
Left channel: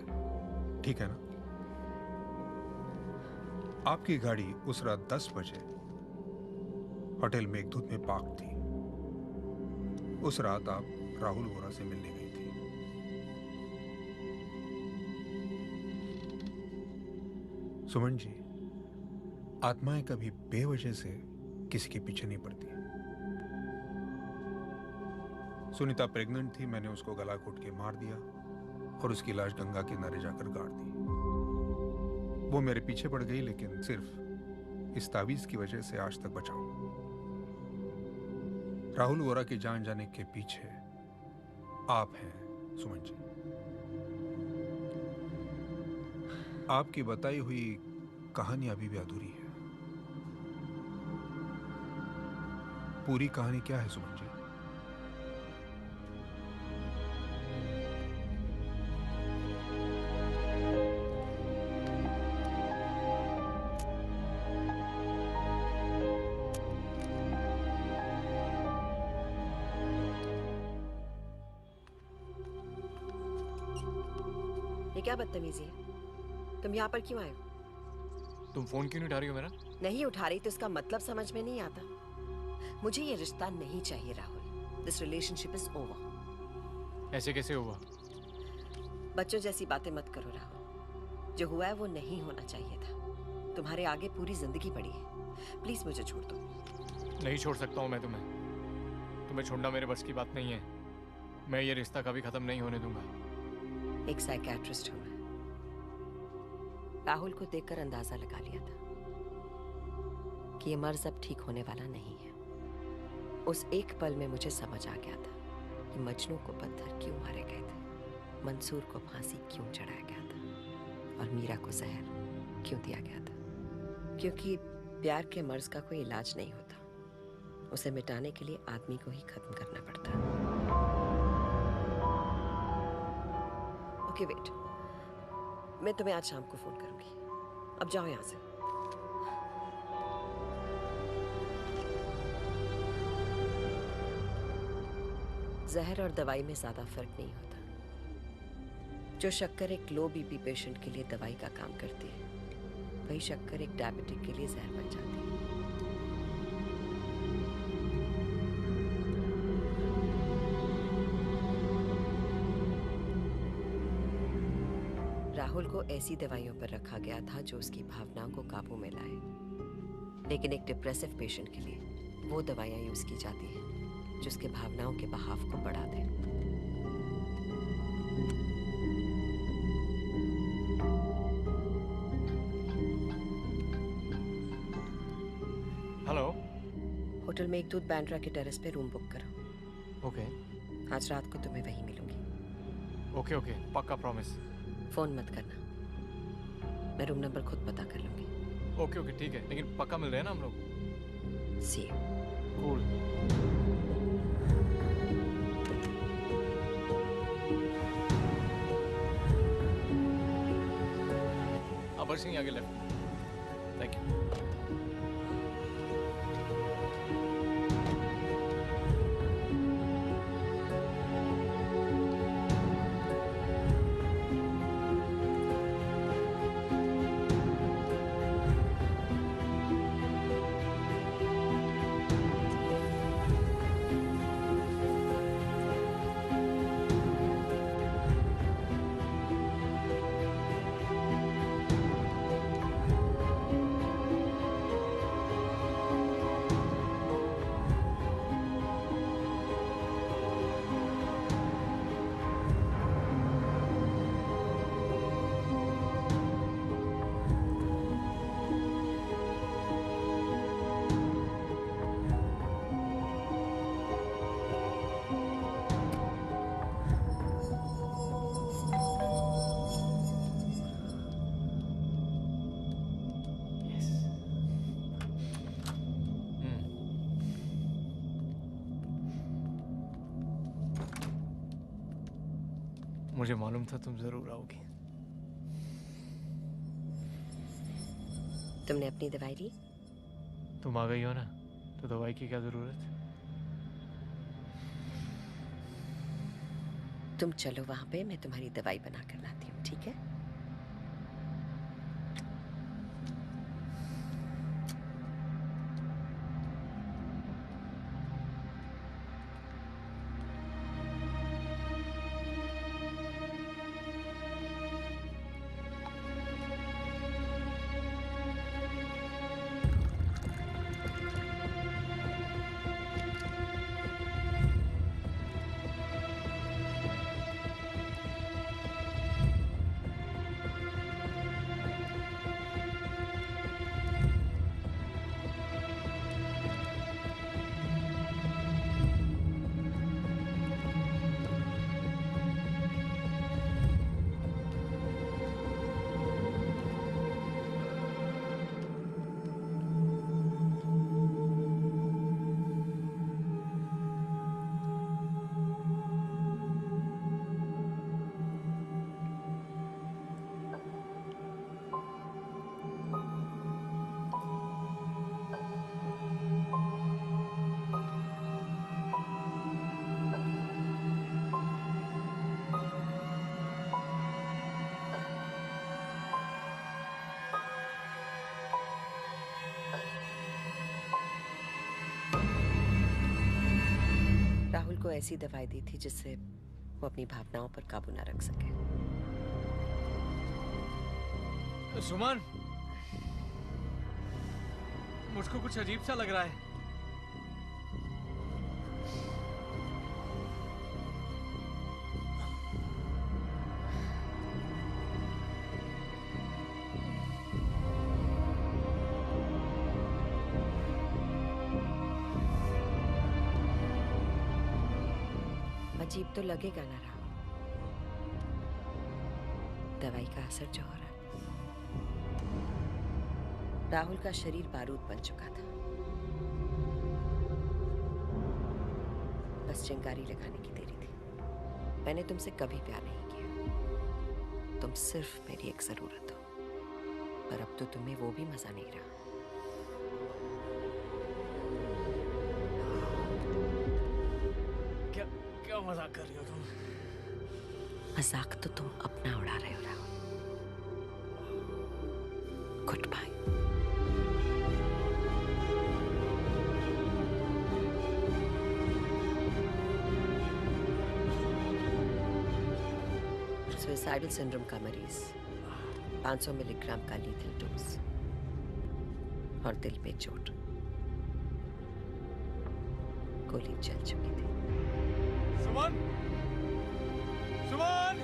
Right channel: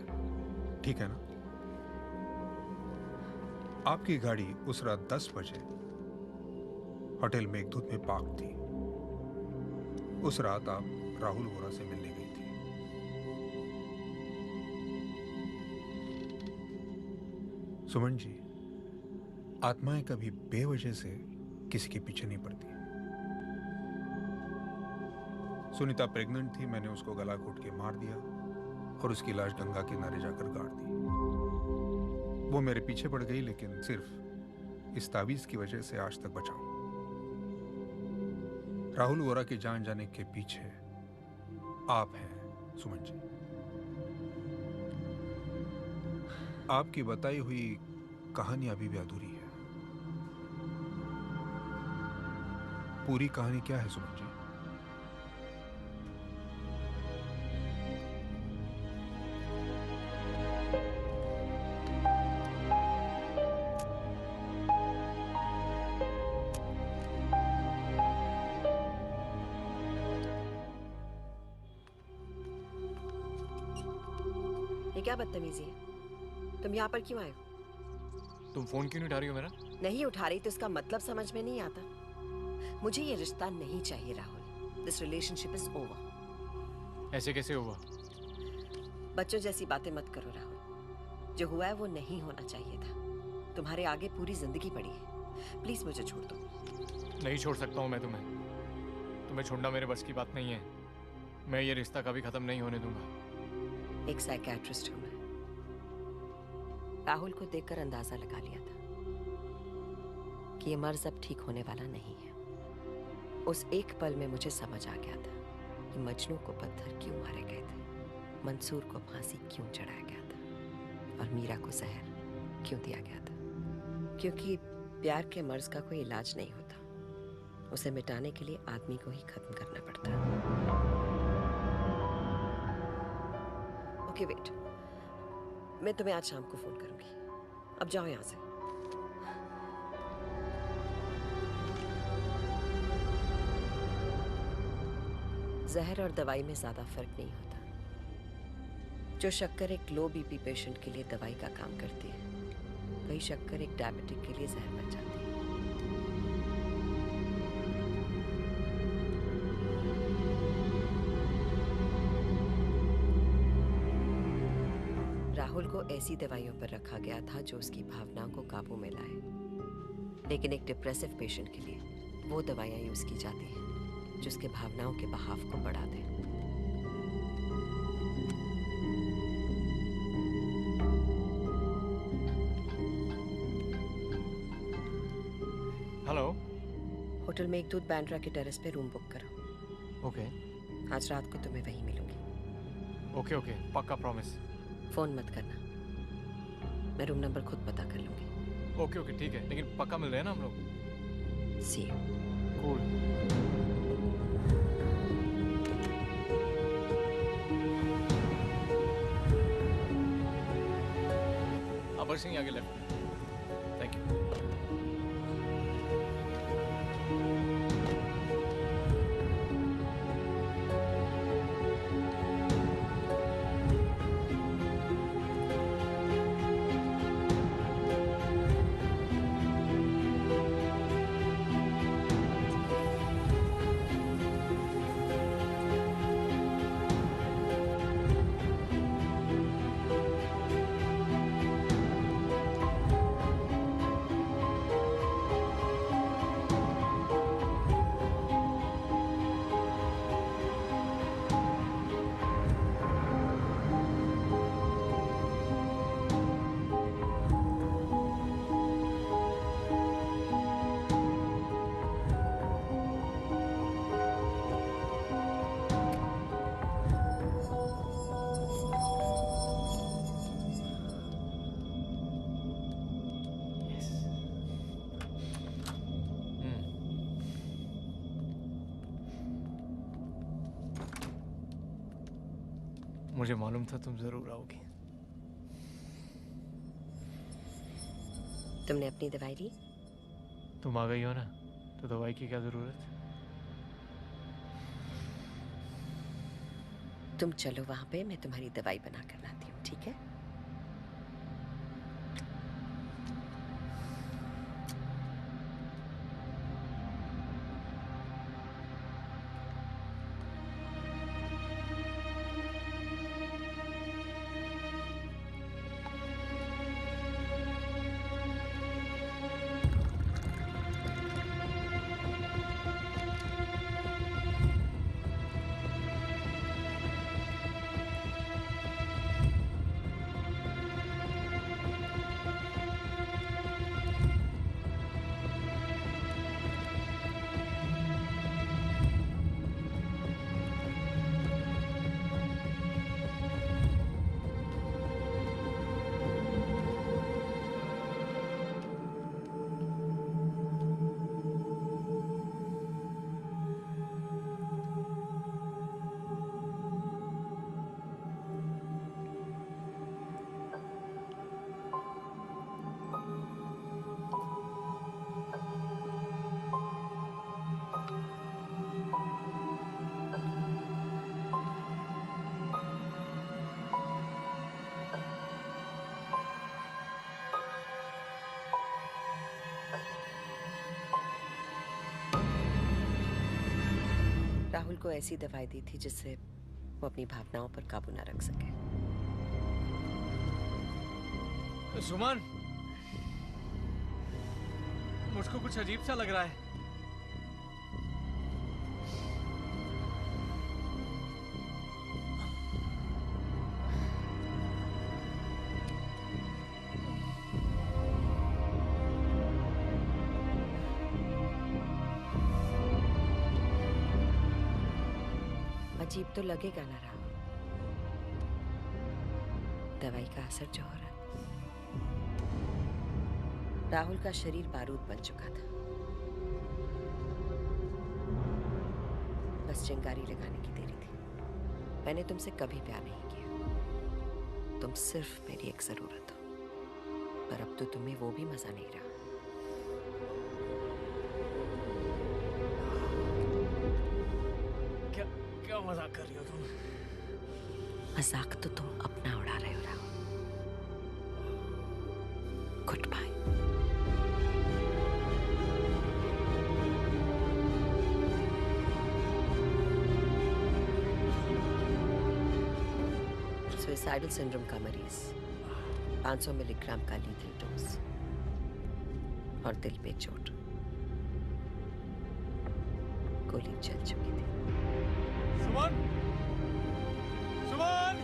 ठीक है ना? आपकी गाड़ी उस रात 10 बजे होटल मेघदूत में पार्क थी। उस रात आप राहुल वोरा से मिलने गई थी। सुमन जी, आत्माएं कभी बेवजह से किसी के पीछे नहीं पड़ती। सुनीता प्रेग्नेंट थी, मैंने उसको गला घोट के मार दिया और उसकी लाश गंगा किनारे जाकर गाड़ दी। वो मेरे पीछे पड़ गई, लेकिन सिर्फ इस तावीज की वजह से आज तक बचा हूं। राहुल वोरा की जान जाने के पीछे आप हैं सुमन जी। आपकी बताई हुई कहानी अभी भी अधूरी है। पूरी कहानी क्या है सुमन जी? ये क्या बदतमीजी है? तुम यहाँ पर क्यों आए हो? तुम फोन क्यों नहीं उठा रही हो मेरा? नहीं उठा रही तो इसका मतलब समझ में नहीं आता। मुझे ये रिश्ता नहीं चाहिए Rahul. This relationship is over. ऐसे कैसे हुआ? बच्चों जैसी बातें मत करो राहुल। जो हुआ है वो नहीं होना चाहिए था। तुम्हारे आगे पूरी जिंदगी पड़ी है। प्लीज मुझे छोड़ दो। नहीं छोड़ सकता हूँ मैं तुम्हें। तुम्हें छोड़ना मेरे बस की बात नहीं है। मैं ये रिश्ता कभी खत्म नहीं होने दूंगा। एक साइकियाट्रिस्ट हूं मैं। राहुल को देखकर अंदाजा लगा लिया था कि ये मर्ज अब ठीक होने वाला नहीं है। उस एक पल में मुझे समझ आ गया था कि मजनू को पत्थर क्यों मारे गए थे, मंसूर को फांसी क्यों चढ़ाया गया था और मीरा को जहर क्यों दिया गया था। क्योंकि प्यार के मर्ज का कोई इलाज नहीं होता। उसे मिटाने के लिए आदमी को ही खत्म करना पड़ता है। ओके वेट, मैं तुम्हें आज शाम को फोन करूंगी। अब जाओ यहां से। जहर और दवाई में ज्यादा फर्क नहीं होता। जो शक्कर एक लो बीपी पेशेंट के लिए दवाई का काम करती है, वही शक्कर एक डायबिटिक के लिए जहर बन जाती है। राहुल को ऐसी दवाइयों पर रखा गया था जो उसकी भावनाओं को काबू में लाए, लेकिन एक डिप्रेसिव पेशेंट के लिए वो दवाइयां यूज की जाती हैं जो उसके भावनाओं के बहाव को बढ़ा दे। हेलो। होटल मेघदूत बैंड्रा के टेरेस पे रूम बुक करो। ओके। आज रात को तुम्हें वहीं मिलूंगी। ओके ओके, पक्का प्रॉमिस। फोन मत करना, मैं रूम नंबर खुद पता कर लूंगी। ओके ओके ठीक है, लेकिन पक्का मिल रहे हैं ना हम लोग? सी यू। कूल। अबर सिंह आगे लेफ्ट। Thank you. मुझे मालूम था तुम जरूर आओगी। तुमने अपनी दवाई ली? तुम आ गई हो ना, तो दवाई की क्या जरूरत? तुम चलो वहां पे, मैं तुम्हारी दवाई बना कर लाती हूँ, ठीक है? राहुल को ऐसी दवाई दी थी जिससे वो अपनी भावनाओं पर काबू ना रख सके। सुमन, मुझको कुछ अजीब सा लग रहा है। अजीब तो लगेगा ना राहुल, दवाई का असर जो हो रहा है। राहुल का शरीर बारूद बन चुका था, बस चिंगारी लगाने की देरी थी। मैंने तुमसे कभी प्यार नहीं किया, तुम सिर्फ मेरी एक जरूरत हो, पर अब तो तुम्हें वो भी मजा नहीं रहा। क्या मजाक कर रही हो तुम? मजाक तो तुम अपना उड़ा रहे हो Rahul. Good bye. Suicidal syndrome का मरीज, 500 मिलीग्राम का लीथल डोज और दिल पे चोट, गोली चल चुकी थी। सुमन! सुमन!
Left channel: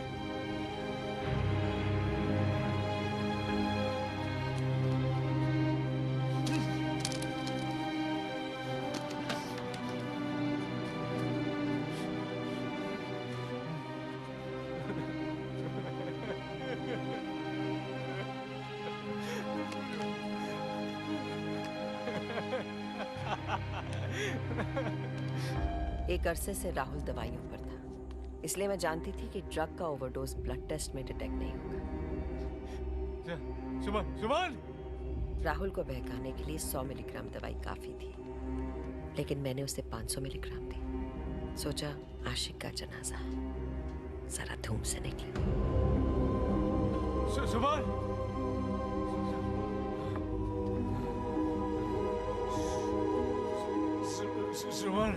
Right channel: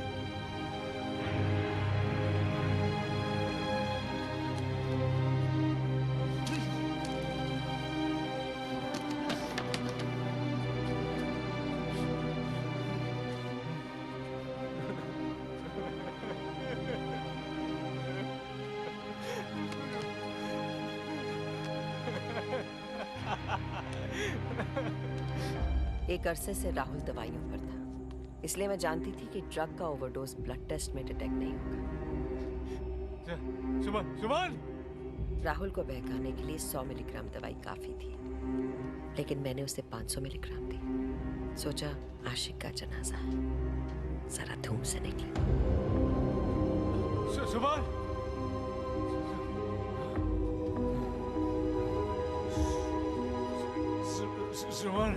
एक अरसे से राहुल दवाइयों पर था, इसलिए मैं जानती थी कि ड्रग का ओवरडोज ब्लड टेस्ट में डिटेक्ट नहीं होगा। सुमन! सुमन! राहुल को बहकाने के लिए 100 मिलीग्राम दवाई काफी थी, लेकिन मैंने उसे 500 मिलीग्राम दी। सोचा आशिक का जनाजा है, जरा धूम से निकले। सुमन! सुमन!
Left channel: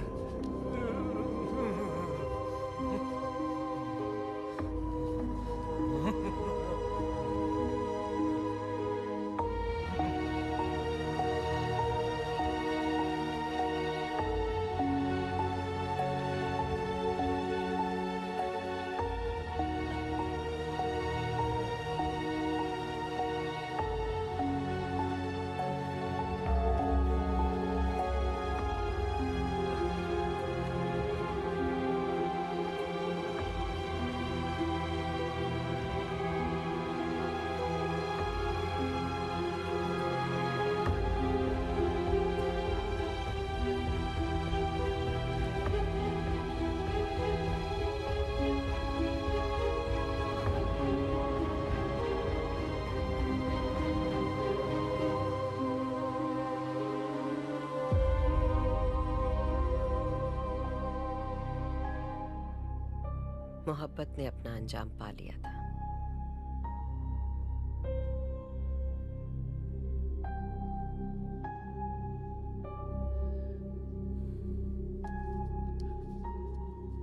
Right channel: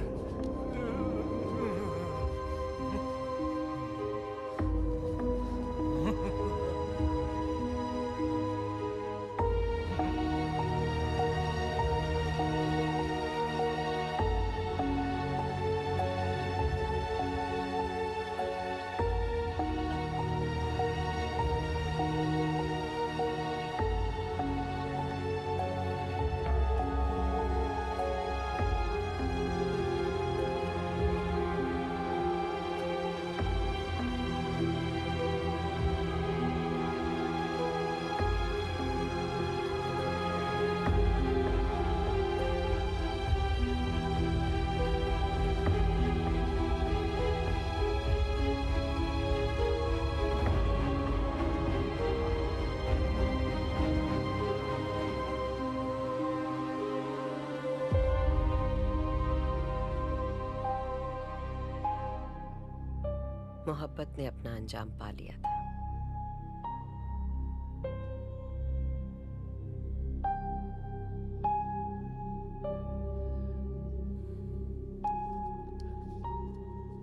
मोहब्बत ने अपना अंजाम पा लिया था।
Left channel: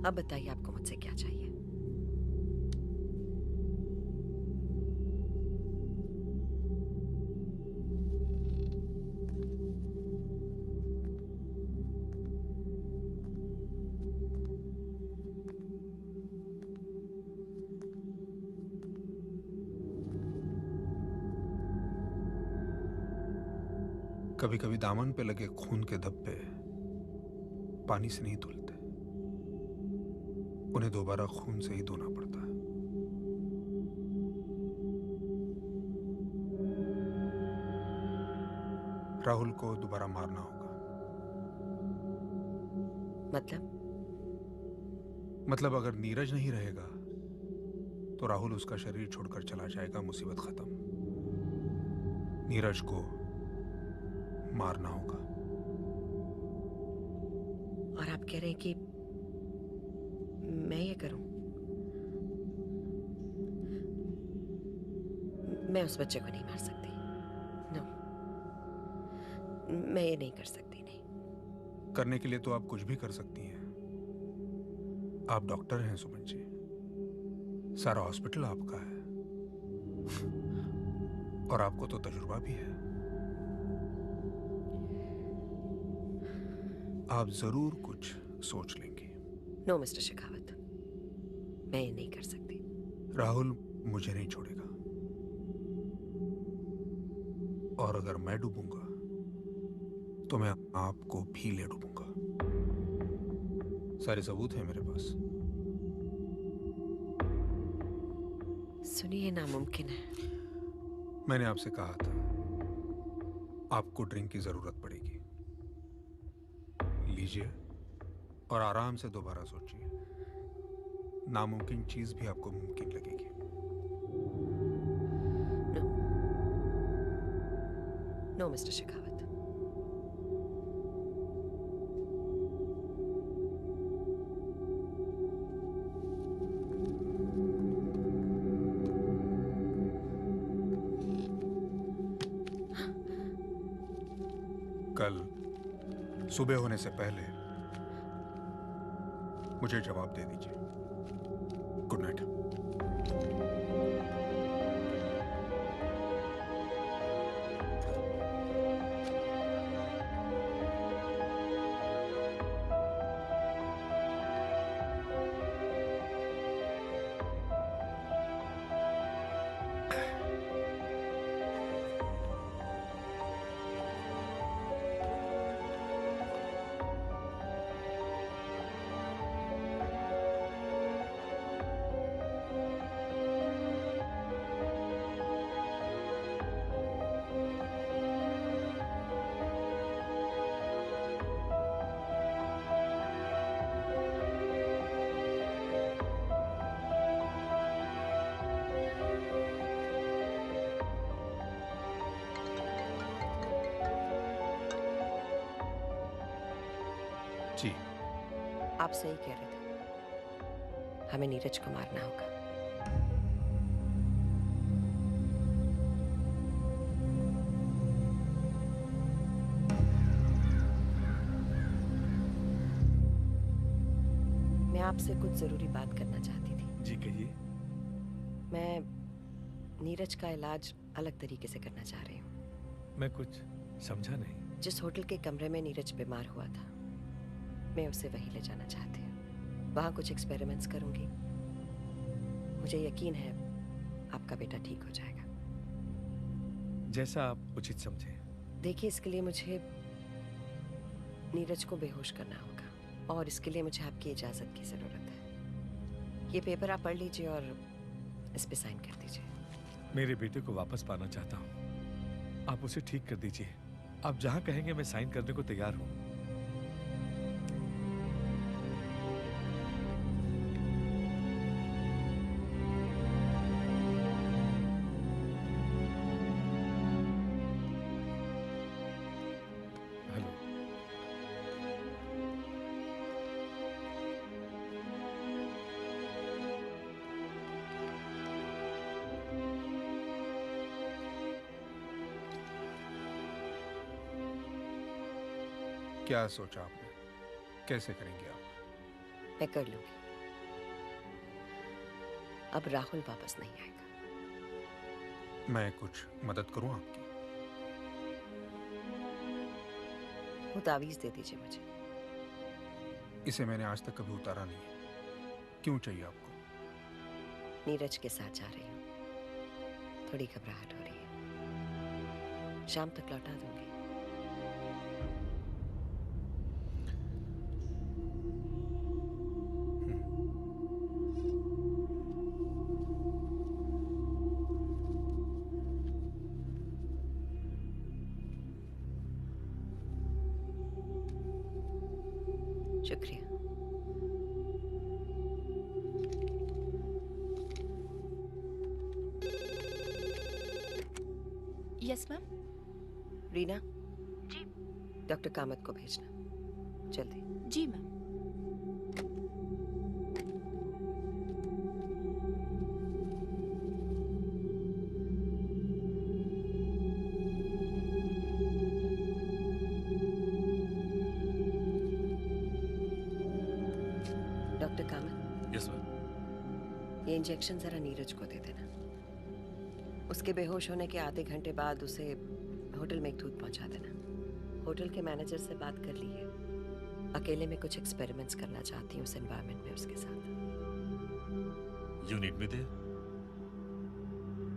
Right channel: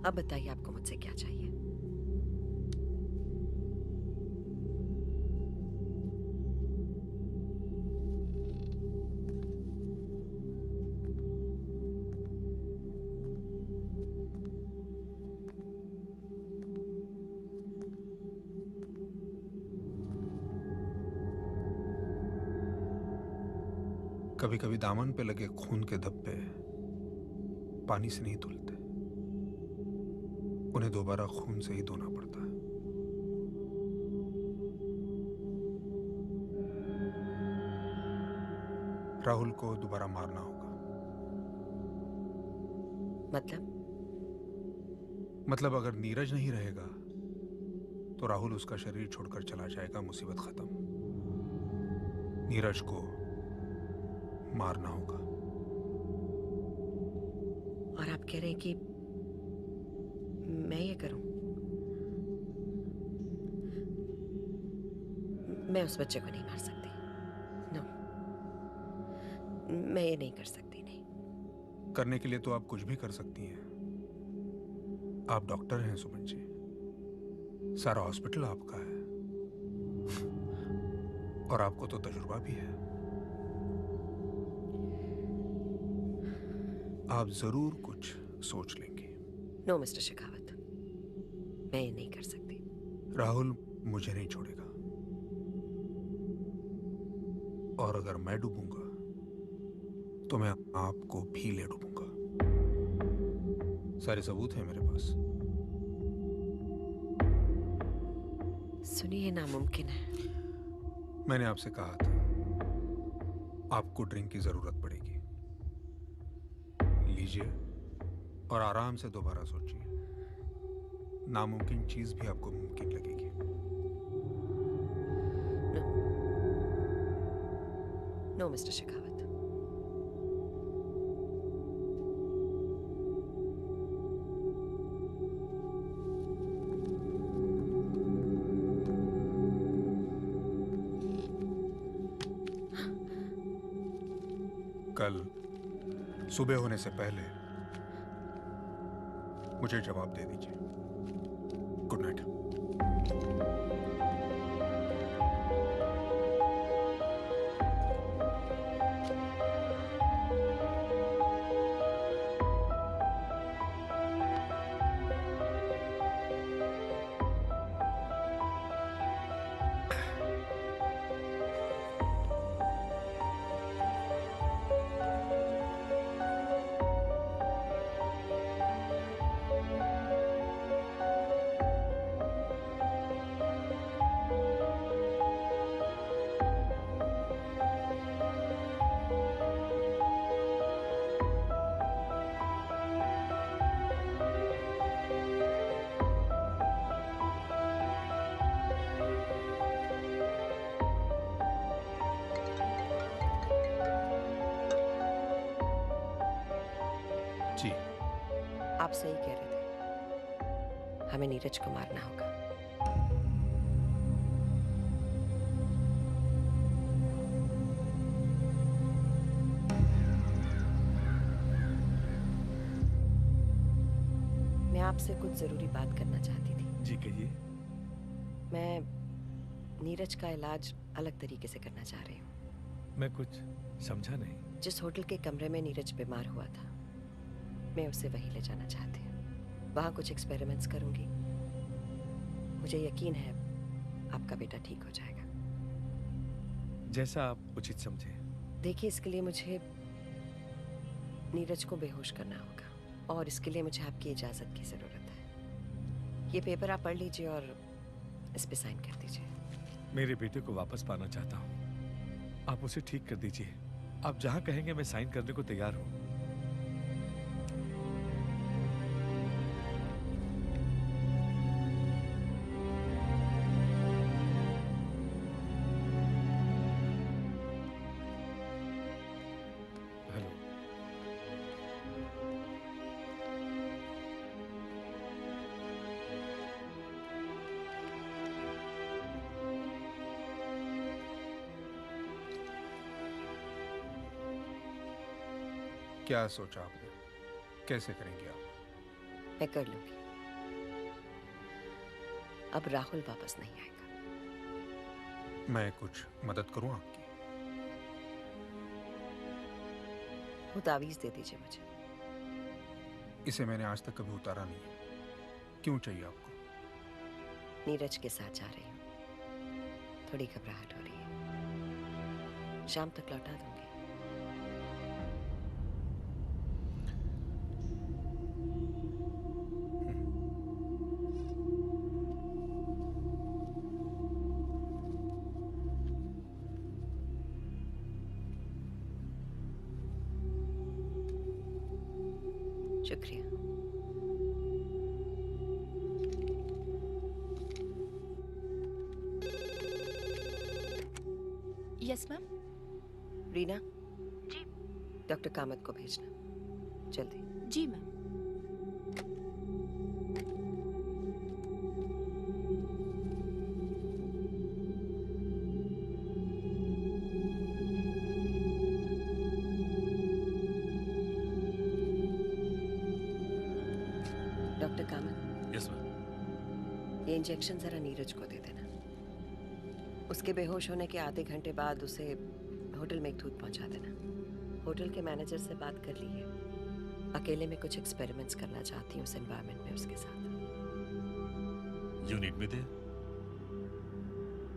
अब बताइए आपको मुझसे क्या चाहिए? कभी कभी दामन पे लगे खून के धब्बे पानी से नहीं धुलते, उन्हें दोबारा खून से ही धोना पड़ता है। राहुल को दोबारा मारना होगा। मतलब अगर नीरज नहीं रहेगा तो राहुल उसका शरीर छोड़कर चला जाएगा, मुसीबत खत्म। नीरज को मारना होगा। और आप कह रहे हैं कि मैं ये करूं? मैं उस बच्चे को नहीं मार सकती। नो, मैं ये नहीं कर सकती। नहीं करने के लिए तो आप कुछ भी कर सकती हैं। आप डॉक्टर हैं सुमन जी, सारा हॉस्पिटल आपका है और आपको तो तजुर्बा भी है। आप जरूर कुछ सोच लेंगे। नो मिस्टर शेखावत, मैं ये नहीं कर सकती। राहुल मुझे नहीं छोड़ेगा और अगर मैं डूबूंगा तो मैं आपको भी ले डूबूंगा। सारे सबूत हैं मेरे पास। सुनिए, नामुमकिन है। मैंने आपसे कहा था आपको ड्रिंक की जरूरत पड़ेगी। लीजिए और आराम से दोबारा सोचिए। नामुमकिन चीज भी आपको मुमकिन लगेगी। No mister Shekhawat. कल सुबह होने से पहले मुझे जवाब दे दीजिए। Good night. जी, आप सही कह रहे थे। हमें नीरज को मारना होगा। मैं आपसे कुछ जरूरी बात करना चाहती थी। जी कहिए। मैं नीरज का इलाज अलग तरीके से करना चाह रही हूँ। मैं कुछ समझा नहीं। जिस होटल के कमरे में नीरज बीमार हुआ था, मैं उसे वहीं ले जाना चाहती हूँ। वहाँ कुछ एक्सपेरिमेंट्स करूंगी। मुझे यकीन है आपका बेटा ठीक हो जाएगा। जैसा आप उचित समझे। देखिए, इसके लिए मुझे नीरज को बेहोश करना होगा और इसके लिए मुझे आपकी इजाज़त की ज़रूरत है। ये पेपर आप पढ़ लीजिए और इस पे साइन कर दीजिए। मेरे बेटे को वापस पाना चाहता हूँ। आप उसे ठीक कर दीजिए। आप जहाँ कहेंगे मैं साइन करने को तैयार हूँ। क्या सोचा आपने? कैसे करेंगे आप? मैं कर लूंगी। अब राहुल वापस नहीं आएगा। मैं कुछ मदद करूं आपकी? वो तावीज दे दीजिए मुझे। इसे मैंने आज तक कभी उतारा नहीं है। क्यों चाहिए आपको? नीरज के साथ जा रही हूँ, थोड़ी घबराहट हो रही है। शाम तक लौटा दूंगी। शुक्रिया। Yes ma'am. रीना, जी। डॉक्टर कामत को भेजना जल्दी। जी ma'am. Doctor Kamat. Yes ma'am. ये इंजेक्शन जरा नीरज को दे देना। उसके बेहोश होने के आधे घंटे बाद उसे होटल में एक दूध पहुंचा देना। होटल के मैनेजर से बात कर ली है। अकेले में कुछ एक्सपेरिमेंट्स करना चाहती हूँ उस एनवायरनमेंट में उसके साथ। You need me there?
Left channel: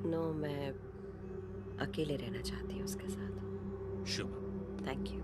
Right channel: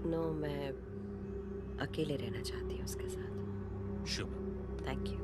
No, मैं अकेले रहना चाहती हूँ उसके साथ। शुभ। Thank you.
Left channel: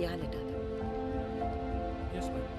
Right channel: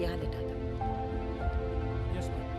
यहाँ लेटा दो। Yes ma'am.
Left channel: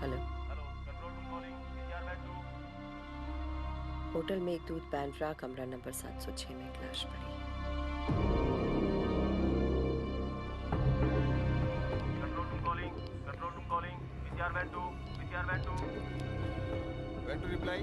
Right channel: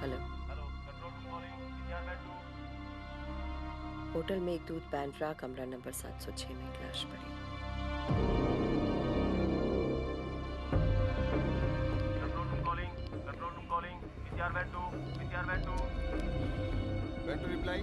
Hello. Hello, control room calling, PCR bed 2। Hotel में एक दूध पैंट्रा कमरा नंबर 706 में एक लाश पड़ी। Control room calling, PCR bed 2, PCR bed 2। When to reply?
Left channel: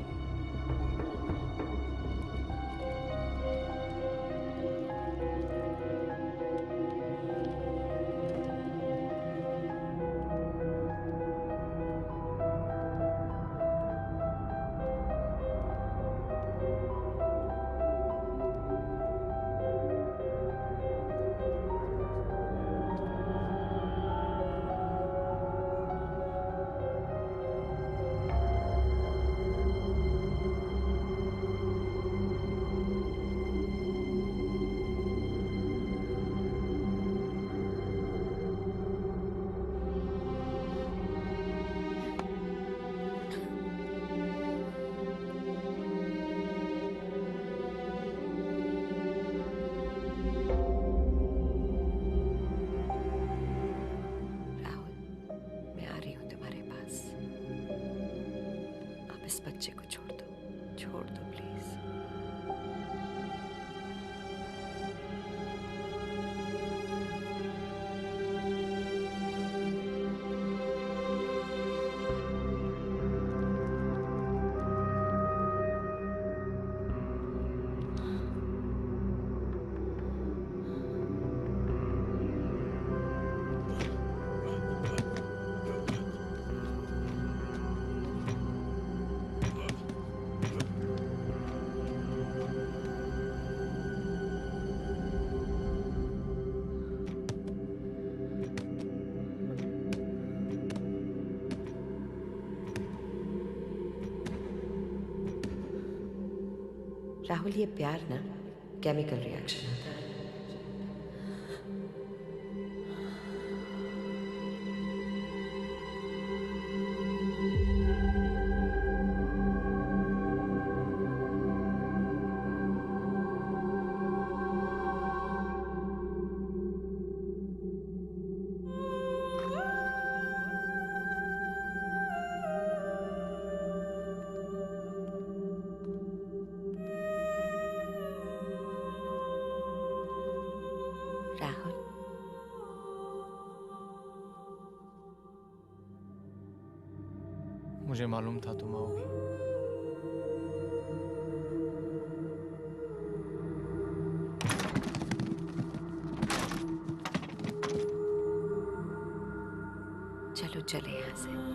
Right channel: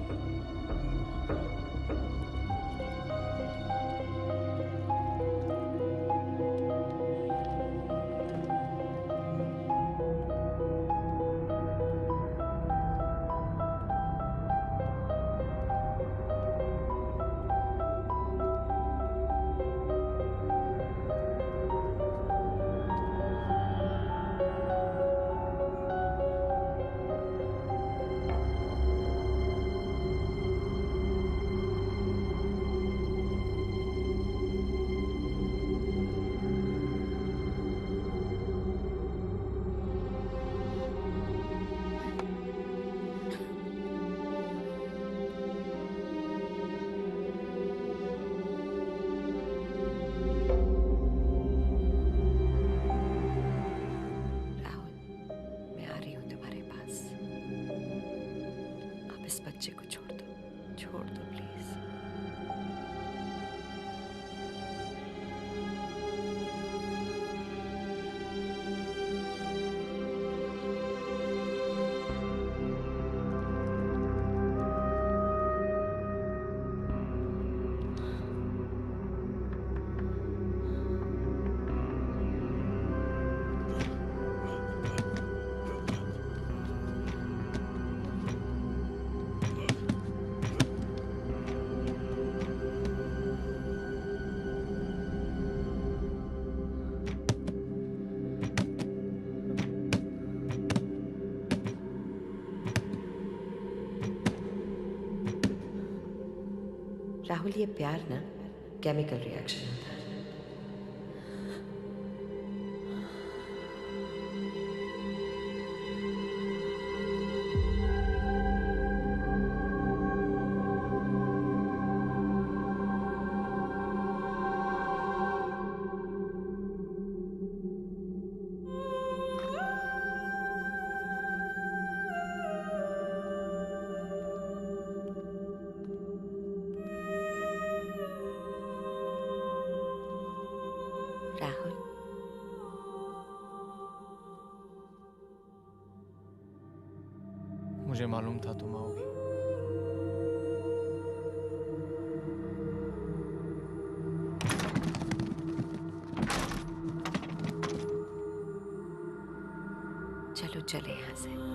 Rahul, ये प्यार ना केमिकल रिएक्शन होता है। राहुल, मुझे मालूम था तुम आओगी। चलो चले यहाँ से।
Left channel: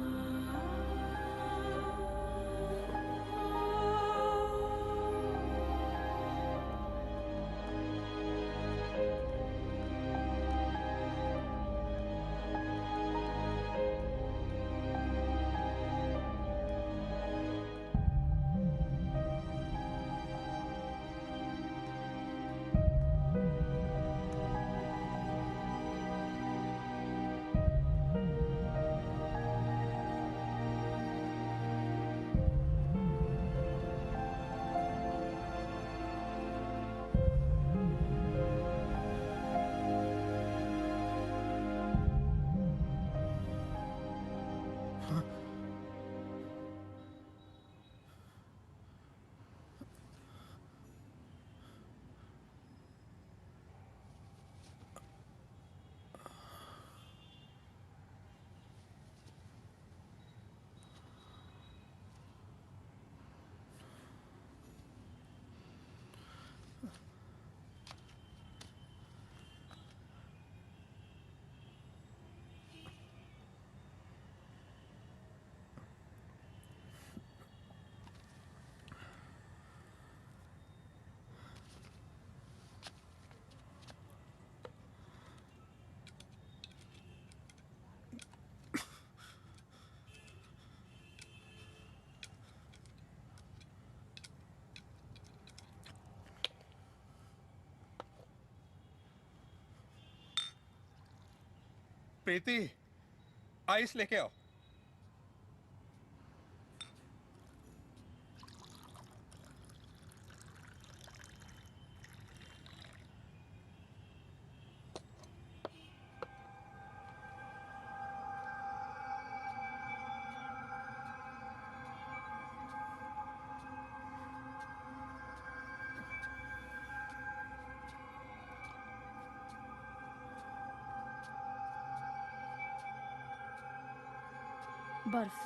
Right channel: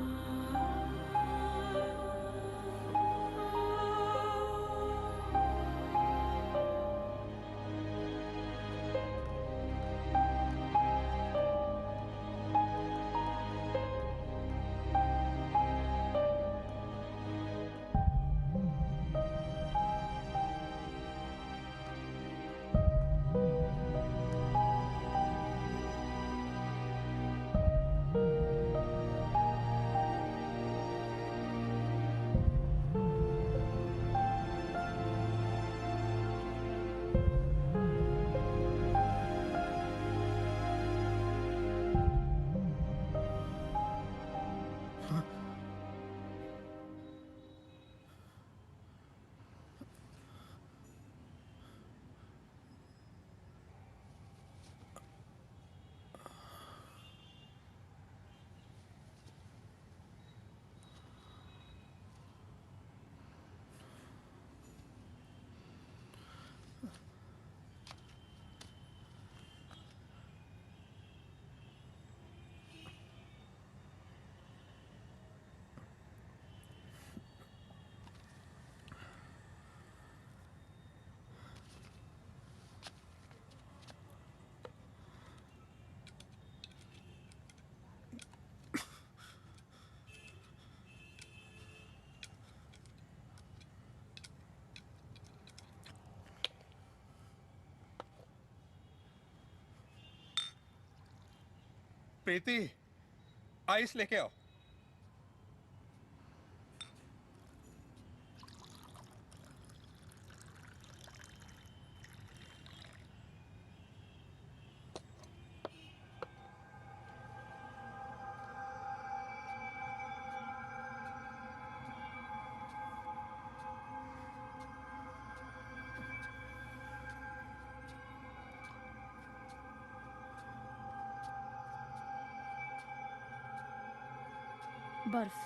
प्रीति, आइस लेके आओ। बर्फ।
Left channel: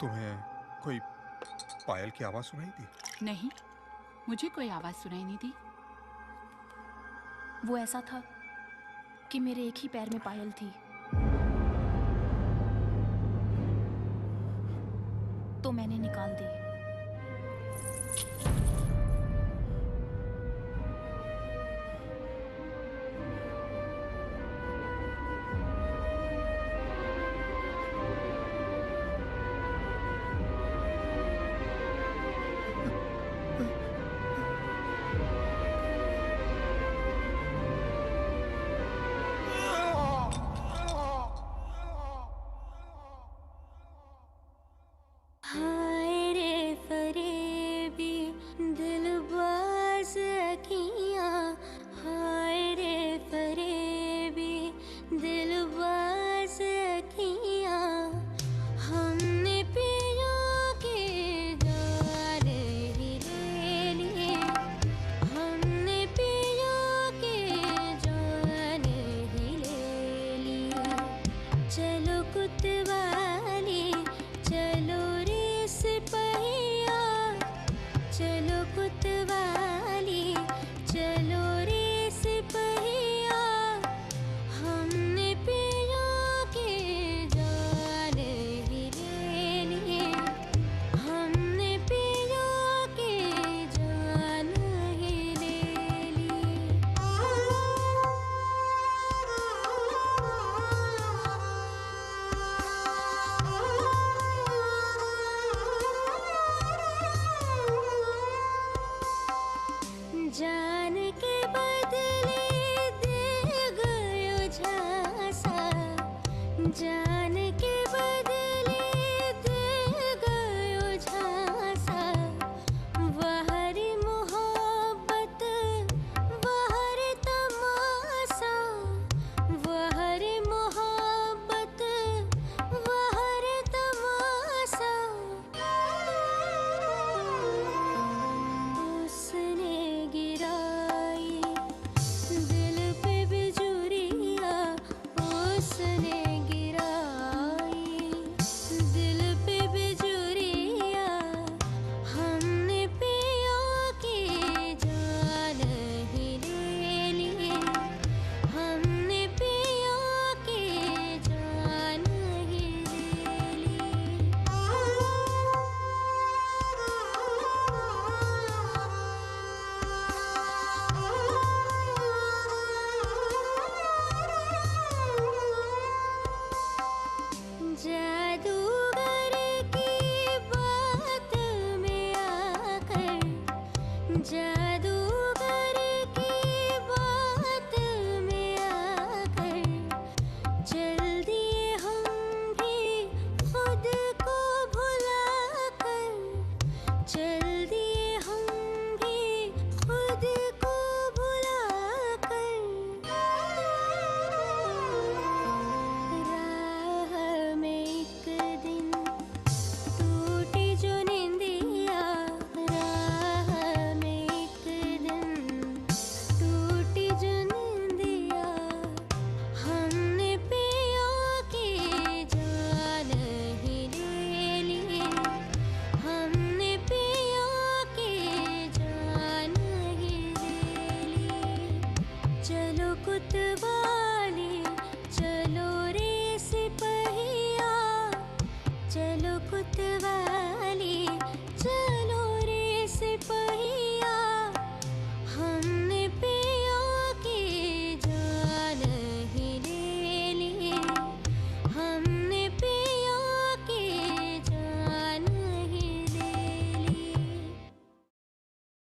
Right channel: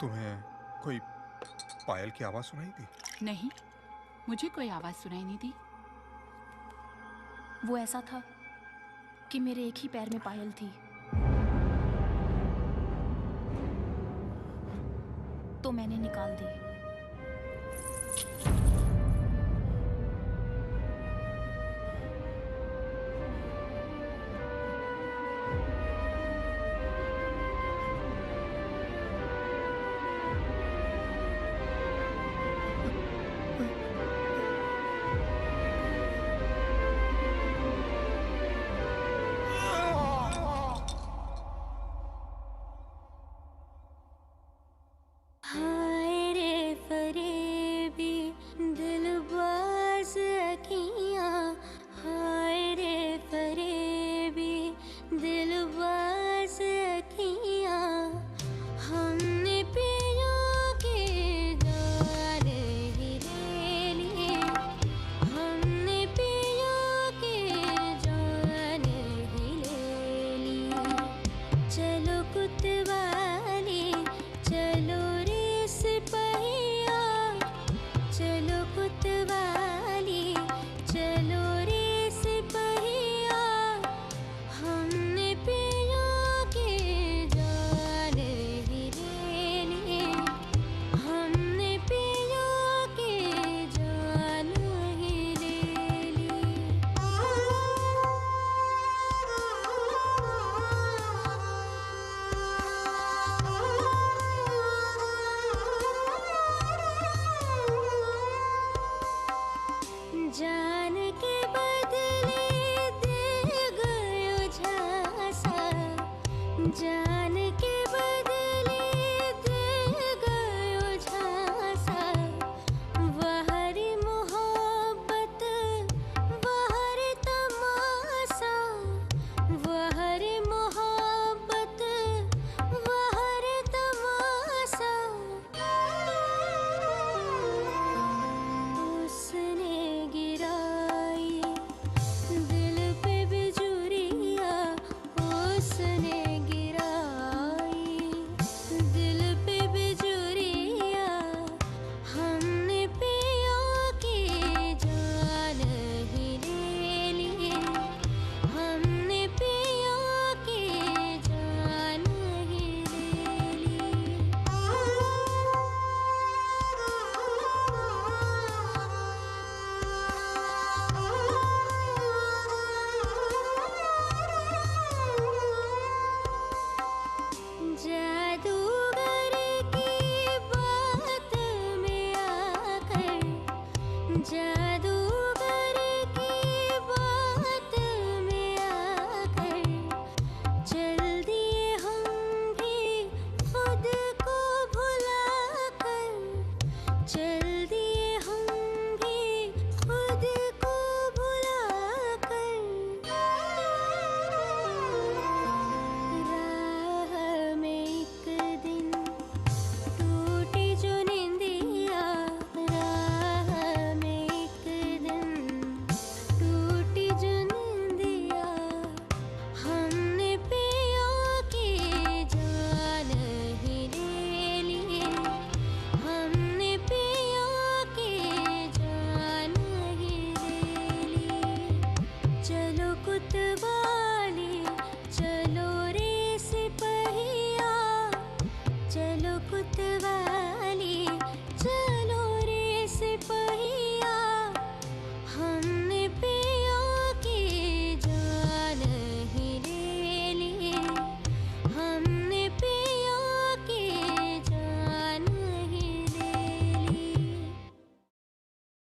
तुम्हें कोई पायल की आवाज सुनाई दी? नहीं, मुझे कोई आवाज सुनाई नहीं दी। वो ऐसा था कि मेरे एक ही पैर में पायल थी, तो मैंने निकाल दी। हाय रे जान के बदले दिल गयो झांसा, वहरी मोहब्बत वहरी तमाशा, वहरी मोहब्बत वहरी तमाशा। उसने गिराई दिल पे बिजुरिया, उसने गिराई दिल पे बिजुरिया, हमने पिया की जान ही ले ली, हमने पिया की जान ही ले ली। जादूगर की बात में आकर, जादूगर की बात में आकर, चल दिए हम भी खुद को भुलाकर, चल दिए हम भी खुद को भुलाकर। राह में एक दिन टूटी जो निंदिया, राह में एक दिन टूटी जो निंदिया, हमने पिया की जान ही ले ली, हमने पिया की जान ही ले ली। चलो कुतवाली चलो रे सिपहिया, चलो कुतवाली